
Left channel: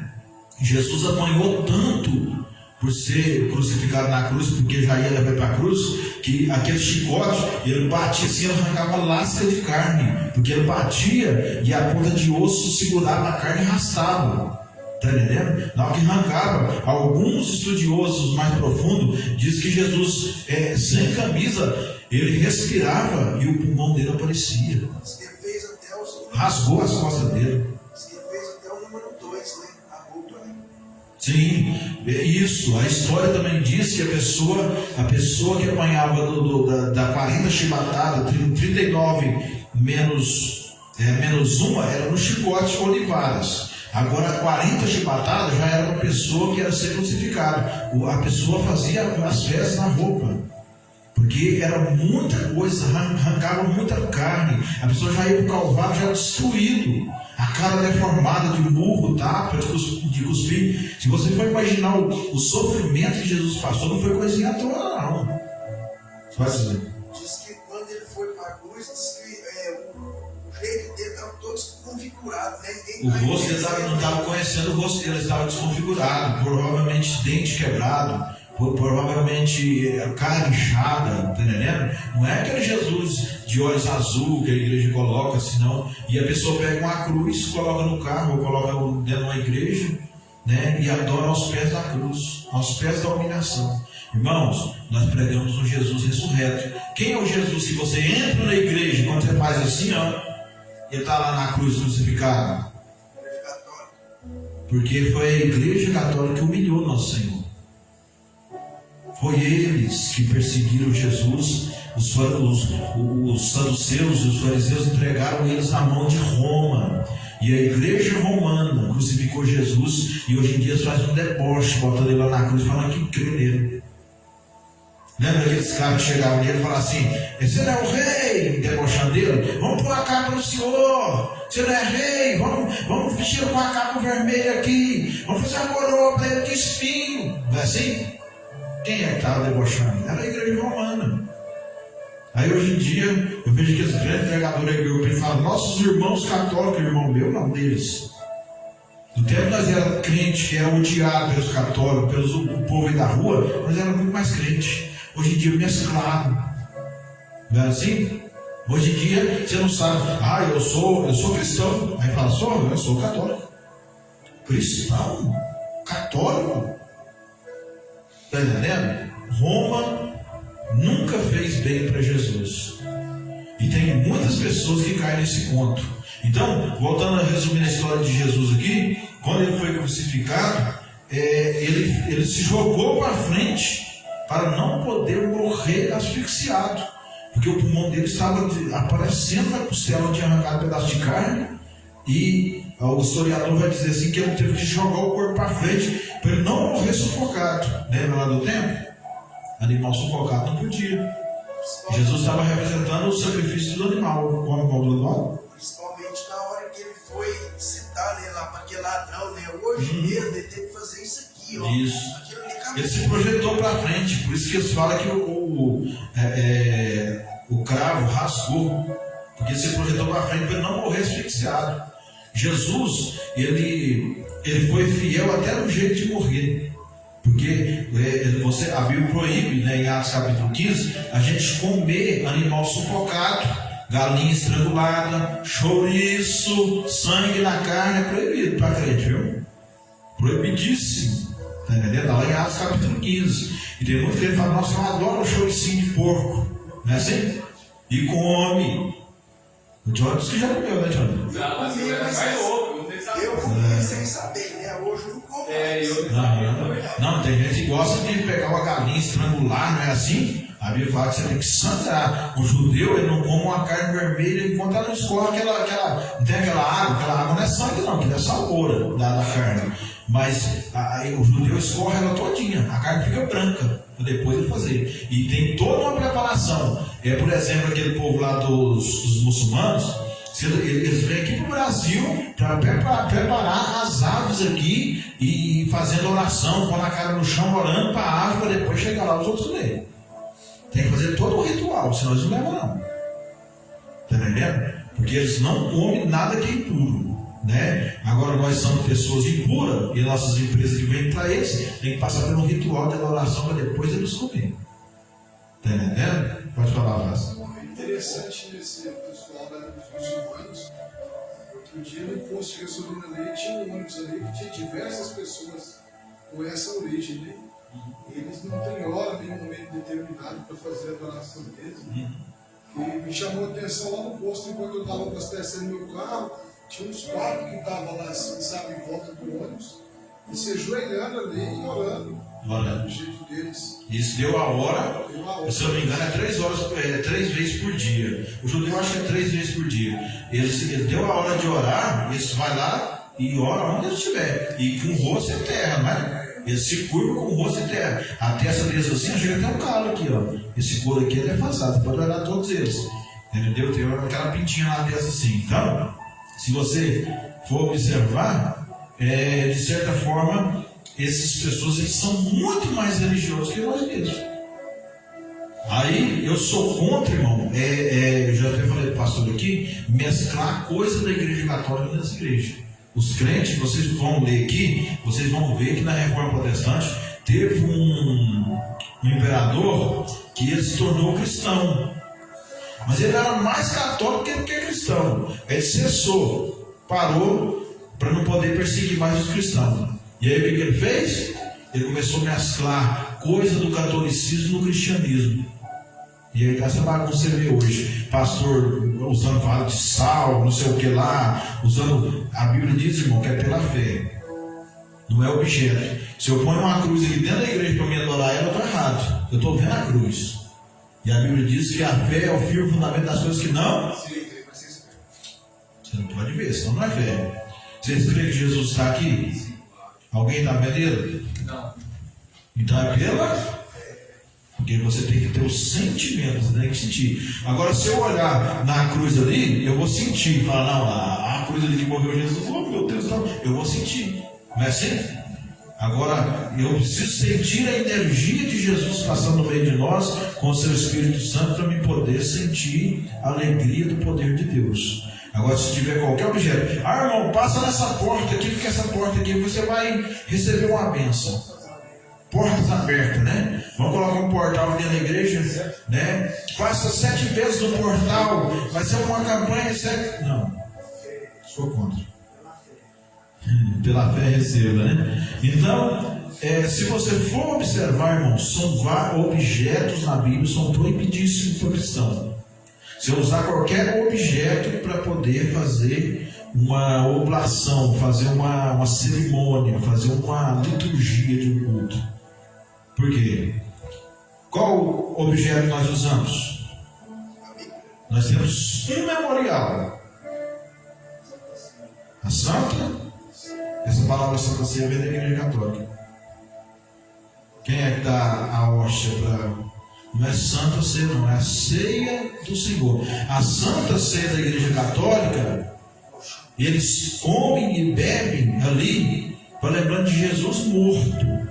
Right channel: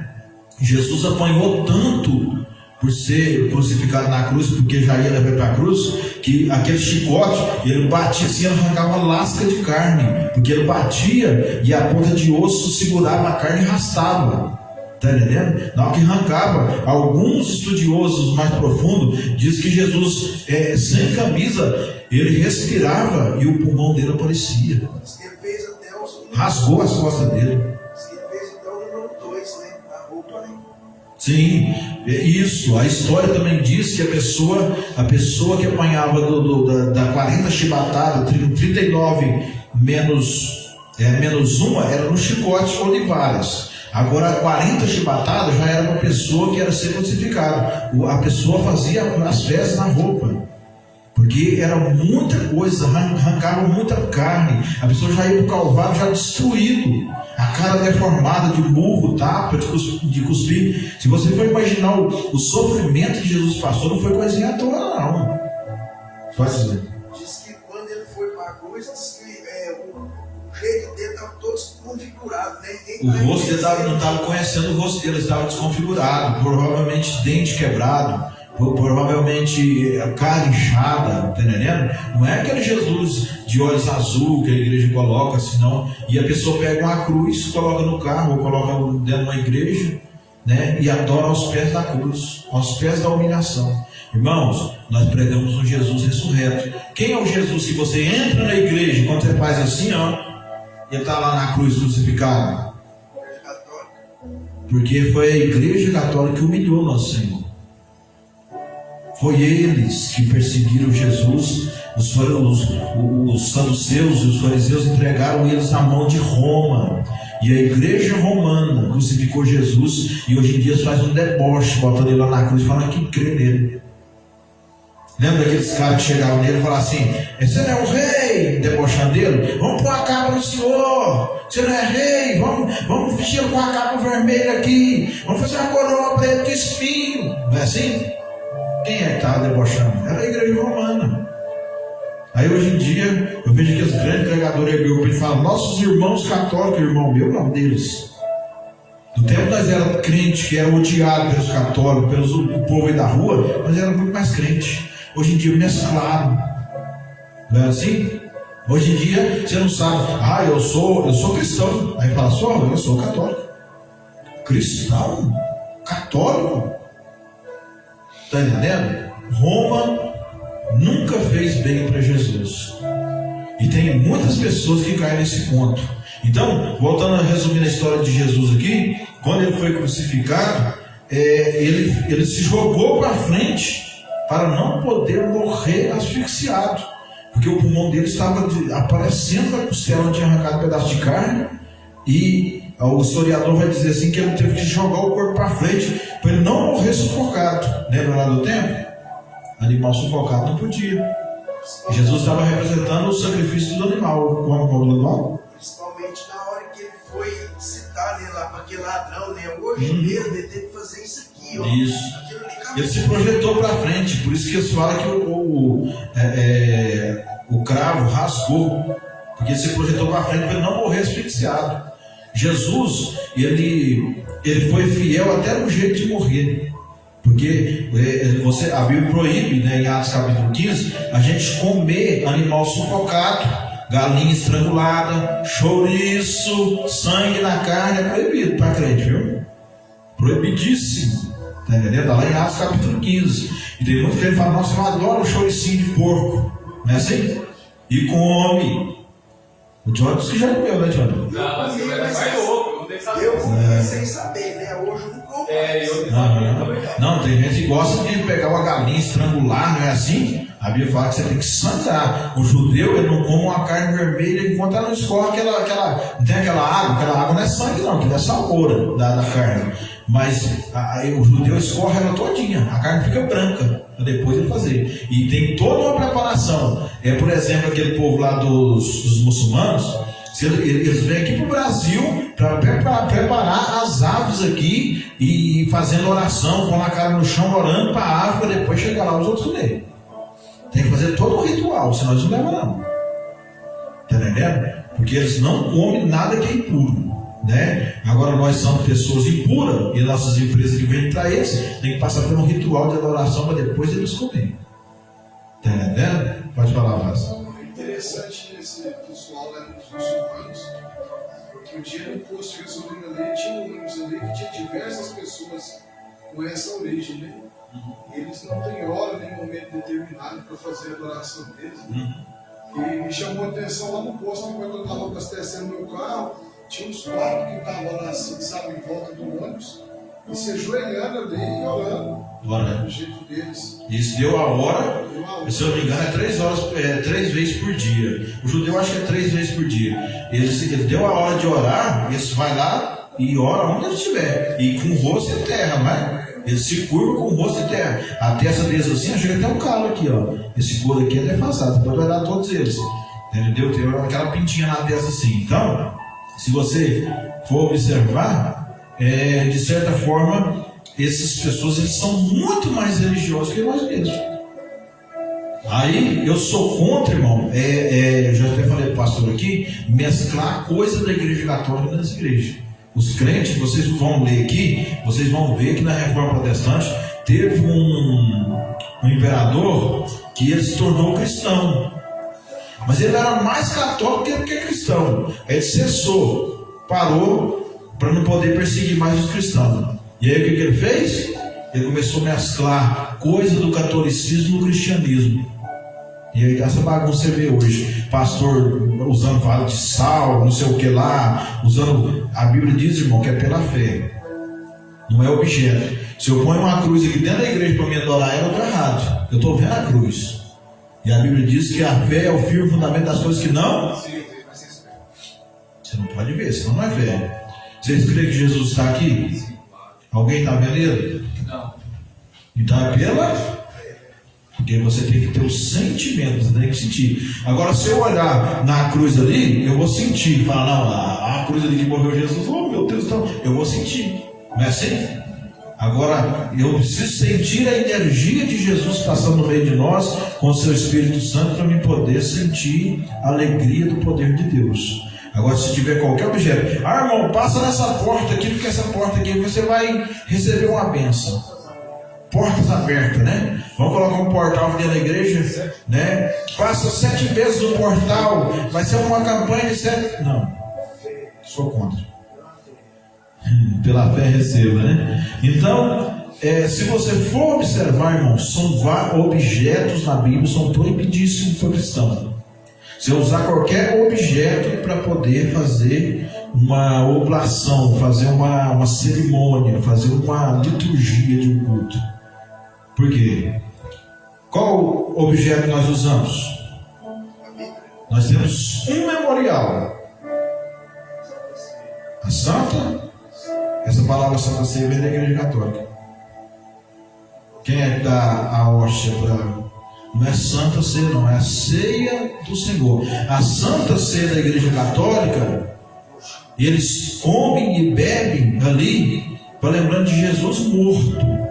Jesus apanhou tanto por ser crucificado na cruz, porque já ia levar para a cruz, que aquele chicote, ele batia assim, arrancava lasca de carne, porque ele batia e a ponta de osso segurava a carne e arrastava, tá entendendo? Na hora que arrancava, alguns estudiosos mais profundos dizem que Jesus, sem camisa, ele respirava e o pulmão dele aparecia, Ele fez até os... rasgou as costas dele. Ele fez até o número 2, né? A roupa, né? Sim, isso. A história também diz que a pessoa que apanhava da 40 chibatadas, 39 menos 1 era no chicote ou de varas. Agora 40 chibatadas já era uma pessoa que era ser crucificada. A pessoa fazia as fezes na roupa, porque era muita coisa, arrancava muita carne. A pessoa já ia para o Calvário já destruído, a cara deformada de burro, tapa, de cuspir. Se você for imaginar o sofrimento que Jesus passou, não foi coisinha à toa, não. Pode dizer. Diz que quando ele foi para a cruz, diz que o jeito dele estava todo desconfigurado, né? O rosto dele não estava conhecendo o rosto dele, estava desconfigurado, provavelmente dente quebrado, provavelmente a cara inchada, tá entendendo? Não é aquele Jesus de olhos azul que a igreja coloca, senão, e a pessoa pega uma cruz, coloca no carro ou coloca dentro de uma igreja, né? E adora aos pés da cruz, aos pés da humilhação. Irmãos, nós pregamos um Jesus ressurreto. Quem é o Jesus que você entra na igreja, quando você faz assim, ó, ele está lá na cruz crucificado? Porque foi a igreja católica que humilhou nosso Senhor. Foi eles que perseguiram Jesus. Os saduceus e os fariseus entregaram eles na mão de Roma. E a igreja romana crucificou Jesus. E hoje em dia faz um deboche, botando ele lá na cruz, falando que crê nele. Lembra aqueles caras que chegavam nele e falavam assim: você não é o rei? Debochando dele. Vamos pôr a capa no senhor. Você não é rei? Vamos vestir com a capa vermelha aqui. Vamos fazer uma coroa para ele de espinho. Não é assim? Quem é que estava debochando? Era a igreja romana. Aí hoje em dia, eu vejo que os grandes pregadores hebreus, ele fala: nossos irmãos católicos, irmão meu, não deles. No tempo nós éramos crentes que eram odiados pelos católicos, pelo povo aí da rua, nós éramos muito mais crentes. Hoje em dia mesclado. Não é assim? Hoje em dia você não sabe: eu sou cristão. Aí fala: eu sou católico. Cristão? Católico? Está entendendo? Roma nunca fez bem para Jesus. E tem muitas pessoas que caem nesse ponto. Então, voltando a resumir a história de Jesus aqui, quando ele foi crucificado, ele se jogou para frente para não poder morrer asfixiado, porque o pulmão dele estava aparecendo da costela, tinha arrancado um pedaço de carne, e o historiador vai dizer assim que ele teve que jogar o corpo para frente para ele não morrer sufocado. Lembra lá do tempo? Animal sufocado não podia. Jesus estava representando o sacrifício do animal. Principalmente na hora que ele foi citar, né, lá para aquele ladrão, né? Hoje mesmo ele teve que fazer isso aqui, ó. Isso. Ele se projetou para frente, por isso que eles falam que o cravo rasgou, porque ele se projetou para frente para ele não morrer asfixiado. Jesus, ele foi fiel até no jeito de morrer. Porque a Bíblia proíbe, né, em Atos capítulo 15, a gente comer animal sufocado, galinha estrangulada, chouriço, sangue na carne, é proibido para crente, viu? Proibidíssimo. Está entendendo? Lá em Atos capítulo 15. E tem muita gente que fala, nossa, eu adoro o chouricinho de porco. Não é assim? E come. O Johnny disse que já comeu, né, Johnny? Eu comi sem saber, né? Hoje não como. Não, tem gente que gosta de pegar uma galinha, estrangular, não é assim? A Bíblia fala que você tem que sangrar. O judeu, ele não come uma carne vermelha enquanto ela não escorre não tem aquela água não é sangue não, que é salmoura da carne. Mas o judeu escorre ela todinha, a carne fica branca, para depois ele fazer. E tem toda uma preparação. Por exemplo, aquele povo lá dos muçulmanos, eles vêm aqui para o Brasil para preparar as aves aqui e fazendo oração, com a cara no chão, orando para a ave, para depois chegar lá os outros comer. Tem que fazer todo um ritual, senão eles não levam não. Está entendendo? Porque eles não comem nada que é impuro, né? Agora nós somos pessoas impuras e nossas empresas que vêm para eles tem que passar por um ritual de adoração para depois eles comerem. Está entendendo? Pode falar, Vaz. É interessante esse pessoal lá nos muçulmanos, porque o dia no posto de gasolina ali tinha um ônibus ali que tinha diversas pessoas com essa origem, né? E eles não têm hora nem momento determinado para fazer a adoração deles, né? E me chamou a atenção lá no posto, enquanto eu estava abastecendo meu carro, tinha uns quatro que estavam lá assim, sabe, em volta do ônibus, e se ajoelhando ali e orando. Do jeito deles. Isso deu a hora, se eu não me engano, é 3 vezes por dia. O judeu acha que é 3 vezes por dia. Ele deu a hora de orar, ele vai lá e ora onde ele estiver. E com o rosto em terra, não é? Ele se curva com o rosto em terra. A testa deles assim, chega até um calo aqui, ó. Esse couro aqui é defasado, você pode olhar todos eles. Entendeu? Tem aquela pintinha na testa assim. Então, se você for observar, de certa forma, essas pessoas eles são muito mais religiosos que nós mesmos. Aí eu sou contra, irmão, eu já até falei para o pastor aqui, mesclar coisa da igreja católica nas igrejas. Os crentes, vocês vão ler aqui, vocês vão ver que na Reforma Protestante teve um imperador que ele se tornou cristão. Mas ele era mais católico que cristão. Ele cessou, parou para não poder perseguir mais os cristãos. E aí o que ele fez? Ele começou a mesclar coisa do catolicismo no cristianismo. E aí essa bagunça você vê hoje, pastor usando vara de sal, não sei o que lá, usando, a Bíblia diz, irmão, que é pela fé, não é objeto. Se eu ponho uma cruz aqui dentro da igreja para me adorar ela, eu estou errado, eu estou vendo a cruz. E a Bíblia diz que a fé é o firme fundamento das coisas que não. Você não pode ver, senão não é fé. Vocês creem que Jesus está aqui? Alguém está vendo ele? Não. Então é pela. Porque você tem que ter os sentimentos, tem que sentir. Agora, se eu olhar na cruz ali, eu vou sentir. Falar, não, a cruz ali que morreu Jesus, oh meu Deus, não. Eu vou sentir. Não é assim? Agora, eu preciso sentir a energia de Jesus passando no meio de nós, com o seu Espírito Santo, para me poder sentir a alegria do poder de Deus. Agora, se tiver qualquer objeto, irmão, passa nessa porta aqui, porque essa porta aqui você vai receber uma bênção. Portas abertas, né? Vamos colocar um portal dentro da igreja, né? Passa 7 vezes no portal, vai ser uma campanha de 7. Não, sou contra. Pela fé receba, né? Então, se você for observar, irmãos, são objetos na Bíblia, são proibidíssimos para o cristão. Se eu usar qualquer objeto para poder fazer uma oblação, fazer uma cerimônia, fazer uma liturgia de um culto. Por quê? Qual objeto nós usamos? Nós temos um memorial. A Santa, essa palavra Santa Ceia vem da Igreja Católica. Quem é que dá a hóstia para... Não é Santa Ceia, não, é a Ceia do Senhor. A Santa Ceia da Igreja Católica, eles comem e bebem ali para lembrando de Jesus morto.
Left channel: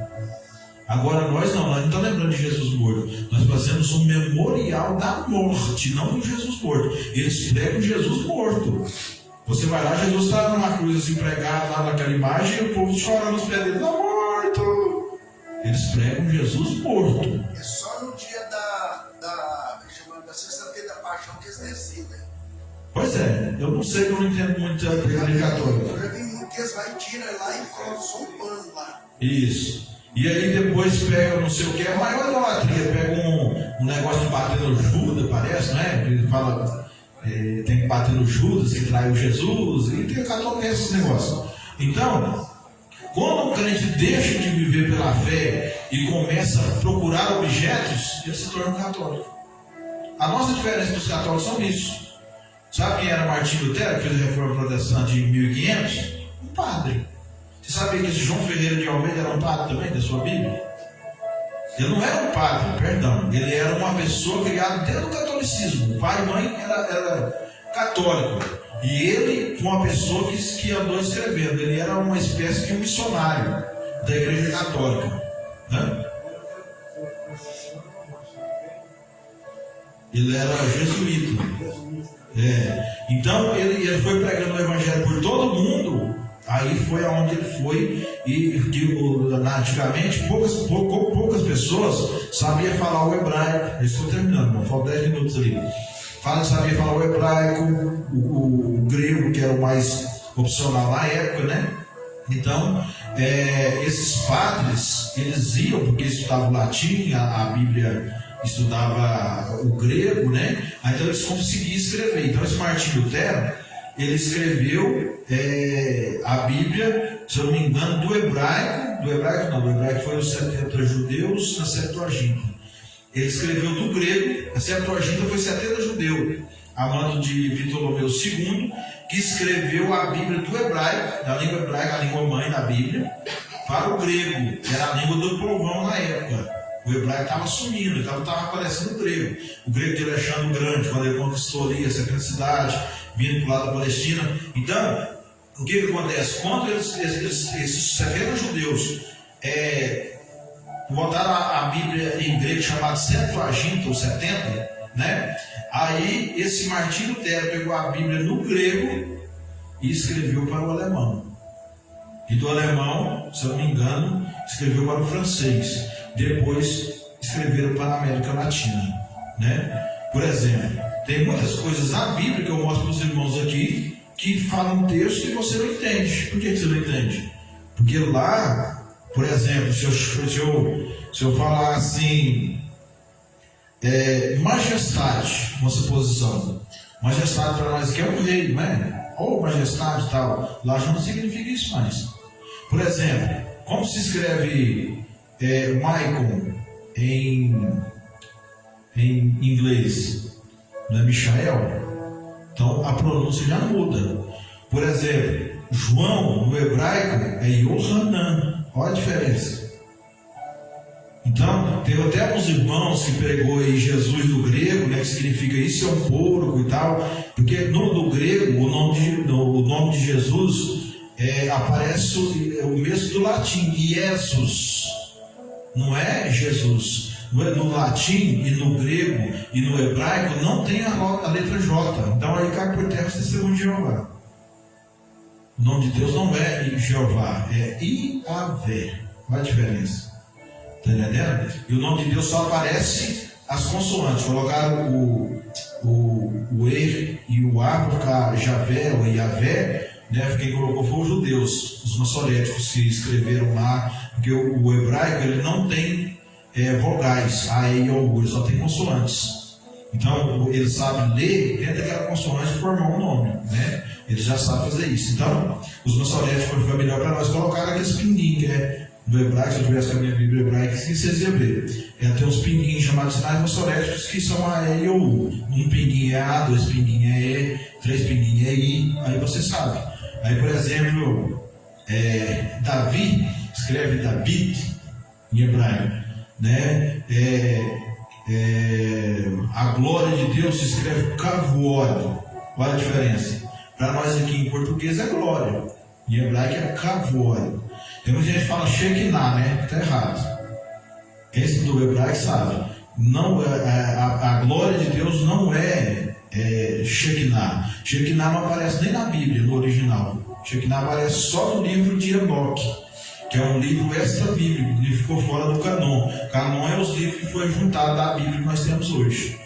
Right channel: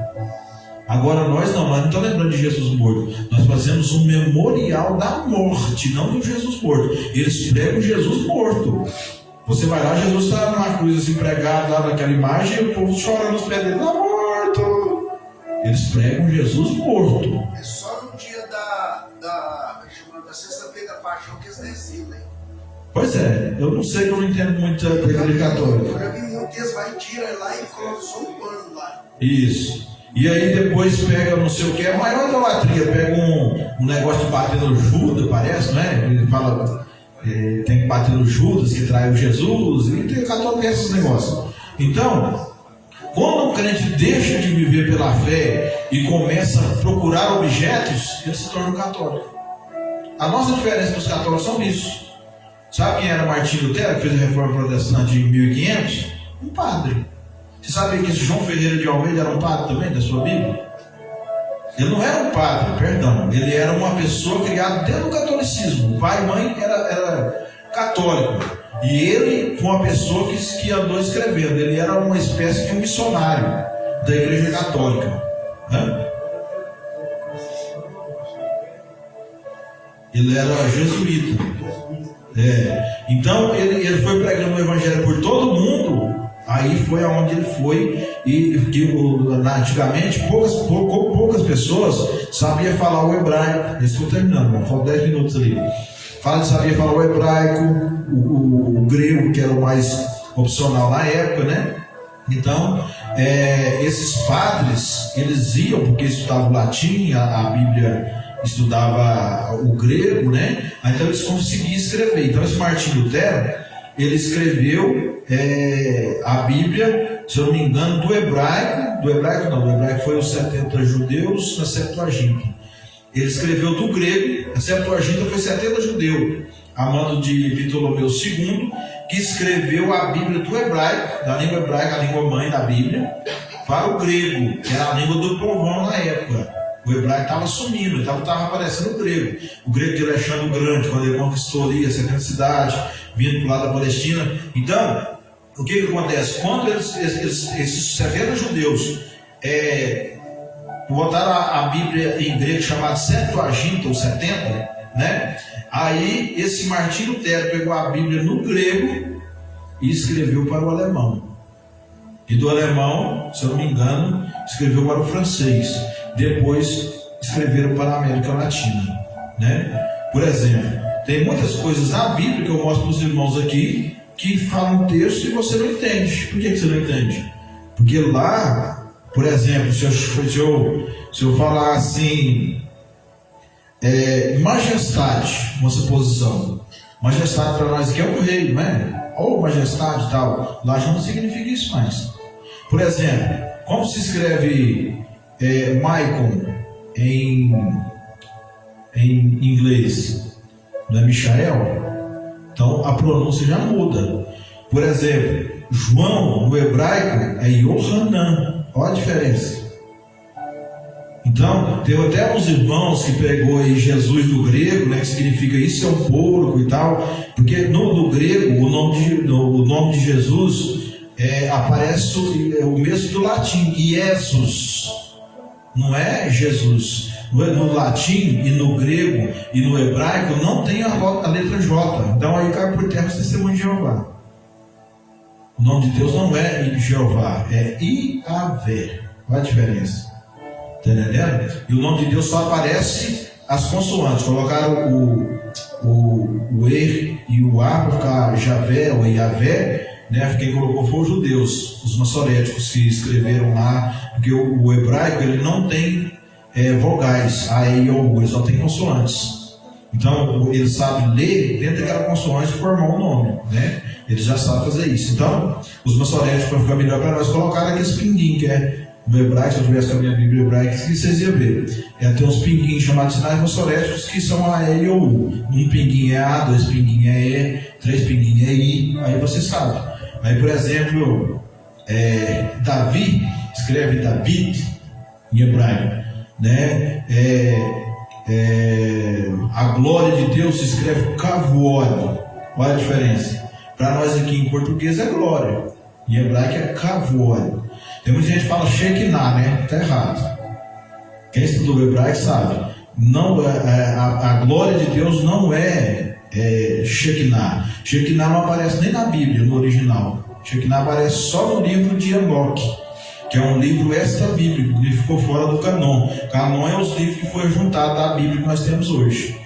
Agora nós não estamos lembrando de Jesus morto. Nós fazemos um memorial da morte, não do Jesus morto. Eles pregam Jesus morto. Você vai lá, Jesus está numa cruz assim, pregado lá naquela imagem, e o povo chora nos pés dele, está morto. Eles pregam Jesus morto. É só no dia da sexta-feira da paixão que eles decidem. Pois é, eu não sei, eu não entendo muito da Igreja Católica. Eu já vi muito que eles vai tirar lá e colocam só um pano lá. Isso. E aí depois pega não sei o que, é a maior idolatria, pega um negócio de bater no Judas, parece, né? Ele fala, tem que bater no Judas, que traiu Jesus, e tem católico que esses negócios. Então, quando o crente deixa de viver pela fé e começa a procurar objetos, ele se torna um católico. A nossa diferença dos católicos são isso. Sabe quem era Martinho Lutero, que fez a reforma protestante em 1500? Um padre. Você sabe que esse João Ferreira de Almeida era um padre também, da sua Bíblia? Ele não era um padre, perdão. Ele era uma pessoa criada dentro do catolicismo. O pai e mãe era católico. E ele foi uma pessoa que andou escrevendo. Ele era uma espécie de um missionário da Igreja Católica. Ele era jesuíta. Então ele foi pregando o Evangelho por todo mundo. Aí foi aonde ele foi, e antigamente poucas pessoas sabiam falar o hebraico. Estou terminando, faltam 10 minutos ali. Sabia falar o hebraico, o grego, que era o mais opcional na época, né? Então, esses padres, eles iam, porque estudavam latim, a Bíblia estudava o grego, né? Então eles conseguiam escrever. Então esse Martinho Lutero, ele escreveu a Bíblia, se eu não me engano, do hebraico foi os 70 judeus na Septuaginta. Ele escreveu do grego, a Septuaginta foi 70 judeus, a mando de Ptolomeu II, que escreveu a Bíblia do hebraico, da língua hebraica, a língua mãe da Bíblia, para o grego, que era a língua do povão na época. O hebraico estava sumindo, estava aparecendo o grego. O grego de Alexandre o Grande, quando ele conquistou ali essa grande cidade, vindo para o lado da Palestina. Então, o que acontece? Quando esses 70 judeus botaram a Bíblia em grego chamada Septuaginta, ou 70, né? Aí esse Martinho Lutero pegou a Bíblia no grego e escreveu para o alemão. E do alemão, se eu não me engano, escreveu para o francês. Depois escreveram para a América Latina, né? Por exemplo, tem muitas coisas na Bíblia que eu mostro para os irmãos aqui que falam um texto e você não entende. Por que você não entende? Porque lá, por exemplo, se eu falar assim, majestade, uma suposição. Majestade para nós aqui é um rei, não é? Ou majestade e tal. Lá já não significa isso mais. Por exemplo, como se escreve Michael em inglês? Não é Michael? Então a pronúncia já muda. Por exemplo, João no hebraico é Yohanan. Olha a diferença. Então, tem até uns irmãos que pegou aí Jesus do grego, né, que significa isso é um porco e tal, porque no grego o nome de Jesus aparece o mesmo do latim, Jesus, não é Jesus. No latim e no grego e no hebraico não tem a letra J, então aí cai por terra o testemunho de Jeová. O nome de Deus não é Jeová, é Iavé. Qual a diferença? Está entendendo? E o nome de Deus só aparece as consoantes. Colocaram o E e o A para ficar Javé ou Iavé, né? Quem colocou foi os judeus, os maçoréticos que escreveram lá Porque o hebraico ele não tem vogais, A, E, I, O, U, ele só tem consoantes. Então ele sabe ler dentro daquela consoante e formar um nome, né? Ele já sabe fazer isso. Então, os maçoréticos, para ficar melhor para nós, colocaram aqueles pinguinhos, que é no hebraico, se eu tivesse com a minha Bíblia hebraica, vocês iam ver. Tem uns pinguinhos chamados sinais maçoréticos que são A, E, I, O, U. Um pinguinho é A, 2 pinguinhos é E, 3 pinguinhos é I, aí você sabe. Aí, por exemplo, Davi, escreve David em hebraico, né? A glória de Deus se escreve Kavod. Olha a diferença. Para nós aqui em português é glória, em hebraico é Kavod. Tem muita gente que fala Shekinah, né? Está errado. Quem estudou hebraico sabe. Não, a glória de Deus não é Shekinah. Shekinah não aparece nem na Bíblia, no original. Shekinah aparece só no livro de Enoque, que é um livro extra-bíblico, que ficou fora do canon. Canon é os livros que foi juntado da Bíblia que nós temos hoje.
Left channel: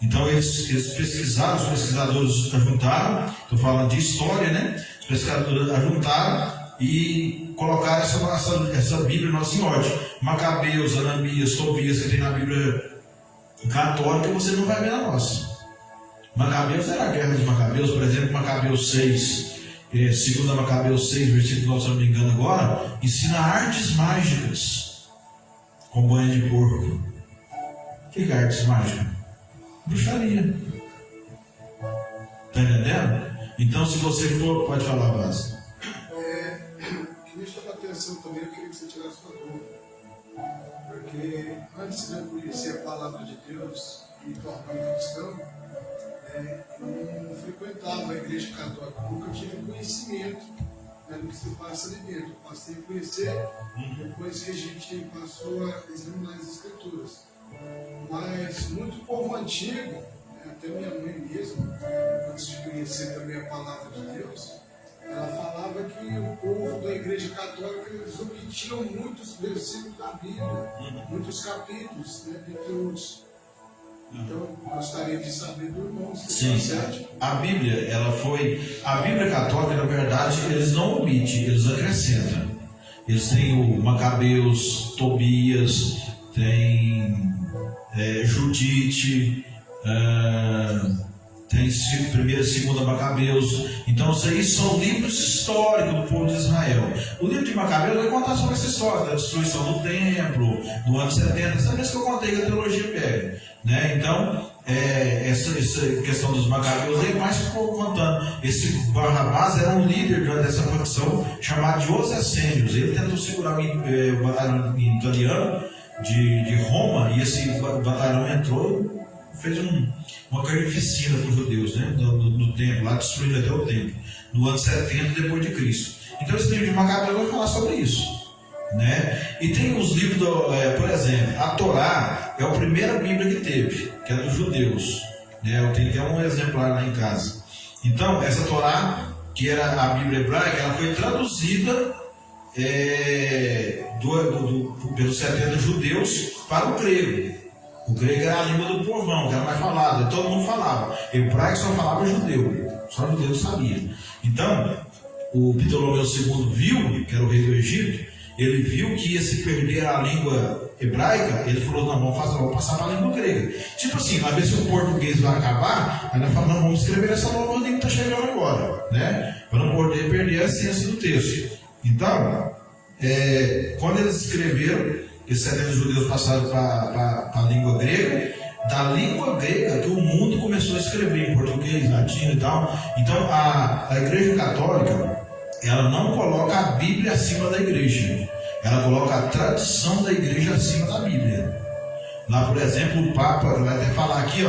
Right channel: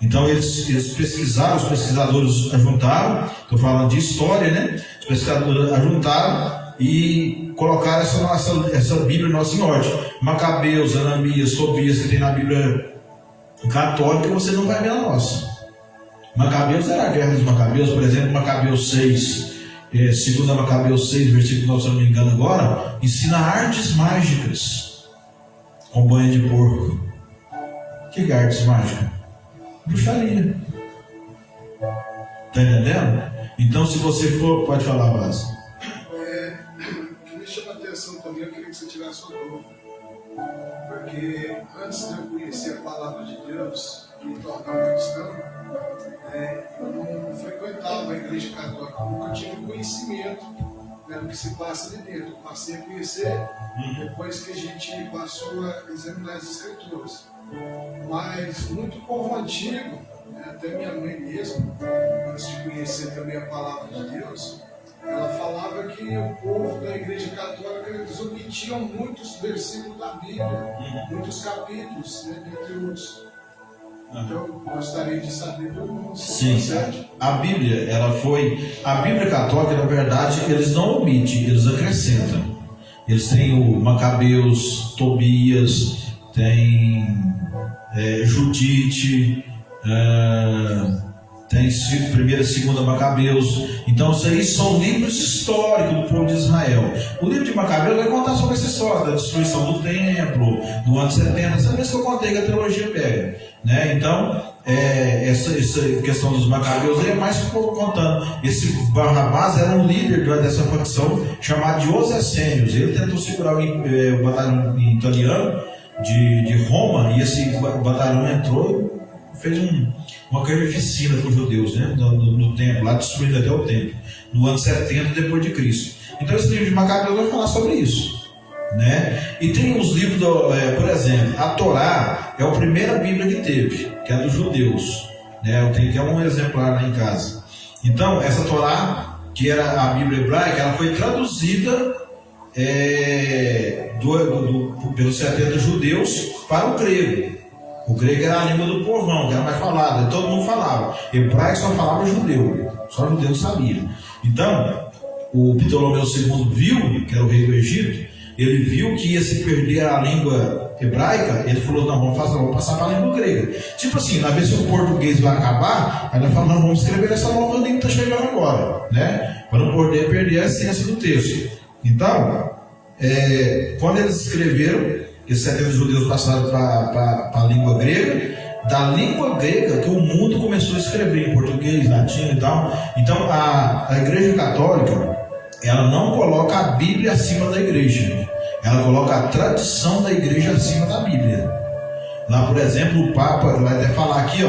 Então eles pesquisaram, os pesquisadores ajuntaram, estou falando de história, né? Os pesquisadores ajuntaram e colocaram essa Bíblia nossa em ordem. Macabeus, Ananias, Tobias, que tem na Bíblia católica, você não vai ver na nossa. Macabeus era a guerra dos Macabeus, por exemplo, Macabeus 6, segundo Macabeus 6, versículo 9, se eu não me engano agora, ensina artes mágicas com banho de porco. O que é artes mágicas? Bruxaria. Está entendendo? Então, se você for, pode falar, Blas. Que me chama a atenção também, eu queria que você tirasse sua dúvida. Porque antes de eu conhecer a palavra de Deus e me tornar um cristão, eu não frequentava a igreja católica, eu nunca tive conhecimento, né, do que se passa ali dentro. Eu passei a conhecer depois que a gente passou a examinar as escrituras. Mas muito povo antigo, até minha mãe mesmo, antes de conhecer também a palavra de Deus, ela falava que o povo da igreja católica eles omitiam muitos versículos da Bíblia, muitos capítulos, né, entre outros. Então, eu gostaria de saber do irmão. Sim, a Bíblia, a Bíblia católica, na verdade, eles não omitem, eles acrescentam. Eles têm o Macabeus, Tobias, tem Judite, tem 1ª e 2ª Macabeus. Então, isso aí são livros históricos do povo de Israel. O livro de Macabeus vai contar sobre essa história da destruição do templo, do ano 70, essa vez que eu contei que a teologia pega, né? Então, essa questão dos Macabeus aí é mais que contando. Esse Barrabás era um líder dessa facção chamado de Os Essênios. Ele tentou segurar o batalhão italiano de Roma, e esse batalhão entrou e fez uma carnificina para os judeus, né? no templo, lá destruindo até o templo, no ano 70 depois de Cristo. Então esse livro de Macabeus vai falar sobre isso, né? E tem os livros, por exemplo, a Torá é a primeira Bíblia que teve, que é dos judeus, né? Eu tenho até um exemplar lá em casa. Então essa Torá, que era a Bíblia hebraica, ela foi traduzida pelos 70 judeus para o grego. O grego era a língua do povão, que era mais falada, todo mundo falava. Hebraico só falava judeu, só judeu sabia. Então, o Ptolomeu II viu, que era o rei do Egito, ele viu que ia se perder a língua hebraica, ele falou, não, vamos passar para a língua grega. Tipo assim, na vez que o português vai acabar, aí nós falamos, não, vamos escrever essa nova língua que está chegando agora, né? Para não poder perder a essência do texto. Então, quando eles escreveram, esses 70 judeus passaram para a língua grega, da língua grega que o mundo começou a escrever em português, latim e tal. Então a igreja católica, ela não coloca a Bíblia acima da igreja, ela coloca a tradição da igreja acima da Bíblia. Lá, por exemplo, o Papa vai até falar aqui,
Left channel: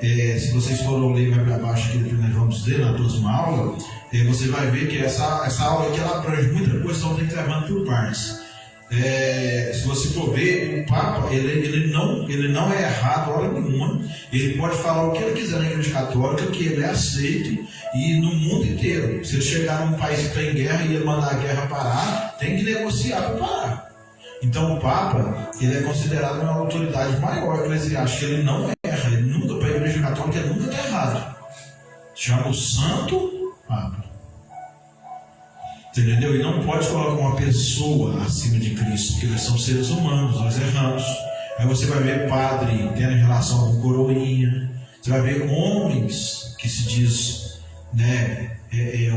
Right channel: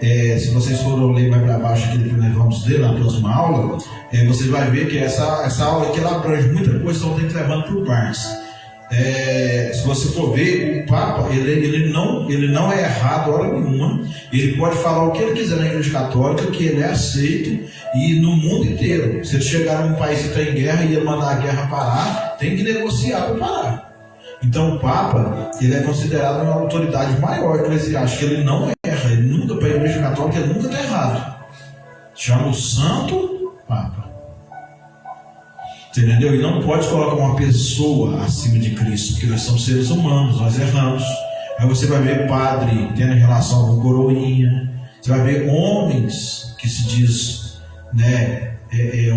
se vocês forem ler mais para baixo aqui, depois nós vamos ler na próxima aula, vocês vão ver que essa aula aqui ela abrange muita coisa, então tem que levando por partes. Se você for ver, o Papa ele não é errado hora nenhuma. Ele pode falar o que ele quiser na igreja católica, que ele é aceito, e no mundo inteiro. Se ele chegar num país que está em guerra e ele mandar a guerra parar, tem que negociar para parar. Então o Papa ele é considerado uma autoridade maior eclesiástica. Ele não erra, ele nunca, para a igreja católica, ele nunca está errado. Chama o Santo Papa. Você entendeu? E não pode colocar uma pessoa acima de Cristo, porque nós somos seres humanos, nós erramos. Aí você vai ver padre tendo relação com coroinha, você vai ver homens que se diz, né,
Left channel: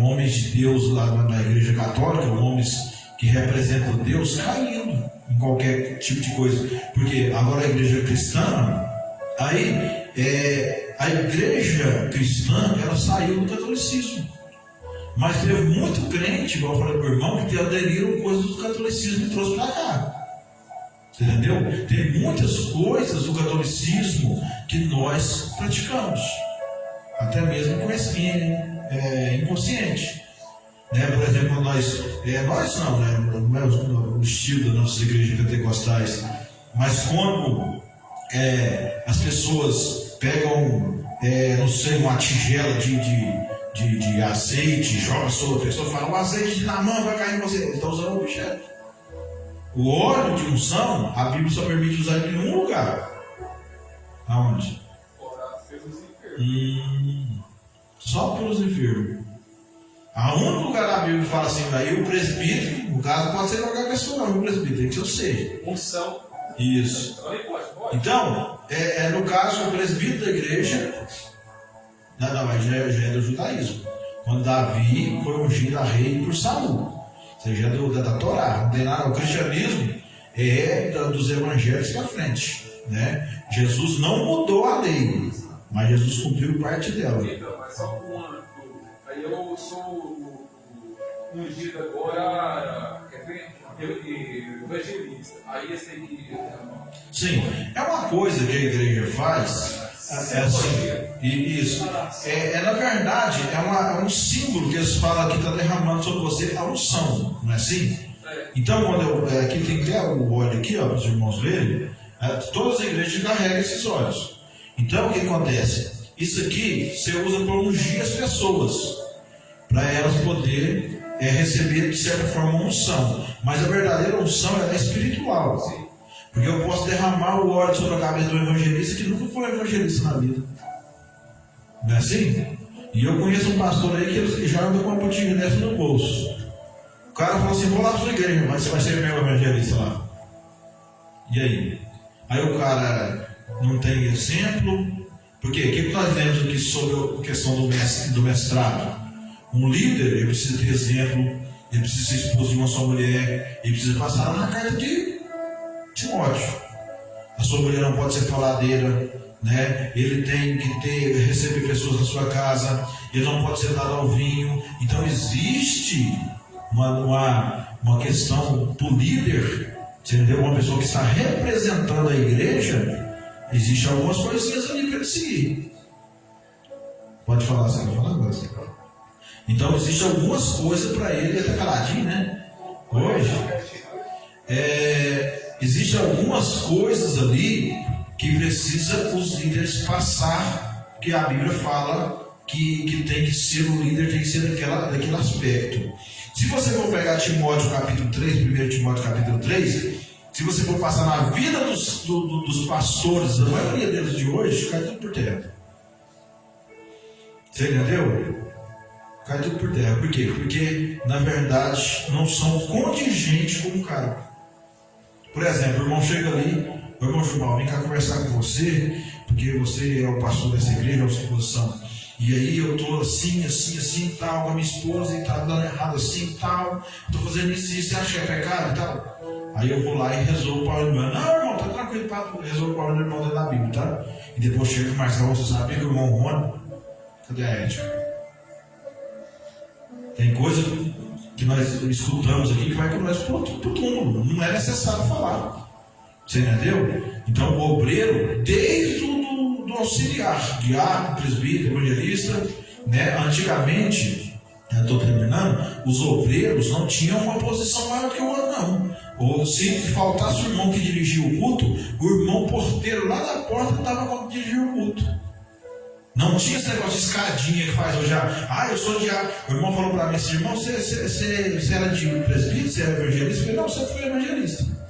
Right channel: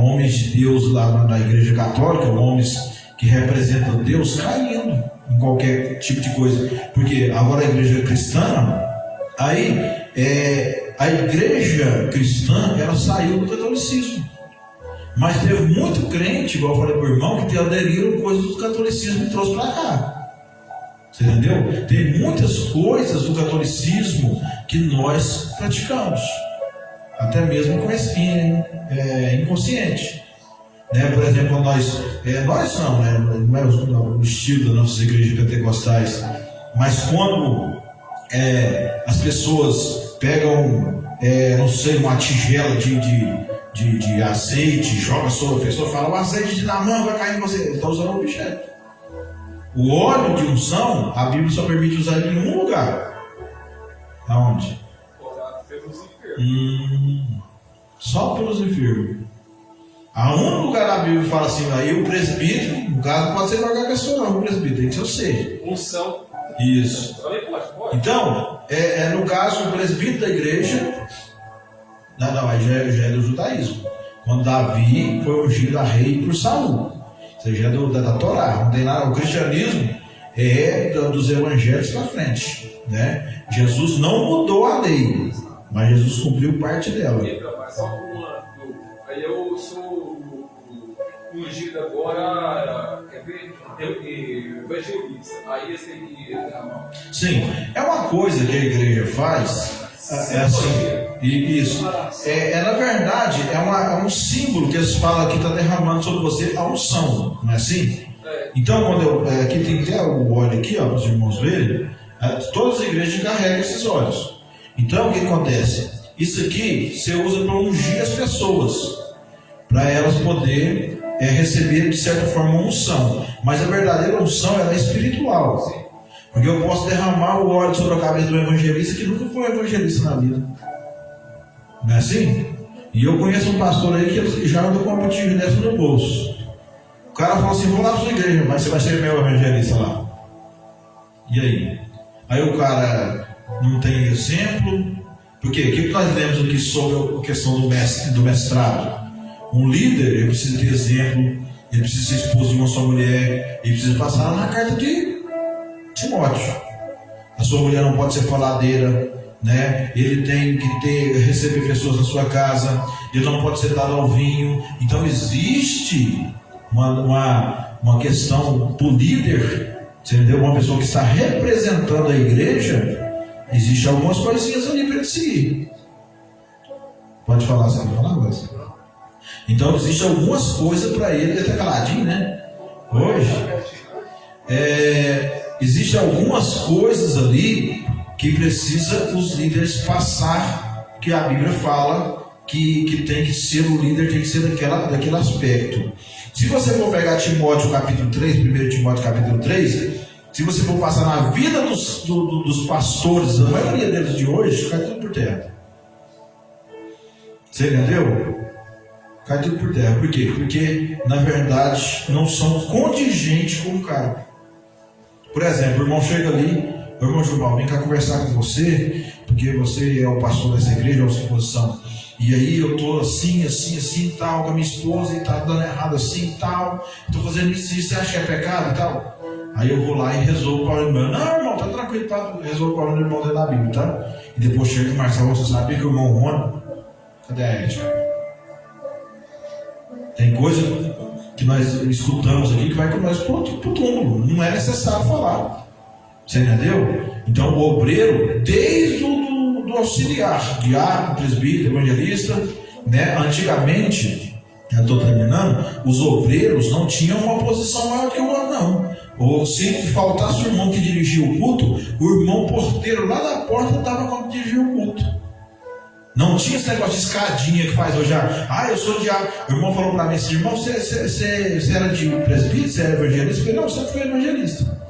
homens de Deus lá na igreja católica, homens que representam Deus, caindo em qualquer tipo de coisa. Porque agora a igreja cristã, aí a igreja cristã, ela saiu do catolicismo. Mas teve muito crente, igual eu falei para o irmão, que aderiram coisas do catolicismo e trouxe para cá. Você entendeu? Tem muitas coisas do catolicismo que nós praticamos, até mesmo inconsciente. Né? Por exemplo, nós não, né? Não é o estilo das nossas igrejas pentecostais, mas quando as pessoas pegam, não sei, uma tigela de azeite, joga sobre a pessoa e fala: o azeite de Naamã vai cair em você. Ele está usando um objeto. O óleo de unção, a Bíblia só permite usar ele em um lugar. Aonde? Só pelos enfermos. A único lugar da Bíblia fala assim: aí o presbítero, no caso, pode ser qualquer pessoa, não, o presbítero tem que ser você. Unção. Isso. Pode. Então, no caso, o presbítero da igreja. Não, aí já é do judaísmo. Quando Davi foi ungido a rei por Saul. Isso já é da Torá. Não tem nada. O cristianismo é dos evangelhos para frente. Né? Jesus não mudou a lei, mas Jesus cumpriu parte dela. Então, mas só aí eu sou ungido agora, quer ver? Evangelista. Aí esse tem que derramar. Sim, é uma coisa que a igreja faz. É assim, isso. Na verdade, é um símbolo que eles falam que está derramando sobre você a unção, não é assim? Então, quando aqui tem até o óleo aqui, ó, para os irmãos verem, todas as igrejas carregam esses óleos. Então, o que acontece? Isso aqui você usa para ungir as pessoas, para elas poderem receber de certa forma uma unção. Mas a verdadeira unção ela é espiritual. Porque eu posso derramar o óleo sobre a cabeça do evangelista que nunca foi evangelista na vida. Não é assim? E eu conheço um pastor aí que já anda com uma botija dessa no bolso. O cara falou assim: vou lá para sua igreja, mas você vai ser meu evangelista lá. E aí? Aí o cara não tem exemplo. Porque o que nós lemos aqui sobre a questão do mestrado? Um líder, ele precisa ter exemplo, ele precisa ser esposo de uma só mulher, ele precisa passar na carta de Timóteo. A sua mulher não pode ser faladeira, né? Ele tem que receber pessoas na sua casa, ele não pode ser dado ao vinho. Então existe uma questão do líder, entendeu? Uma pessoa que está representando a igreja, existe algumas coisinhas ali para ele seguir. Pode falar, você vai falar agora? Então existe algumas coisas para ele até caladinho, né? Hoje existem algumas coisas ali que precisa os líderes passar, que a Bíblia fala que tem que ser o líder, tem que ser daquele aspecto. Se você for pegar Timóteo capítulo 3, 1 Timóteo capítulo 3, se você for passar na vida dos pastores, a maioria deles de hoje, cai tudo por terra. Você entendeu? Cai tudo por terra. Por quê? Porque, na verdade, não são contingentes com o cara. Por exemplo, o irmão chega ali: o irmão Gilmar, vem cá conversar com você, porque você é o pastor dessa igreja, é uma suposição. E aí eu estou assim, tal, com a minha esposa, e está dando errado assim, tal. Estou fazendo isso, você acha que é pecado e tal? Aí eu vou lá e resolvo para o irmão. Não, irmão, tá tranquilo, tá? Resolvo para o irmão dentro da Bíblia, tá? E depois chega o Marcelo, você sabia que o irmão Rony, cadê a ética? Tem coisa que nós escutamos aqui que vai com nós para o túmulo. Não é necessário falar. Você entendeu? Então o obreiro, desde do auxiliar, diácono, presbítero, evangelista, né? Antigamente, eu estou terminando, os obreiros não tinham uma posição maior que o outro, não. Ou se faltasse o irmão que dirigia o culto, o irmão porteiro lá da porta estava quando dirigia o culto. Não tinha esse negócio de escadinha que faz hoje. Eu sou diácono. O irmão falou para mim assim: irmão, você era de presbítero, você era evangelista? Eu falei: não, você foi evangelista.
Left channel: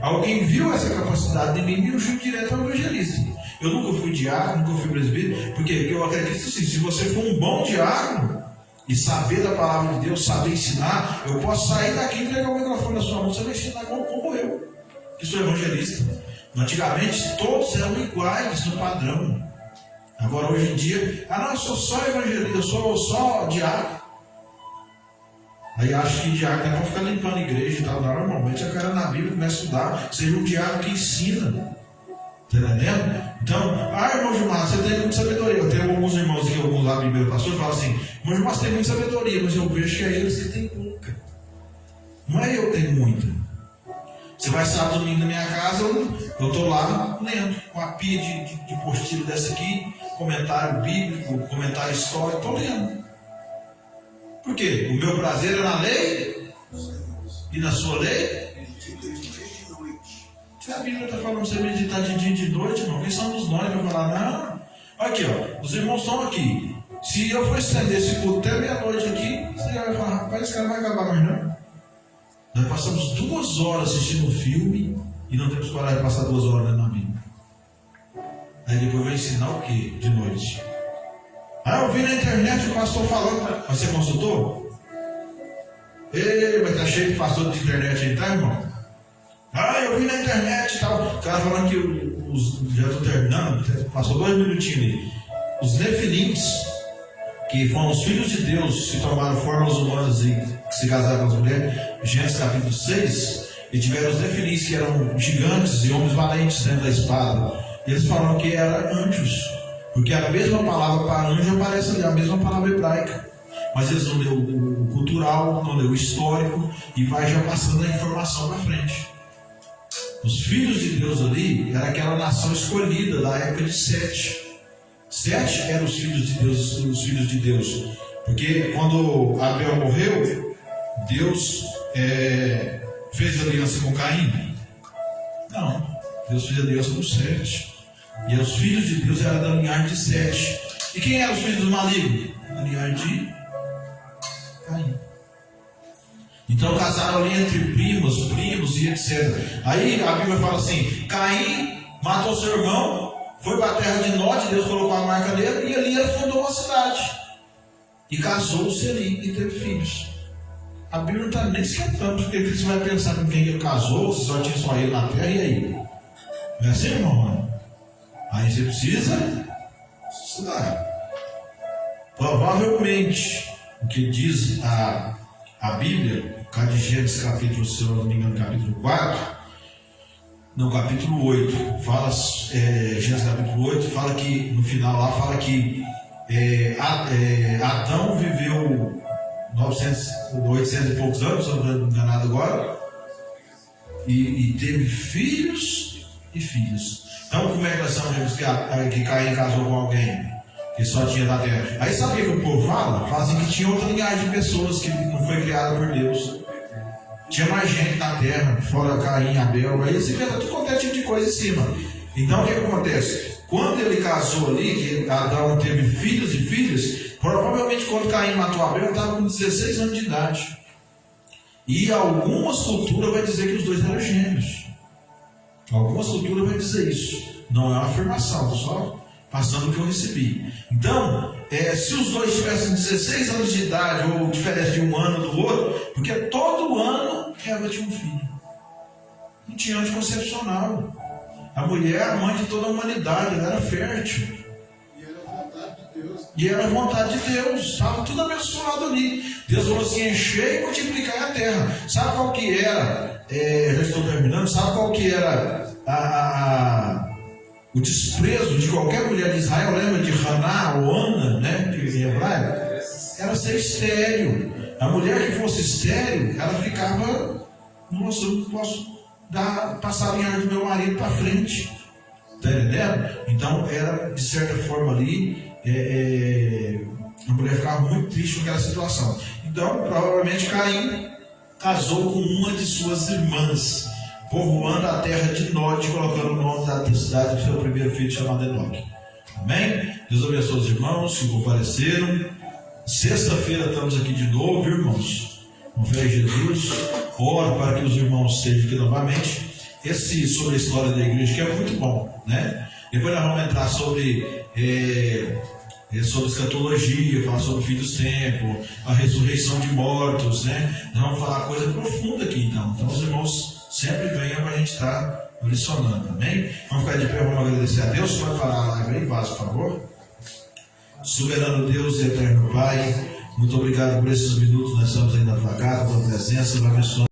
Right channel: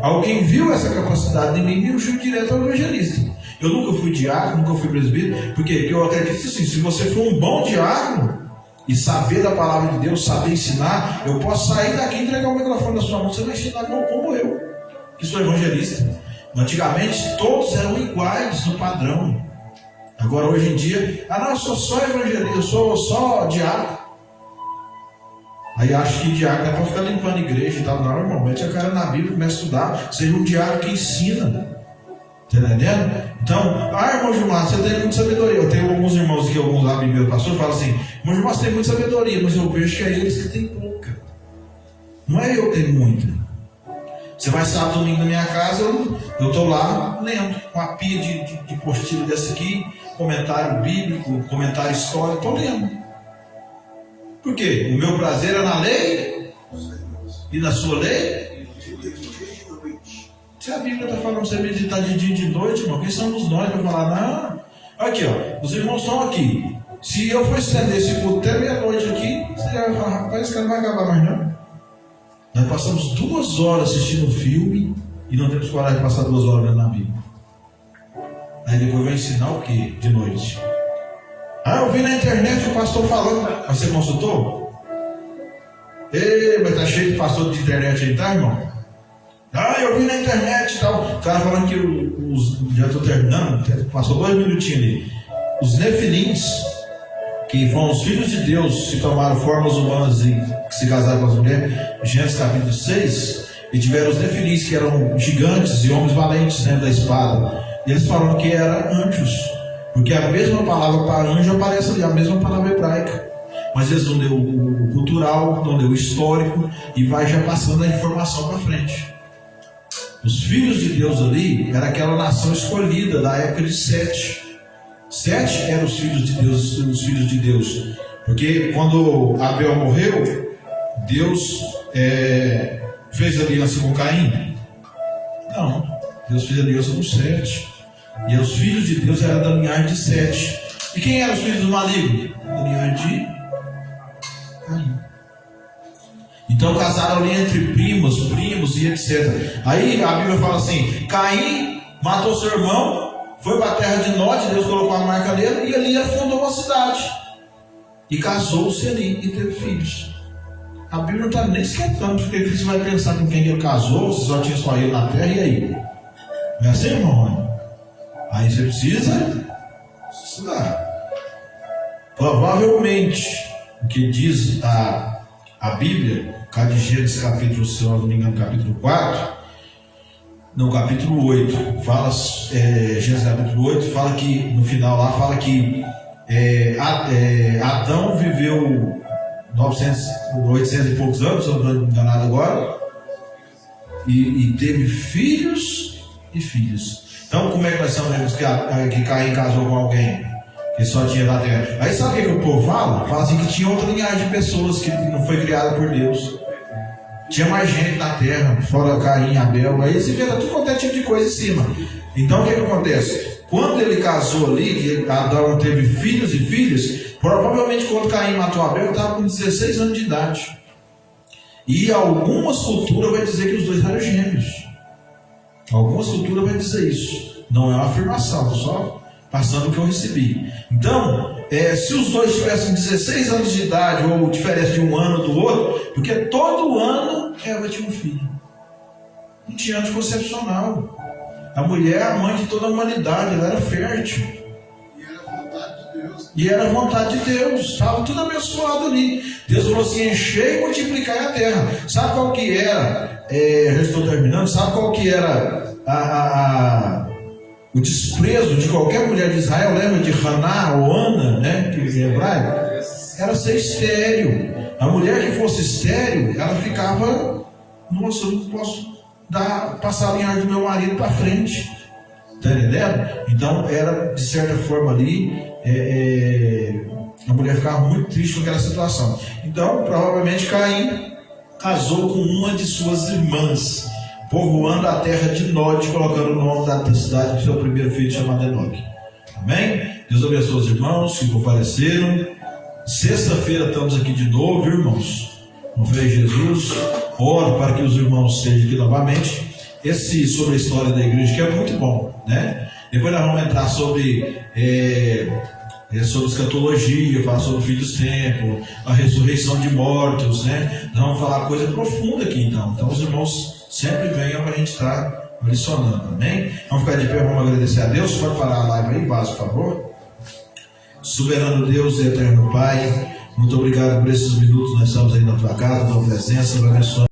Alguém viu essa capacidade em mim e me puxou direto ao evangelista. Eu nunca fui diácono, nunca fui presbítero, porque eu acredito assim: se você for um bom diácono, e saber da palavra de Deus, saber ensinar, eu posso sair daqui e entregar o microfone na sua mão, você vai ensinar como eu, que sou evangelista. Antigamente todos eram iguais no padrão. Agora hoje em dia, não, eu sou só evangelista, eu sou só diácono. Aí acho que diácono é para ficar limpando a igreja e tal. Não, irmão, mete a cara na Bíblia, começa a estudar, seja um diácono que ensina. Está entendendo? Então, irmão Gilmar, você tem muita sabedoria. Eu tenho alguns irmãos aqui, alguns amigos pastores, falam assim: irmão Gilmar, você tem muita sabedoria, mas eu vejo que é eles que têm pouca. Não é eu que tenho muita. Você vai sábado, domingo na minha casa, eu estou lá lendo uma pia de postilha dessa aqui, comentário bíblico, comentário histórico, estou lendo. Por quê? O meu prazer é na lei e na sua lei. Se a Bíblia está falando para você meditar de dia e de noite, irmão, quem somos nós para falar? Não. Aqui, ó, os irmãos estão aqui. Se eu for estender esse culto até meia-noite aqui, você vai falar: rapaz, esse cara não vai acabar mais não. Nós passamos 2 horas assistindo um filme e não temos coragem de passar 2 horas lendo a Bíblia. Aí depois vai ensinar o que de noite? Eu vi na internet o pastor falando. Mas você consultou? Mas tá cheio de pastor de internet aí, tá, irmão? Eu vi na internet e tal. O cara falando que já estou terminando, passou 2 minutinhos ali. Os nefilins, que foram os filhos de Deus, se tomaram formas humanas e que se casaram com as mulheres, Gênesis capítulo 6, e tiveram os nefilins, que eram gigantes e homens valentes dentro da espada. E eles falaram que eram anjos, porque a mesma palavra para anjo aparece ali, a mesma palavra hebraica. Mas eles não deu o cultural, não deu o histórico, e vai já passando a informação para frente. Os filhos de Deus ali era aquela nação escolhida da época de Sete. Sete eram os filhos de Deus, porque quando Abel morreu, Deus fez aliança com Caim? Não, Deus fez aliança com Sete, e os filhos de Deus eram da linhagem de Sete. E quem eram os filhos do maligno? Da linhagem de Caim. Então casaram ali entre primos e etc. Aí a Bíblia fala assim: Caim matou seu irmão, foi para a terra de Nod, Deus colocou a marca nele, e ali fundou uma cidade. E casou-se ali e teve filhos. A Bíblia não está nem esquentando, porque você vai pensar com quem ele casou, se só tinha só ele na terra, e aí? Não é assim, irmão? Aí você precisa estudar. Provavelmente, o que diz a Bíblia, de Gênesis capítulo, se eu não me engano, capítulo 4, no capítulo 8, fala, Gênesis capítulo 8, fala que, no final lá, fala que Adão viveu 800 e poucos anos, se eu não estou enganado agora, e teve filhos e filhos. Então, como é que nós sabemos que Caim casou com alguém que só tinha na terra? Aí sabe o que o povo fala? Fala assim que tinha outra linhagem de pessoas que não foi criada por Deus. Tinha mais gente na terra, fora Caim, Abel. Aí você vê tudo qualquer tipo de coisa em cima. Então o que acontece? Quando ele casou ali, que Adão teve filhos e filhas, provavelmente quando Caim matou Abel, ele estava com 16 anos de idade. E algumas culturas vai dizer que os dois eram gêmeos. Algumas culturas vai dizer isso. Não é uma afirmação, só passando o que eu recebi. Então, se os dois tivessem 16 anos de idade, ou diferença de um ano do outro, porque todo ano ela tinha um filho. Não tinha anticoncepcional. A mulher é a mãe de toda a humanidade, ela era fértil. E era vontade de Deus. E era vontade de Deus, estava tudo abençoado ali. Deus falou assim: encher e multiplicar a terra. Sabe qual que era? Já estou terminando. Sabe qual que era o desprezo de qualquer mulher de Israel? Lembra de Haná ou Ana, né? Que em hebraico era ser estéril. A mulher que fosse estéril, ela ficava: nossa, eu não posso passar a linhagem do meu marido para frente. Está entendendo? Então era, de certa forma ali, a mulher ficava muito triste com aquela situação. Então provavelmente Caim casou com uma de suas irmãs, povoando a terra de Nod, colocando o nome da cidade do seu primeiro filho, chamado Enoque. Amém? Deus abençoe os irmãos que compareceram. Sexta-feira estamos aqui de novo, irmãos. No Frei Jesus, oro para que os irmãos estejam aqui novamente. Sobre a história da igreja, que é muito bom, né? Depois nós vamos entrar sobre sobre escatologia, fala sobre o fim dos tempos, a ressurreição de mortos, né? Nós vamos falar coisa profunda aqui então. Então os irmãos sempre venham para a gente estar licionando, amém? Vamos ficar de pé, vamos agradecer a Deus. Pode parar a live aí, Vasco, por favor. Soberano Deus e eterno Pai, muito obrigado por esses minutos. Nós estamos aí na tua casa, na tua presença, abençoe